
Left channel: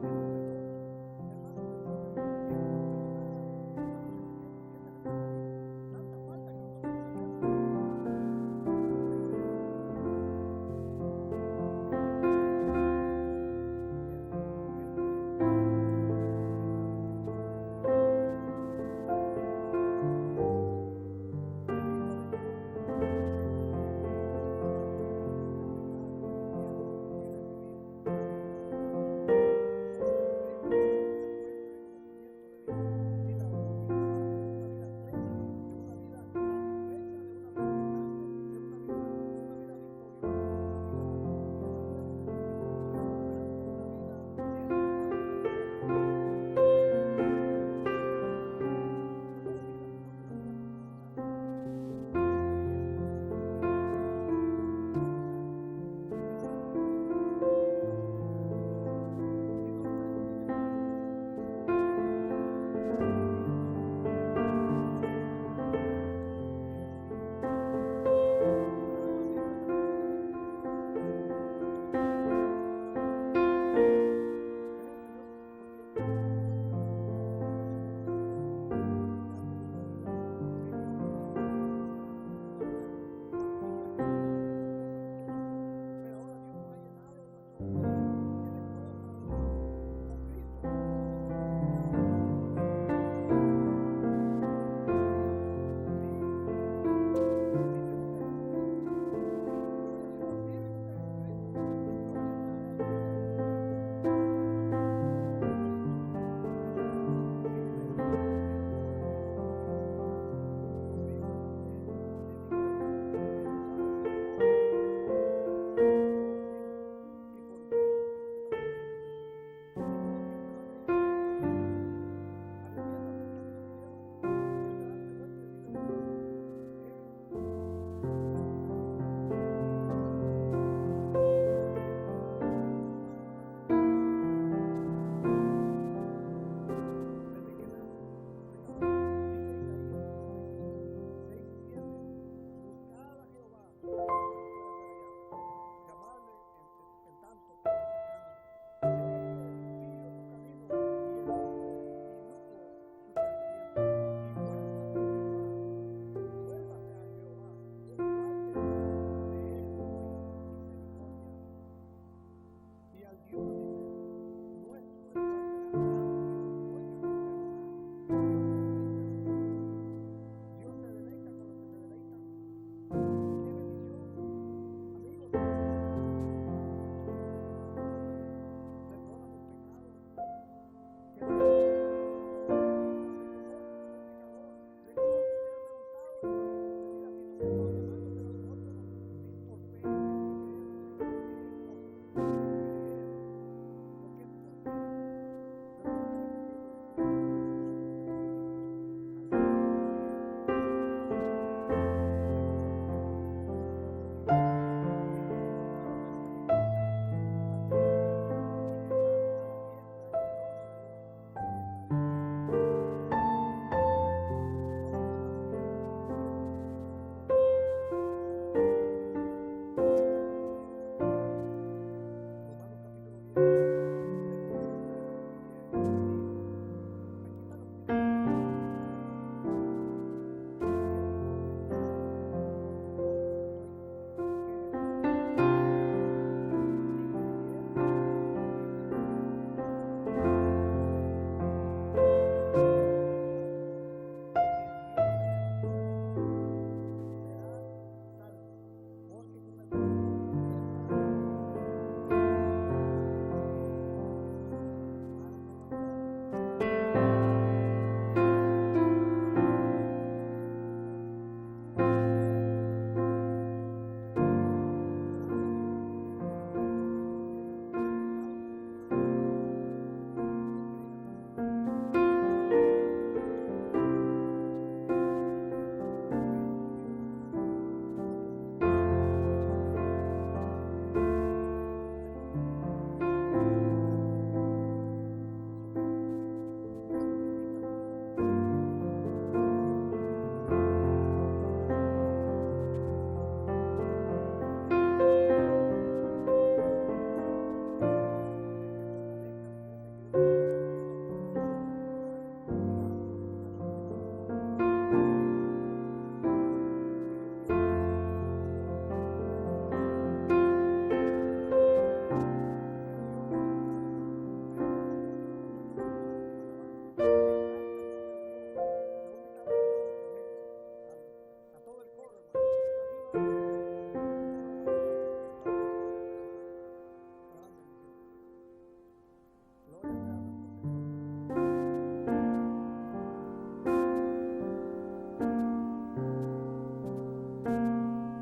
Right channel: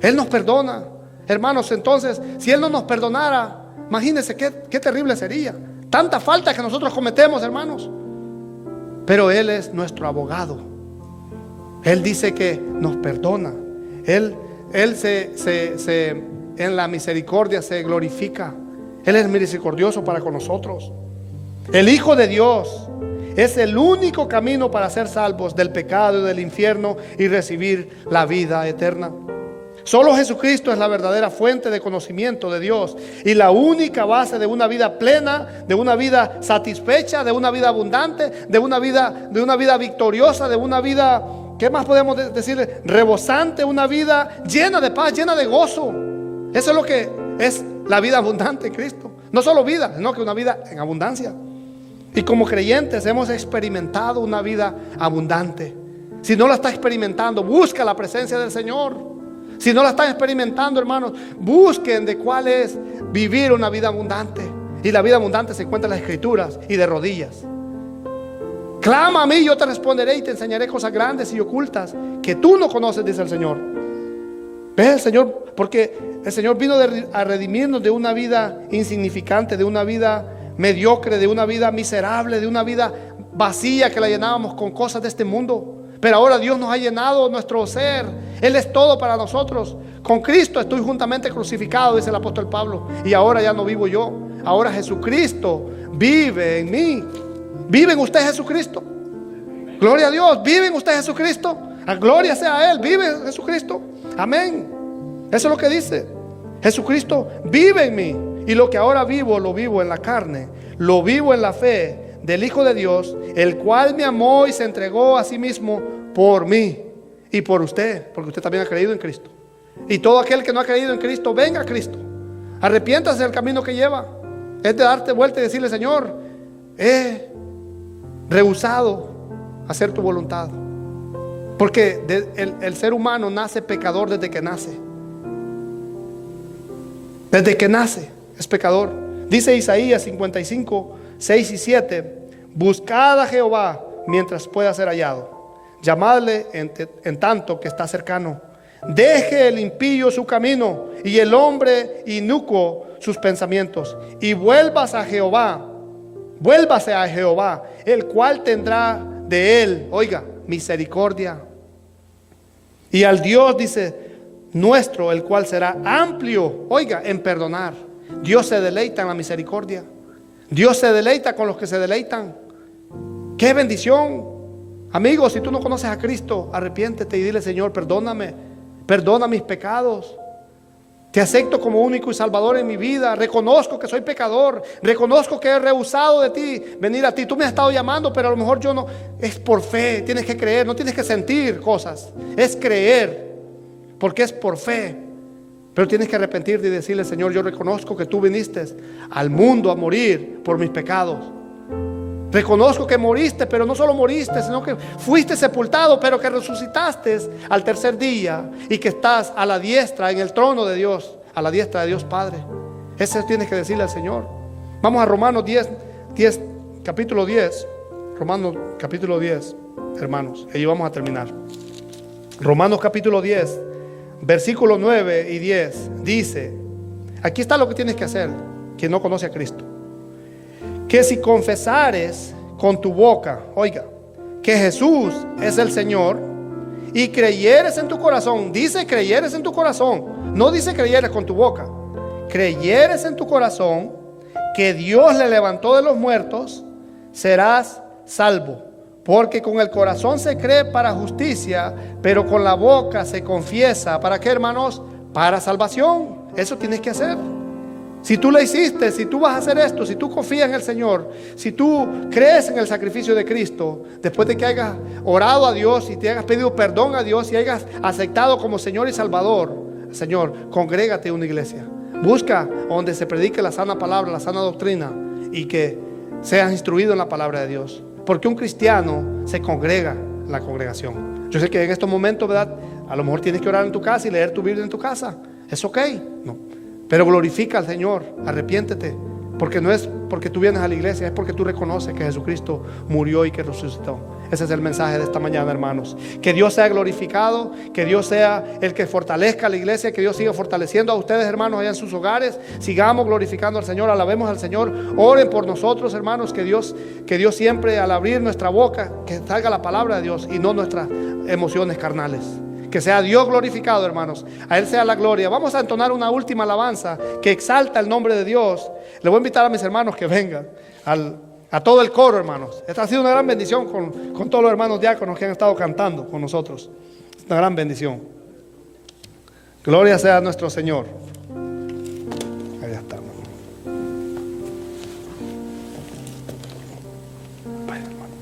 Él nos perdona, hermanos. Entonces, si Él no nos perdonara, imagínense qué terrible sería. Tanta falta que nosotros cometemos, hermanos. Pero Él es nuestro abogado. Él dice que nos perdona. Él en la misericordia se glorifica. Él es misericordioso para con nosotros. El Hijo de Dios es el único camino para ser salvos del pecado y del infierno y recibir la vida eterna. Solo Jesucristo es la verdadera fuente de conocimiento de Dios y la única base de una vida plena, de una vida satisfecha, de una vida abundante, de una vida victoriosa, de una vida, ¿qué más podemos decir? Rebosante, una vida llena de paz, llena de gozo. Eso es lo que es la vida abundante en Cristo. No solo vida, sino que una vida en abundancia. Y como creyentes hemos experimentado una vida abundante. Si no la está experimentando, busca la presencia del Señor. Si no la están experimentando, hermanos, busquen de cuál es vivir una vida abundante. Y la vida abundante se encuentra en las Escrituras y de rodillas. Clama a mí, yo te responderé y te enseñaré cosas grandes y ocultas que tú no conoces, dice el Señor. ¿Ves el Señor? Porque el Señor vino a redimirnos de una vida insignificante, de una vida mediocre, de una vida miserable, de una vida vacía que la llenábamos con cosas de este mundo. Pero ahora Dios nos ha llenado nuestro ser. Él es todo para nosotros. Con Cristo estoy juntamente crucificado, dice el apóstol Pablo. Y ahora ya no vivo yo. Ahora Jesucristo vive en mí. ¿Vive en usted Jesucristo? Gloria a Dios. ¿Vive en usted Jesucristo? La gloria sea a Él. ¿Vive Jesucristo? Amén. Eso es lo que dice. Jesucristo vive en mí. Y lo que ahora vivo, lo vivo en la carne. Lo vivo en la fe del Hijo de Dios, el cual me amó y se entregó a sí mismo por mí y por usted, porque usted también ha creído en Cristo. Y todo aquel que no ha creído en Cristo, venga a Cristo, arrepiéntase del camino que lleva. Es de darte vuelta y decirle: Señor, he rehusado hacer tu voluntad. Porque el ser humano nace pecador desde que nace. Desde que nace es pecador. Dice Isaías 55, 6 y 7: buscad a Jehová mientras pueda ser hallado, llamadle en tanto que está cercano. Deje el impío su camino y el hombre inicuo sus pensamientos, y vuélvase a Jehová, el cual tendrá de él, oiga, misericordia. Y al Dios, dice, nuestro, el cual será amplio, oiga, en perdonar. Dios se deleita en la misericordia. Dios se deleita con los que se deleitan. ¡Qué bendición! Amigos, si tú no conoces a Cristo, arrepiéntete y dile: Señor, perdóname, perdona mis pecados. Te acepto como único y salvador en mi vida. Reconozco que soy pecador. Reconozco que he rehusado de ti, venir a ti. Tú me has estado llamando, pero a lo mejor yo no. Es por fe, tienes que creer, no tienes que sentir cosas. Es creer, porque es por fe. Pero tienes que arrepentirte y decirle: Señor, yo reconozco que tú viniste al mundo a morir por mis pecados. Reconozco que moriste, pero no solo moriste, sino que fuiste sepultado, pero que resucitaste al tercer día y que estás a la diestra, en el trono de Dios, a la diestra de Dios Padre. Eso tienes que decirle al Señor. Vamos a Romanos 10, capítulo 10. Romanos capítulo 10, hermanos. Ahí vamos a terminar. Romanos capítulo 10, versículos 9 y 10. Dice: aquí está lo que tienes que hacer, quien no conoce a Cristo. Que si confesares con tu boca, oiga, que Jesús es el Señor, y creyeres en tu corazón, dice creyeres en tu corazón, no dice creyeres con tu boca, creyeres en tu corazón que Dios le levantó de los muertos, serás salvo. Porque con el corazón se cree para justicia, pero con la boca se confiesa. ¿Para qué, hermanos? Para salvación. Eso tienes que hacer. Si tú lo hiciste, si tú vas a hacer esto, si tú confías en el Señor, si tú crees en el sacrificio de Cristo, después de que hayas orado a Dios y te hayas pedido perdón a Dios y hayas aceptado como Señor y Salvador, Señor, congrégate en una iglesia. Busca donde se predique la sana palabra, la sana doctrina, y que seas instruido en la palabra de Dios. Porque un cristiano se congrega en la congregación. Yo sé que en estos momentos, ¿verdad?, a lo mejor tienes que orar en tu casa y leer tu Biblia en tu casa. Es ok, no. Pero glorifica al Señor, arrepiéntete, Porque no es porque tú vienes a la iglesia, es porque tú reconoces que Jesucristo murió y que resucitó. Ese es el mensaje de esta mañana, hermanos. Que Dios sea glorificado, que Dios sea el que fortalezca a la iglesia, que Dios siga fortaleciendo a ustedes, hermanos, allá en sus hogares. Sigamos glorificando al Señor, alabemos al Señor. Oren por nosotros, hermanos, que Dios siempre, al abrir nuestra boca, que salga la palabra de Dios y no nuestras emociones carnales. Que sea Dios glorificado, hermanos. A Él sea la gloria. Vamos a entonar una última alabanza que exalta el nombre de Dios. Le voy a invitar a mis hermanos que vengan, a todo el coro, hermanos. Esta ha sido una gran bendición con todos los hermanos diáconos que han estado cantando con nosotros. Es una gran bendición. Gloria sea a nuestro Señor. Ahí está. Vaya, hermano.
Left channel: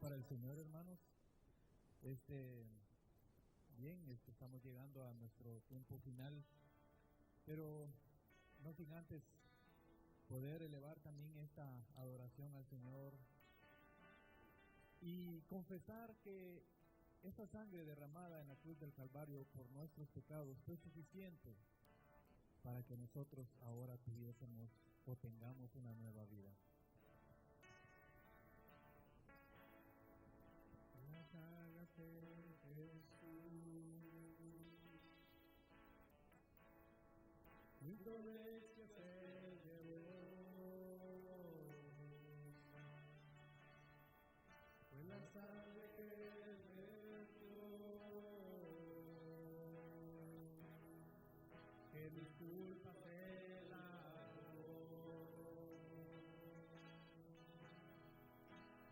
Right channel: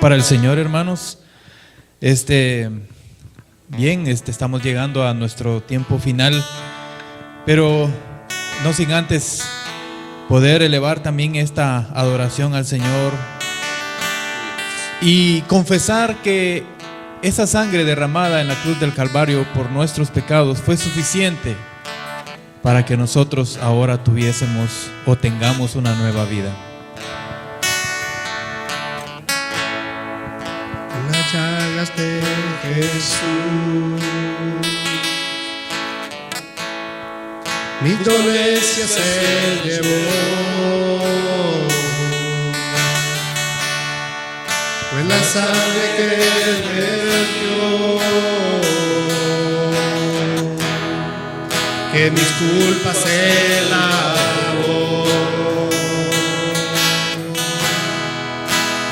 Para el Señor, hermanos, estamos llegando a nuestro tiempo final, pero no sin antes poder elevar también esta adoración al Señor y confesar que esa sangre derramada en la cruz del Calvario por nuestros pecados fue suficiente para que nosotros ahora tuviésemos o tengamos una nueva vida. Las llagas de Jesús, mi dolencia se llevó, fue la sangre que Él vertió, que mis culpas se lavó,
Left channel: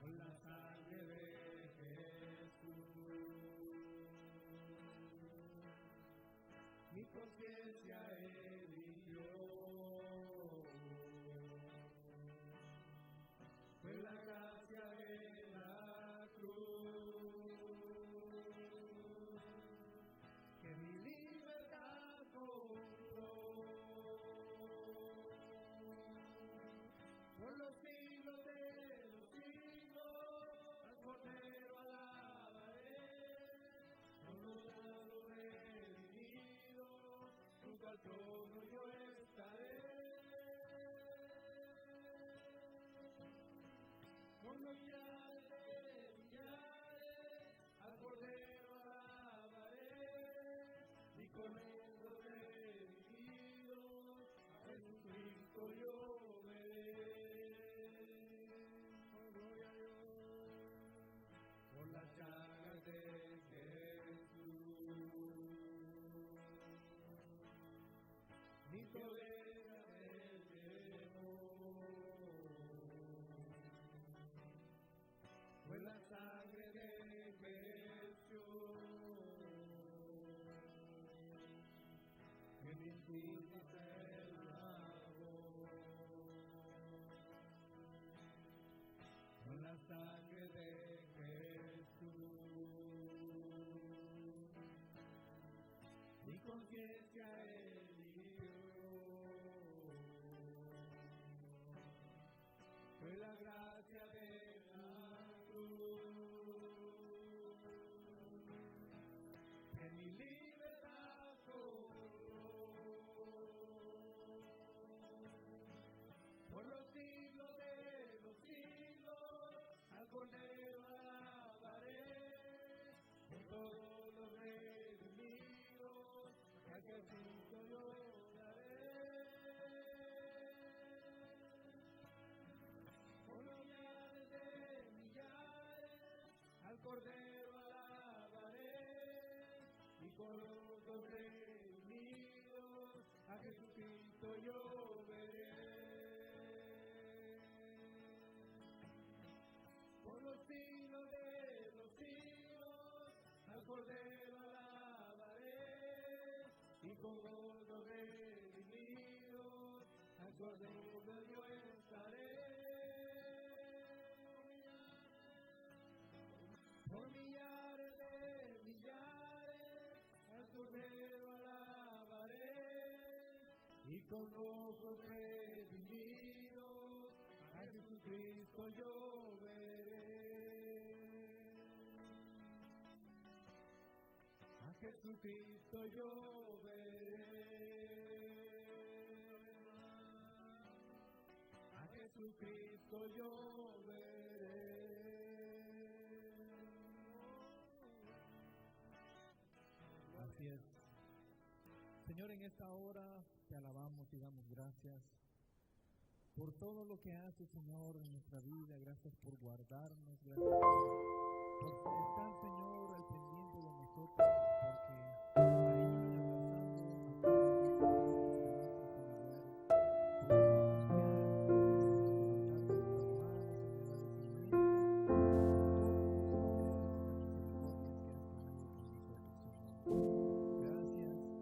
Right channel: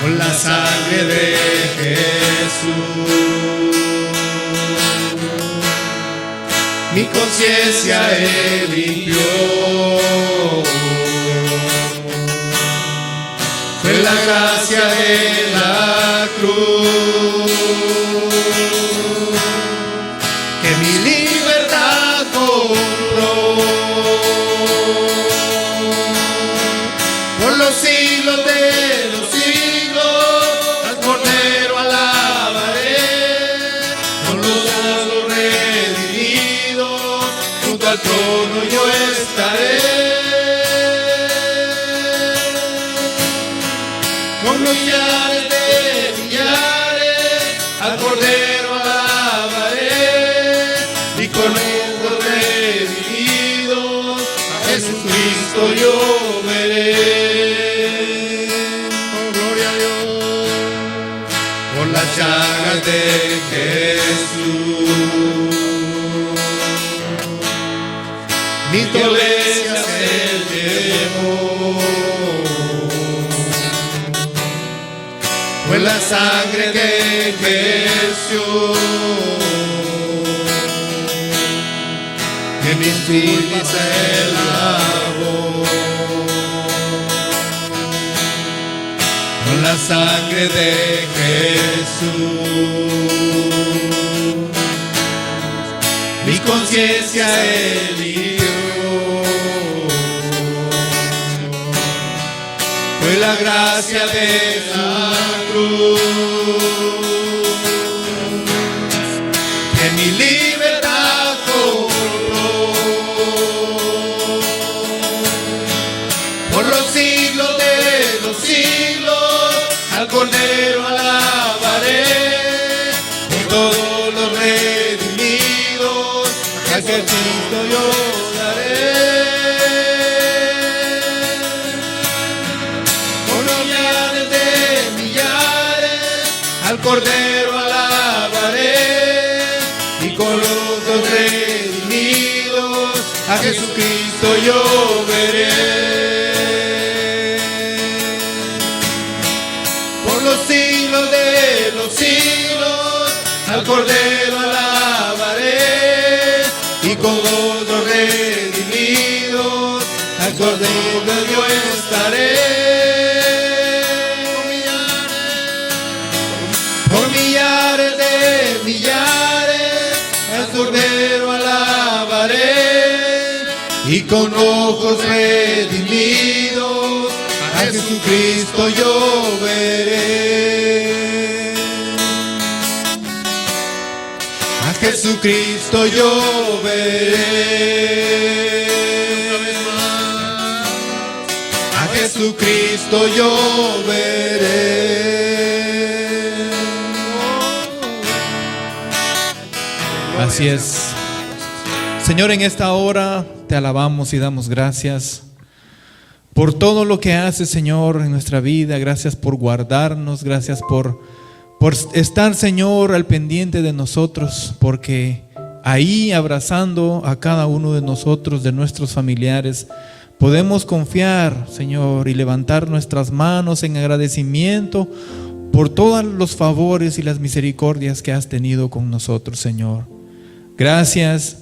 con la sangre de Jesús, mi conciencia Él limpió, fue la gracia de la cruz, que mi libertad compró, por los siglos de los siglos, al Cordero alabaré, con los redimidos, junto al trono yo estaré, con millares de millares, al Cordero alabaré, y con los redimidos, a Jesucristo yo veré. Oh, gloria a Dios, por las llagas de Jesús, mi dolencia se llevó, fue la sangre de Jesús, que mis culpas se lavó, con la sangre de Jesús, mi conciencia Él limpió, fue la gracia de la cruz, que mi libertad compró, por los siglos de los siglos, al Cordero alabaré, y todos los redimidos, a Jesucristo yo daré. Al Cordero alabaré, y con los dos redimidos, a Jesucristo yo veré. Por los siglos de los siglos, al Cordero alabaré, y con los dos redimidos, arrodillares, al Cordero alabaré, y con ojos redimidos a Jesucristo yo veré. A Jesucristo yo veré. A Jesucristo yo veré. Así es. Señor, en esta hora te alabamos y damos gracias por todo lo que haces, Señor, en nuestra vida. Gracias por guardarnos, gracias por estar, Señor, al pendiente de nosotros, porque ahí, abrazando a cada uno de nosotros, de nuestros familiares, podemos confiar, Señor, y levantar nuestras manos en agradecimiento por todos los favores y las misericordias que has tenido con nosotros, Señor. Gracias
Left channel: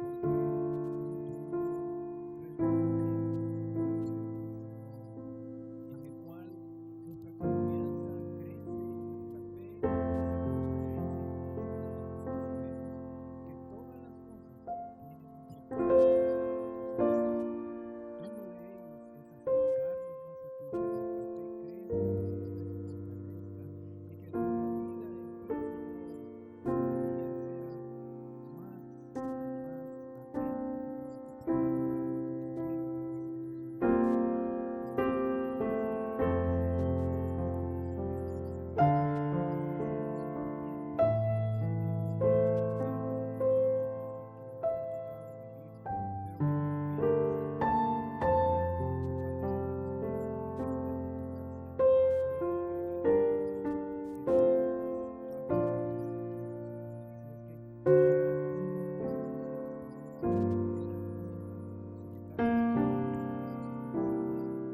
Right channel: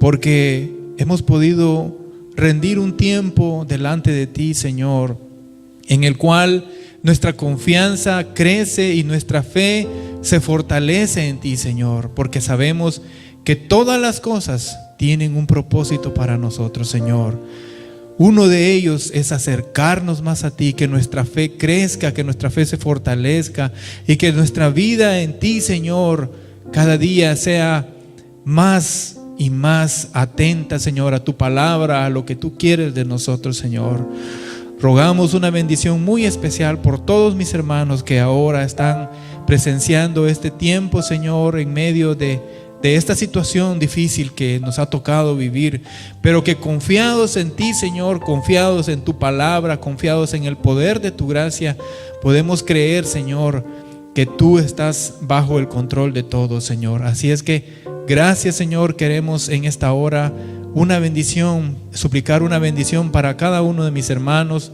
porque hemos podido rendir un tiempo delante de ti, Señor, en el cual nuestra confianza crece y nuestra fe se fortalece en ti, Señor, porque sabemos que todas las cosas tienen un propósito para nosotros, Señor. Uno de ellos es acercarnos más a ti, que nuestra fe crezca, que nuestra fe se fortalezca y que nuestra vida en ti, Señor, cada día sea más y más atenta, Señor, a tu palabra, a lo que tú quieres de nosotros, Señor. Rogamos una bendición muy especial por todos mis hermanos que ahora están presenciando este tiempo, Señor, en medio de esta situación difícil que nos ha tocado vivir, pero que confiados en ti, Señor, confiados en tu palabra, confiados en el poder de tu gracia, podemos creer, Señor, que tú estás bajo el control de todo, Señor. Así es que gracias, Señor. Queremos en esta hora una bendición, suplicar una bendición para cada uno de mis hermanos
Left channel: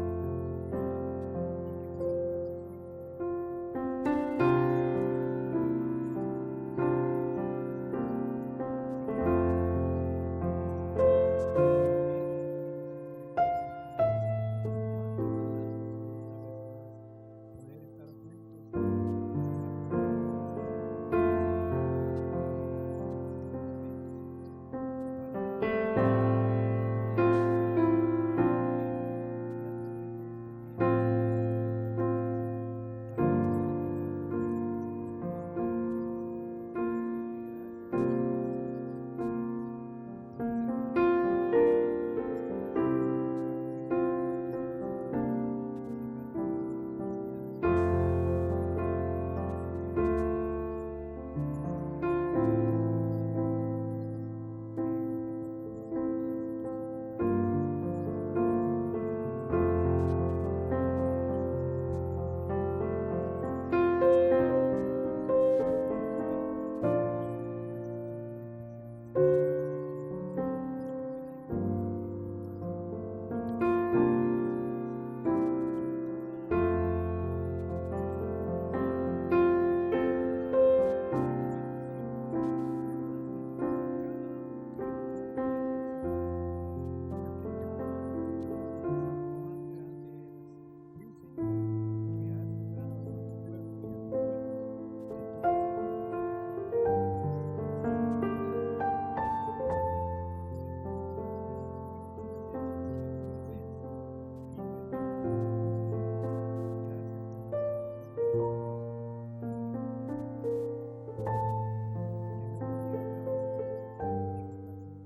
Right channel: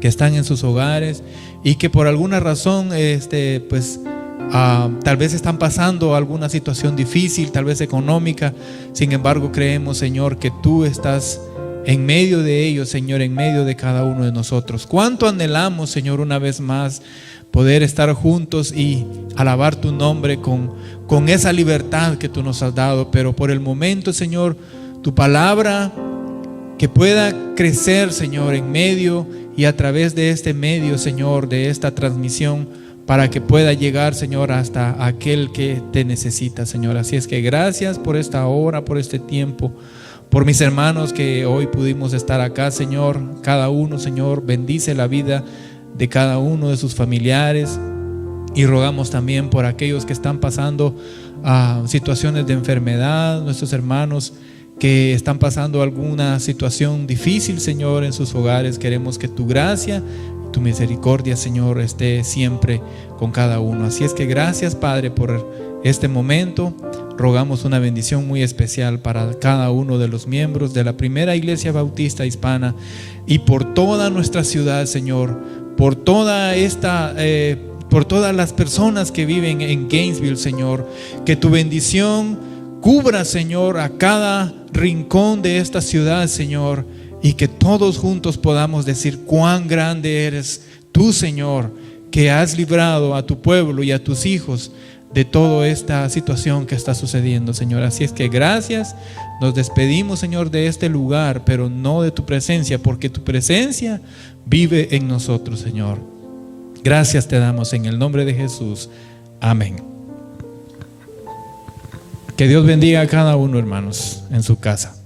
que están en sus hogares y que por alguna razón tal vez están pasando alguna situación difícil, tal vez económica. Sin embargo, creemos, Señor, que tú estás en medio de ellos, Señor, en medio de cada uno de nosotros. Cuánto anhelamos, Señor, una vez más poder estar juntos y alabar tu nombre con esa libertad que tú nos has dado. Pero por el momento, Señor, tu palabra que pueda crecer, Señor, en medio y a través de este medio, Señor, de esta transmisión, para que pueda llegar, Señor, hasta aquel que te necesita, Señor. Así es que gracias por esta hora, por este tiempo, por mis hermanos que hoy pudimos estar acá, Señor. Cada uno, Señor, bendice la vida de cada uno de sus familiares, y rogamos también por aquellos que están pasando situaciones de enfermedad, nuestros hermanos que están pasando alguna situación difícil, Señor, en sus hogares. Queremos que tu gracia, tu misericordia, Señor, esté siempre con cada uno. Así es que gracias, Padre, por este momento. Rogamos una bendición muy especial para cada uno de los miembros de la Primera Iglesia Bautista Hispana y por toda nuestra ciudad, Señor, por todas las personas que viven en Gainesville, Señor. Que tu bendición cubra, Señor, a cada rincón de esta ciudad, Señor, y que todos juntos podamos decir cuán grande eres tú, Señor, que has librado a tu pueblo y a tus hijos de toda esta situación que está sucediendo, Señor. Así es que gracias. Nos despedimos, Señor, de este lugar, pero no de tu presencia, porque tu presencia vive en nosotros, Señor. Gracias te damos en el nombre de Jesús. Amén. Que Dios bendiga a cada uno, hermanos, en su casa.